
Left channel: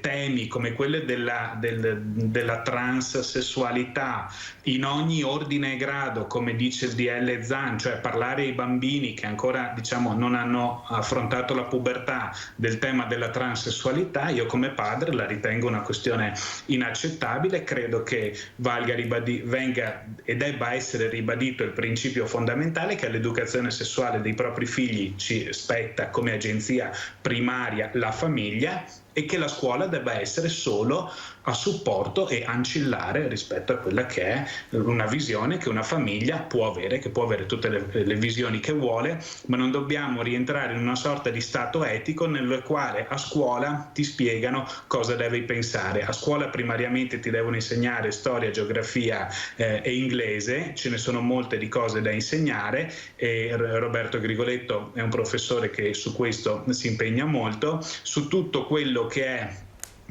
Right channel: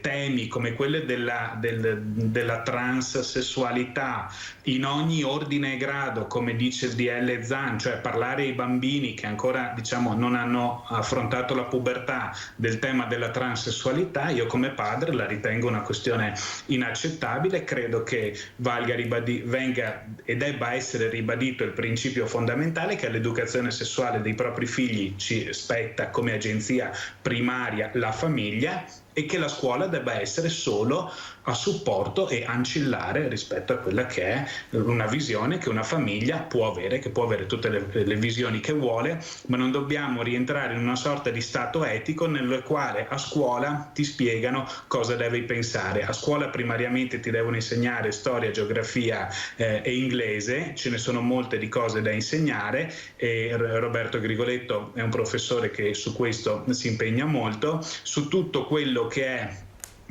temi come quelli della transessualità in ogni ordine e grado, come dice il DL Zan, cioè parlare ai bambini che ancora non hanno affrontato la pubertà del tema della transessualità, io come padre la ritengo una questione inaccettabile. Credo che venga e debba essere ribadito il principio fondamentale che all'educazione sessuale dei propri figli ci spetta come agenzia primaria la famiglia, e che la scuola debba essere solo a supporto e ancillare rispetto a quella che è una visione che una famiglia può avere, che può avere tutte le visioni che vuole, ma non dobbiamo rientrare in una sorta di stato etico nel quale a scuola ti spiegano cosa devi pensare. A scuola primariamente ti devono insegnare storia, geografia e inglese, ce ne sono molte di cose da insegnare, e Roberto Grigoletto è un professore che su questo si impegna molto, su tutto quello che è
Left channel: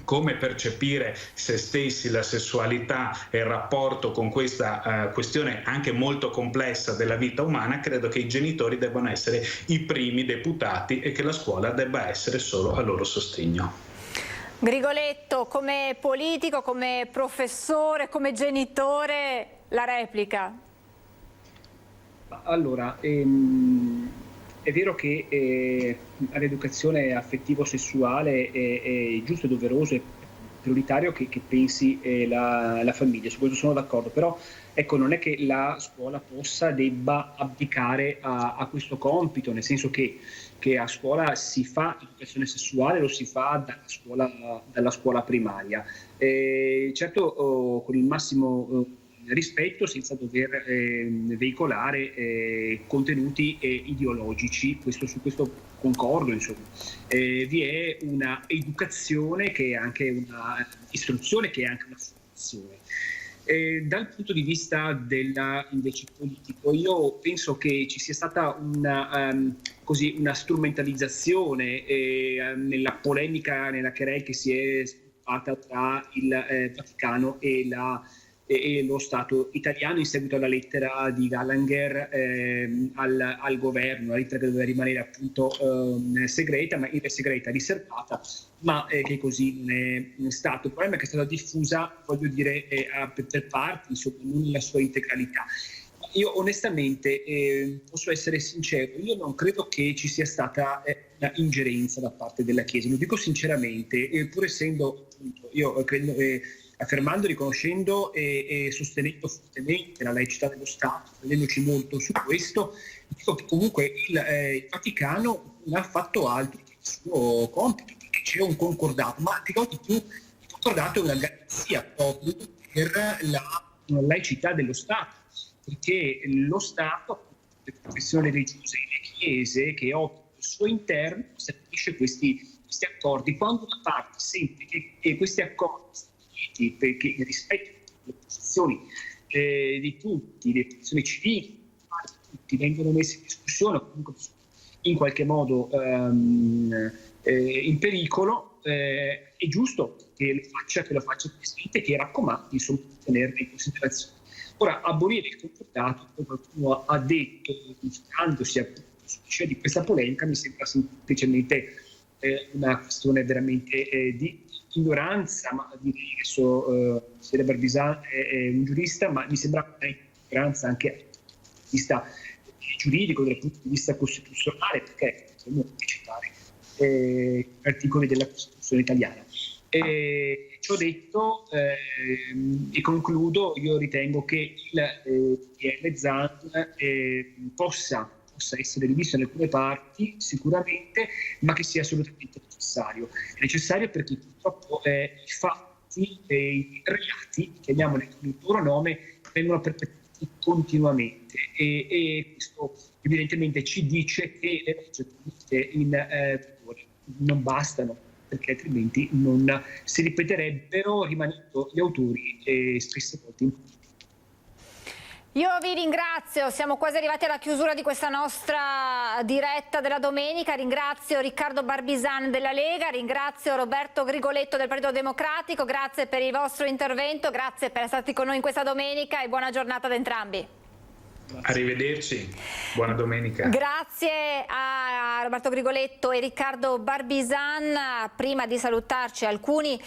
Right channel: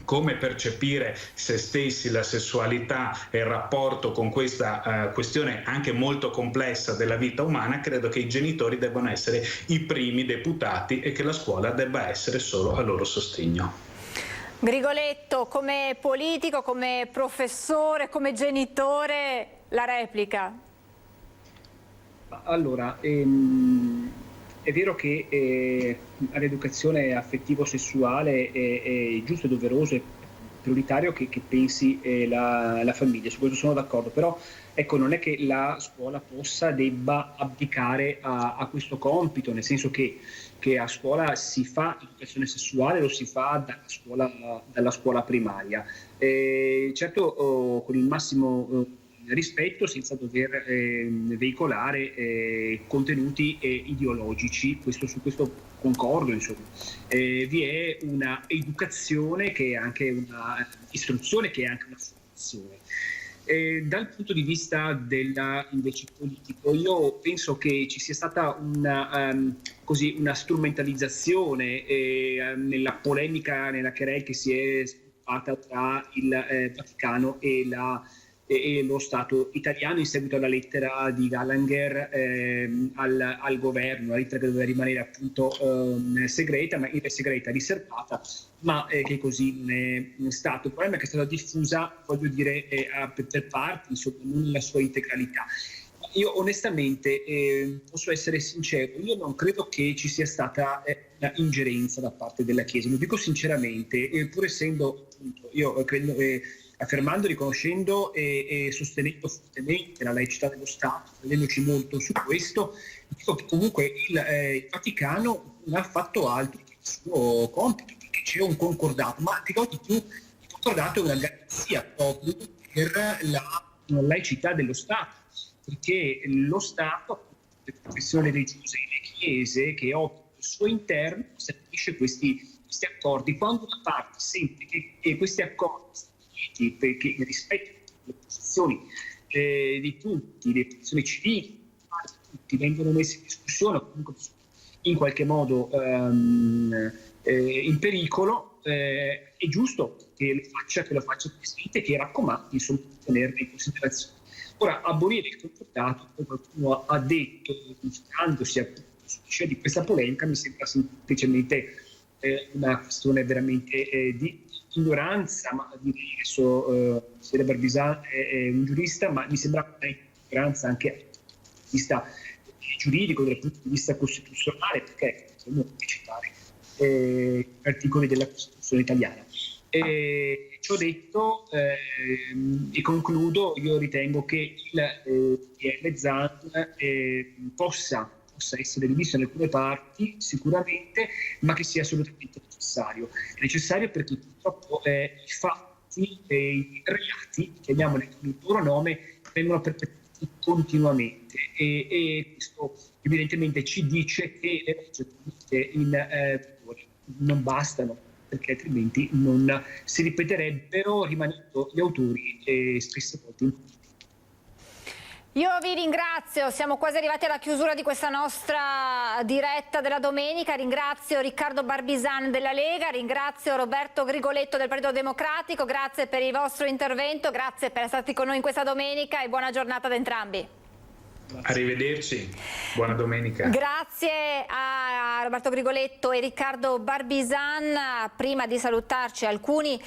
come percepire se stessi, la sessualità e il rapporto con questa questione anche molto complessa della vita umana. Credo che i genitori debbano essere i primi deputati e che la scuola debba essere solo a loro sostegno. Grigoletto, come politico, come professore, come genitore, la replica. Allora, è vero che all'educazione affettivo-sessuale è giusto e doveroso, è prioritario che pensi la famiglia, su questo sono d'accordo, però ecco, non è che la scuola debba abdicare a questo compito, nel senso che a scuola si fa educazione sessuale, lo si fa dalla scuola primaria. Certo, con il massimo rispetto, senza dover veicolare contenuti ideologici, su questo concordo, insomma. Vi è una educazione che è anche una istruzione, che è anche una formazione. Dal punto di vista invece politico, io penso che ci sia stata una strumentalizzazione nella polemica, nella querela che si è sviluppata tra il Vaticano e lo Stato italiano in seguito alla lettera di Gallagher al governo, la lettera che doveva rimanere appunto segreta, riservata, ma che così non è stato. Il problema è che è stata diffusa, voglio dire, per parti, insomma, non nella sua integralità. Io onestamente posso essere sincero, io non credo che ci sia stata una ingerenza da parte della Chiesa, lo dico sinceramente, pur essendo, appunto, io credo, affermando, riconoscendo e sostenendo fortemente la laicità dello Stato, credendoci molto su questo, dico che comunque il Vaticano non ha fatto altro che il suo compito, perché c'è un concordato, ma dirò di più, il concordato è una garanzia proprio per la laicità dello Stato, perché lo Stato, le professioni religiose e le chiese che operano al suo interno, stabilisce questi accordi. Quando una parte sente che questi accordi, perché rispetto alle posizioni di tutti, le posizioni civili di tutti vengono messe in discussione, comunque in qualche modo in pericolo, è giusto che lo faccia il Presidente, che raccomandi, insomma, di tenerle in considerazione. Ora, abolire il concordato, come qualcuno ha detto, considerandosi appunto di questa polemica, mi sembra semplicemente una questione veramente di ignoranza, ma direi adesso Barbizan è un giurista, ma mi sembra una ignoranza anche dal punto di vista giuridico, dal punto di vista costituzionale, perché possiamo citare articoli della Costituzione italiana. Ciò detto, e concludo, io ritengo che il DL Zan possa essere diviso in alcune parti sicuramente, ma che sia assolutamente necessario. È necessario perché purtroppo i fatti e i reati, chiamiamoli con il loro nome, vengono perpetrati continuamente e questo evidentemente ci dice che le leggi in vigore non bastano, perché altrimenti non si ripeterebbero, rimanendo gli autori spesse volte in Io vi ringrazio, siamo quasi arrivati alla chiusura di questa nostra diretta della domenica. Ringrazio Riccardo Barbisan della Lega, ringrazio Roberto Grigoletto del Partito Democratico, grazie per il vostro intervento, grazie per essere stati con noi in questa domenica e buona giornata ad entrambi. Arrivederci, buona domenica. Grazie a Roberto Grigoletto e Riccardo Barbisan. Prima di salutarci, alcuni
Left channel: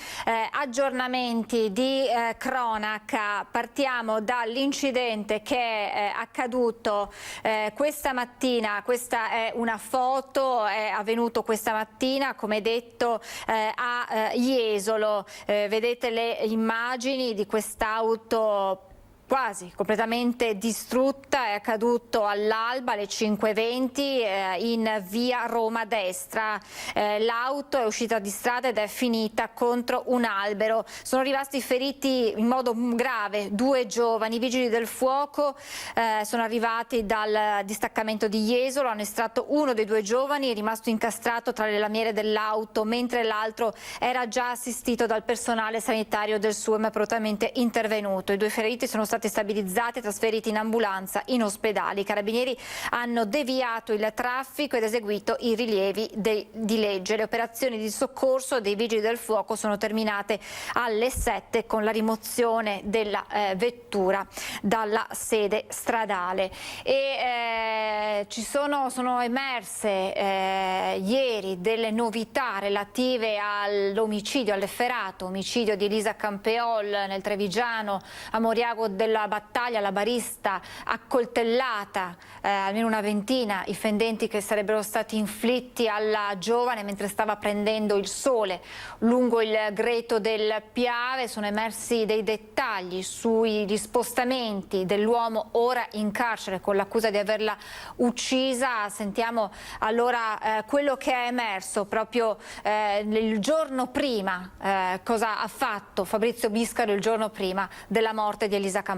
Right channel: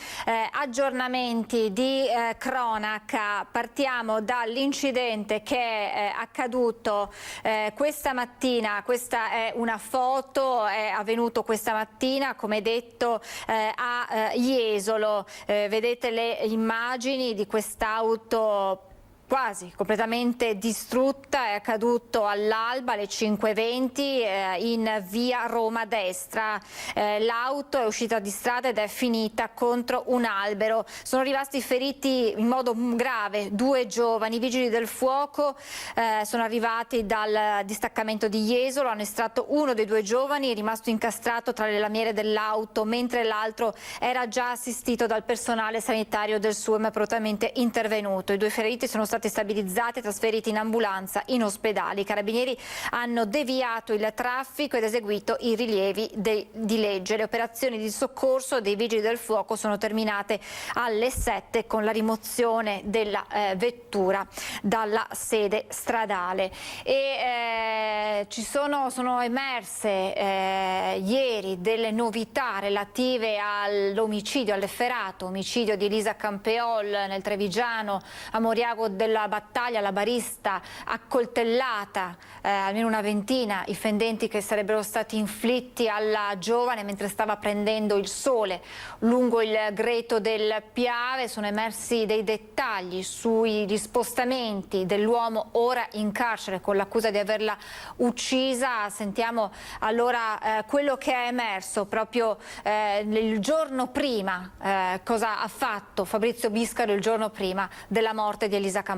aggiornamenti di cronaca. Partiamo dall'incidente che è accaduto questa mattina. Questa è una foto, è avvenuto questa mattina, come detto, a Jesolo. Vedete le immagini di quest'auto quasi completamente distrutta, è accaduto all'alba alle 5:20 in via Roma Destra. L'auto è uscita di strada ed è finita contro un albero. Sono rimasti feriti in modo grave 2 giovani. I vigili del fuoco sono arrivati dal distaccamento di Jesolo, hanno estratto uno dei 2 giovani, è rimasto incastrato tra le lamiere dell'auto, mentre l'altro era già assistito dal personale sanitario del SUEM appropriatamente intervenuto. I 2 feriti sono stati stabilizzati e trasferiti in ambulanza in ospedale. I carabinieri hanno deviato il traffico ed eseguito i rilievi di legge. Le operazioni di soccorso dei vigili del fuoco sono terminate alle 7 con la rimozione della vettura dalla sede stradale. E sono emerse ieri delle novità relative all'omicidio, all'efferato omicidio di Elisa Campeol nel Trevigiano, a Moriago della Battaglia, la barista accoltellata, almeno una ventina i fendenti che sarebbero stati inflitti alla giovane mentre stava prendendo il sole lungo il greto del Piave. Sono emersi dei dettagli sugli spostamenti dell'uomo ora in carcere con l'accusa di averla uccisa. Sentiamo allora quello che è emerso proprio il giorno prima, cosa ha fatto Fabrizio Biscaro il giorno prima della morte di Elisa Campeol.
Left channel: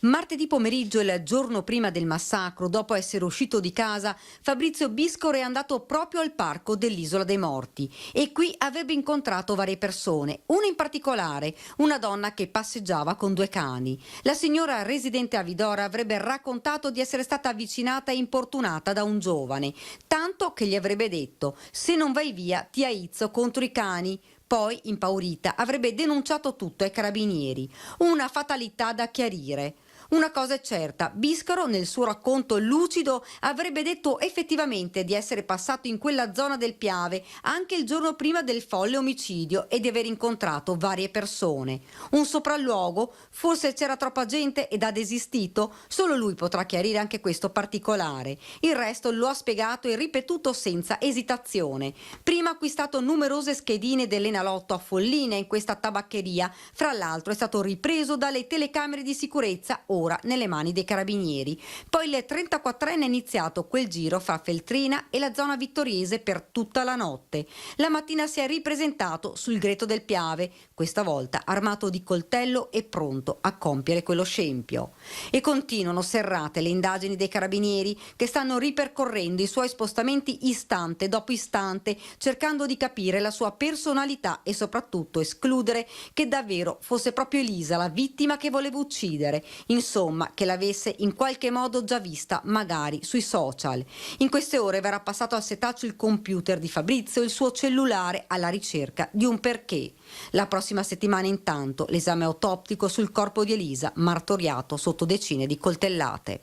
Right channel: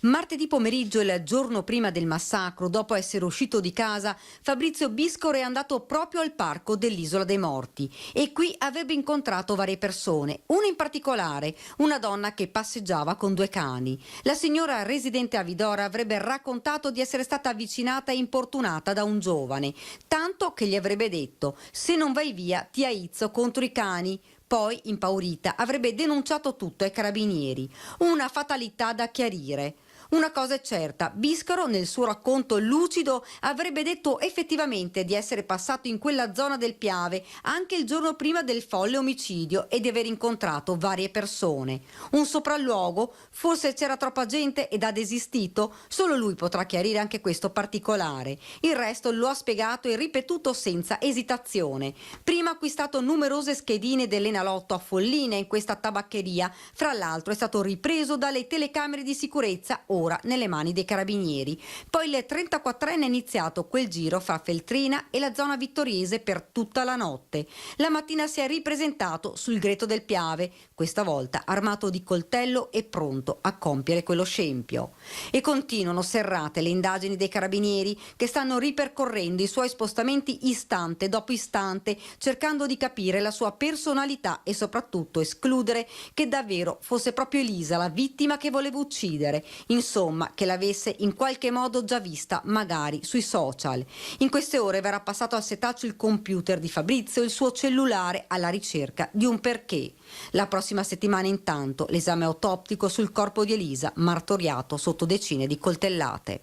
Martedì pomeriggio, il giorno prima del massacro, dopo essere uscito di casa, Fabrizio Biscaro è andato proprio al parco dell'Isola dei Morti e qui avrebbe incontrato varie persone, una in particolare, una donna che passeggiava con 2 cani. La signora residente a Vidora avrebbe raccontato di essere stata avvicinata e importunata da un giovane, tanto che gli avrebbe detto: se non vai via ti aizzo contro i cani. Poi, impaurita, avrebbe denunciato tutto ai carabinieri. Una fatalità da chiarire. Una cosa è certa, Biscaro nel suo racconto lucido avrebbe detto effettivamente di essere passato in quella zona del Piave anche il giorno prima del folle omicidio e di aver incontrato varie persone. Un sopralluogo? Forse c'era troppa gente ed ha desistito? Solo lui potrà chiarire anche questo particolare. Il resto lo ha spiegato e ripetuto senza esitazione. Prima ha acquistato numerose schedine dell'Enalotto a Folline in questa tabaccheria, fra l'altro è stato ripreso dalle telecamere di sicurezza ora nelle mani dei carabinieri. Poi il 34enne ha iniziato quel giro fra Feltrina e la zona vittoriese per tutta la notte. La mattina si è ripresentato sul greto del Piave, questa volta armato di coltello e pronto a compiere quello scempio. E continuano serrate le indagini dei carabinieri che stanno ripercorrendo i suoi spostamenti istante dopo istante, cercando di capire la sua personalità e soprattutto escludere che davvero fosse proprio Elisa la vittima che voleva uccidere. Insomma, che l'avesse in qualche modo già vista, magari sui social. In queste ore verrà passato al setaccio il computer di Fabrizio e il suo cellulare alla ricerca di un perché. La prossima settimana intanto l'esame autoptico sul corpo di Elisa, martoriato sotto decine di coltellate.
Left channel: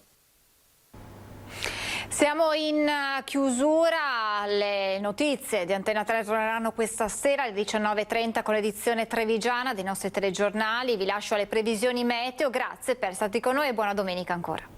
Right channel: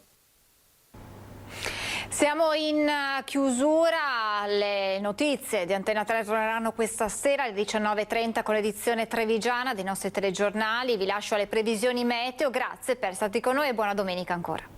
Siamo in chiusura, le notizie di Antena 3 torneranno questa sera alle 19:30 con l'edizione trevigiana dei nostri telegiornali. Vi lascio alle previsioni meteo, grazie per essere stati con noi e buona domenica ancora.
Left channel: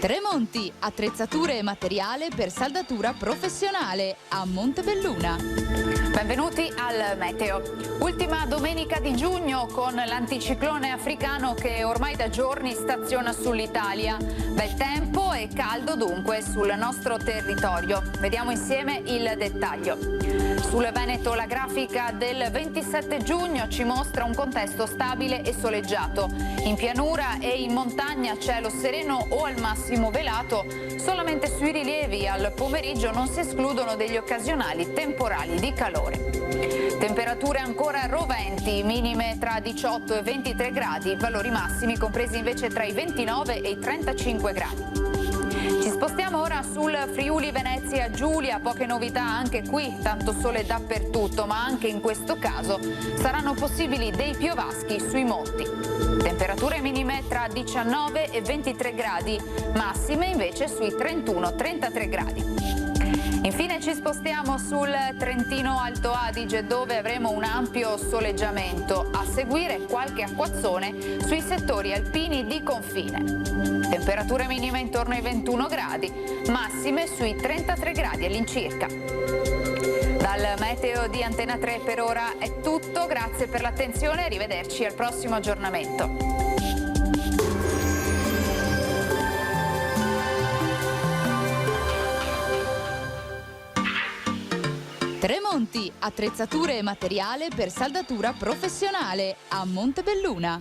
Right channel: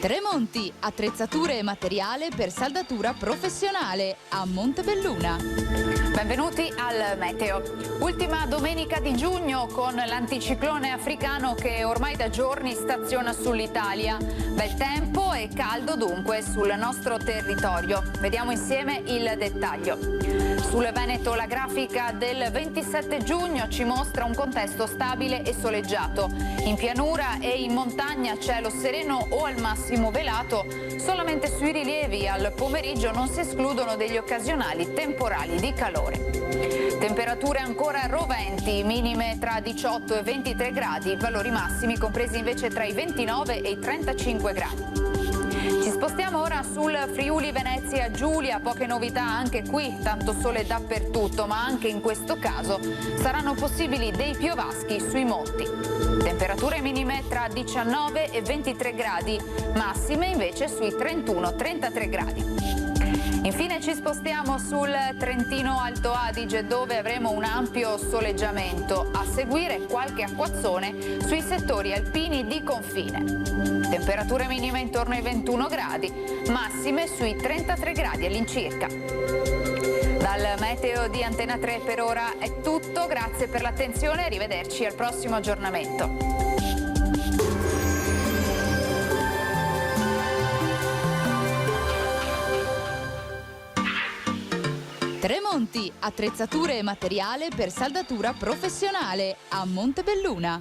Tremonti, attrezzature e materiale per saldatura professionale a Montebelluna. Benvenuti al meteo. Ultima domenica di giugno con l'anticiclone africano che ormai da giorni staziona sull'Italia. Bel tempo e caldo dunque sul nostro territorio. Vediamo insieme il dettaglio. Sul Veneto la grafica del 27 giugno ci mostra un contesto stabile e soleggiato. In pianura e in montagna cielo sereno o al massimo velato, solamente sui rilievi al al pomeriggio non si escludono degli occasionali temporali di calore. Temperature ancora roventi, minime tra 18 e 23 gradi, valori massimi compresi invece tra i 29 e i 35 gradi. Ci spostiamo ora sul Friuli Venezia Giulia, poche novità anche qui, tanto sole dappertutto, ma anche in questo caso saranno possibili dei piovaschi sui monti. Temperature minime tra 19 e 23 gradi, massime invece sui 31-33 gradi. Infine ci spostiamo sul Trentino Alto Adige, dove avremo un ampio soleggiamento, a seguire qualche acquazzone sui settori alpini di confine. Temperature minime intorno ai 21 gradi, massime sui 33 gradi all'incirca. Dal meteo di Antena 3 per ora è tutto, grazie per l'attenzione e arrivederci al prossimo aggiornamento. Tremonti, attrezzature e materiale per saldatura professionale a Montebelluna.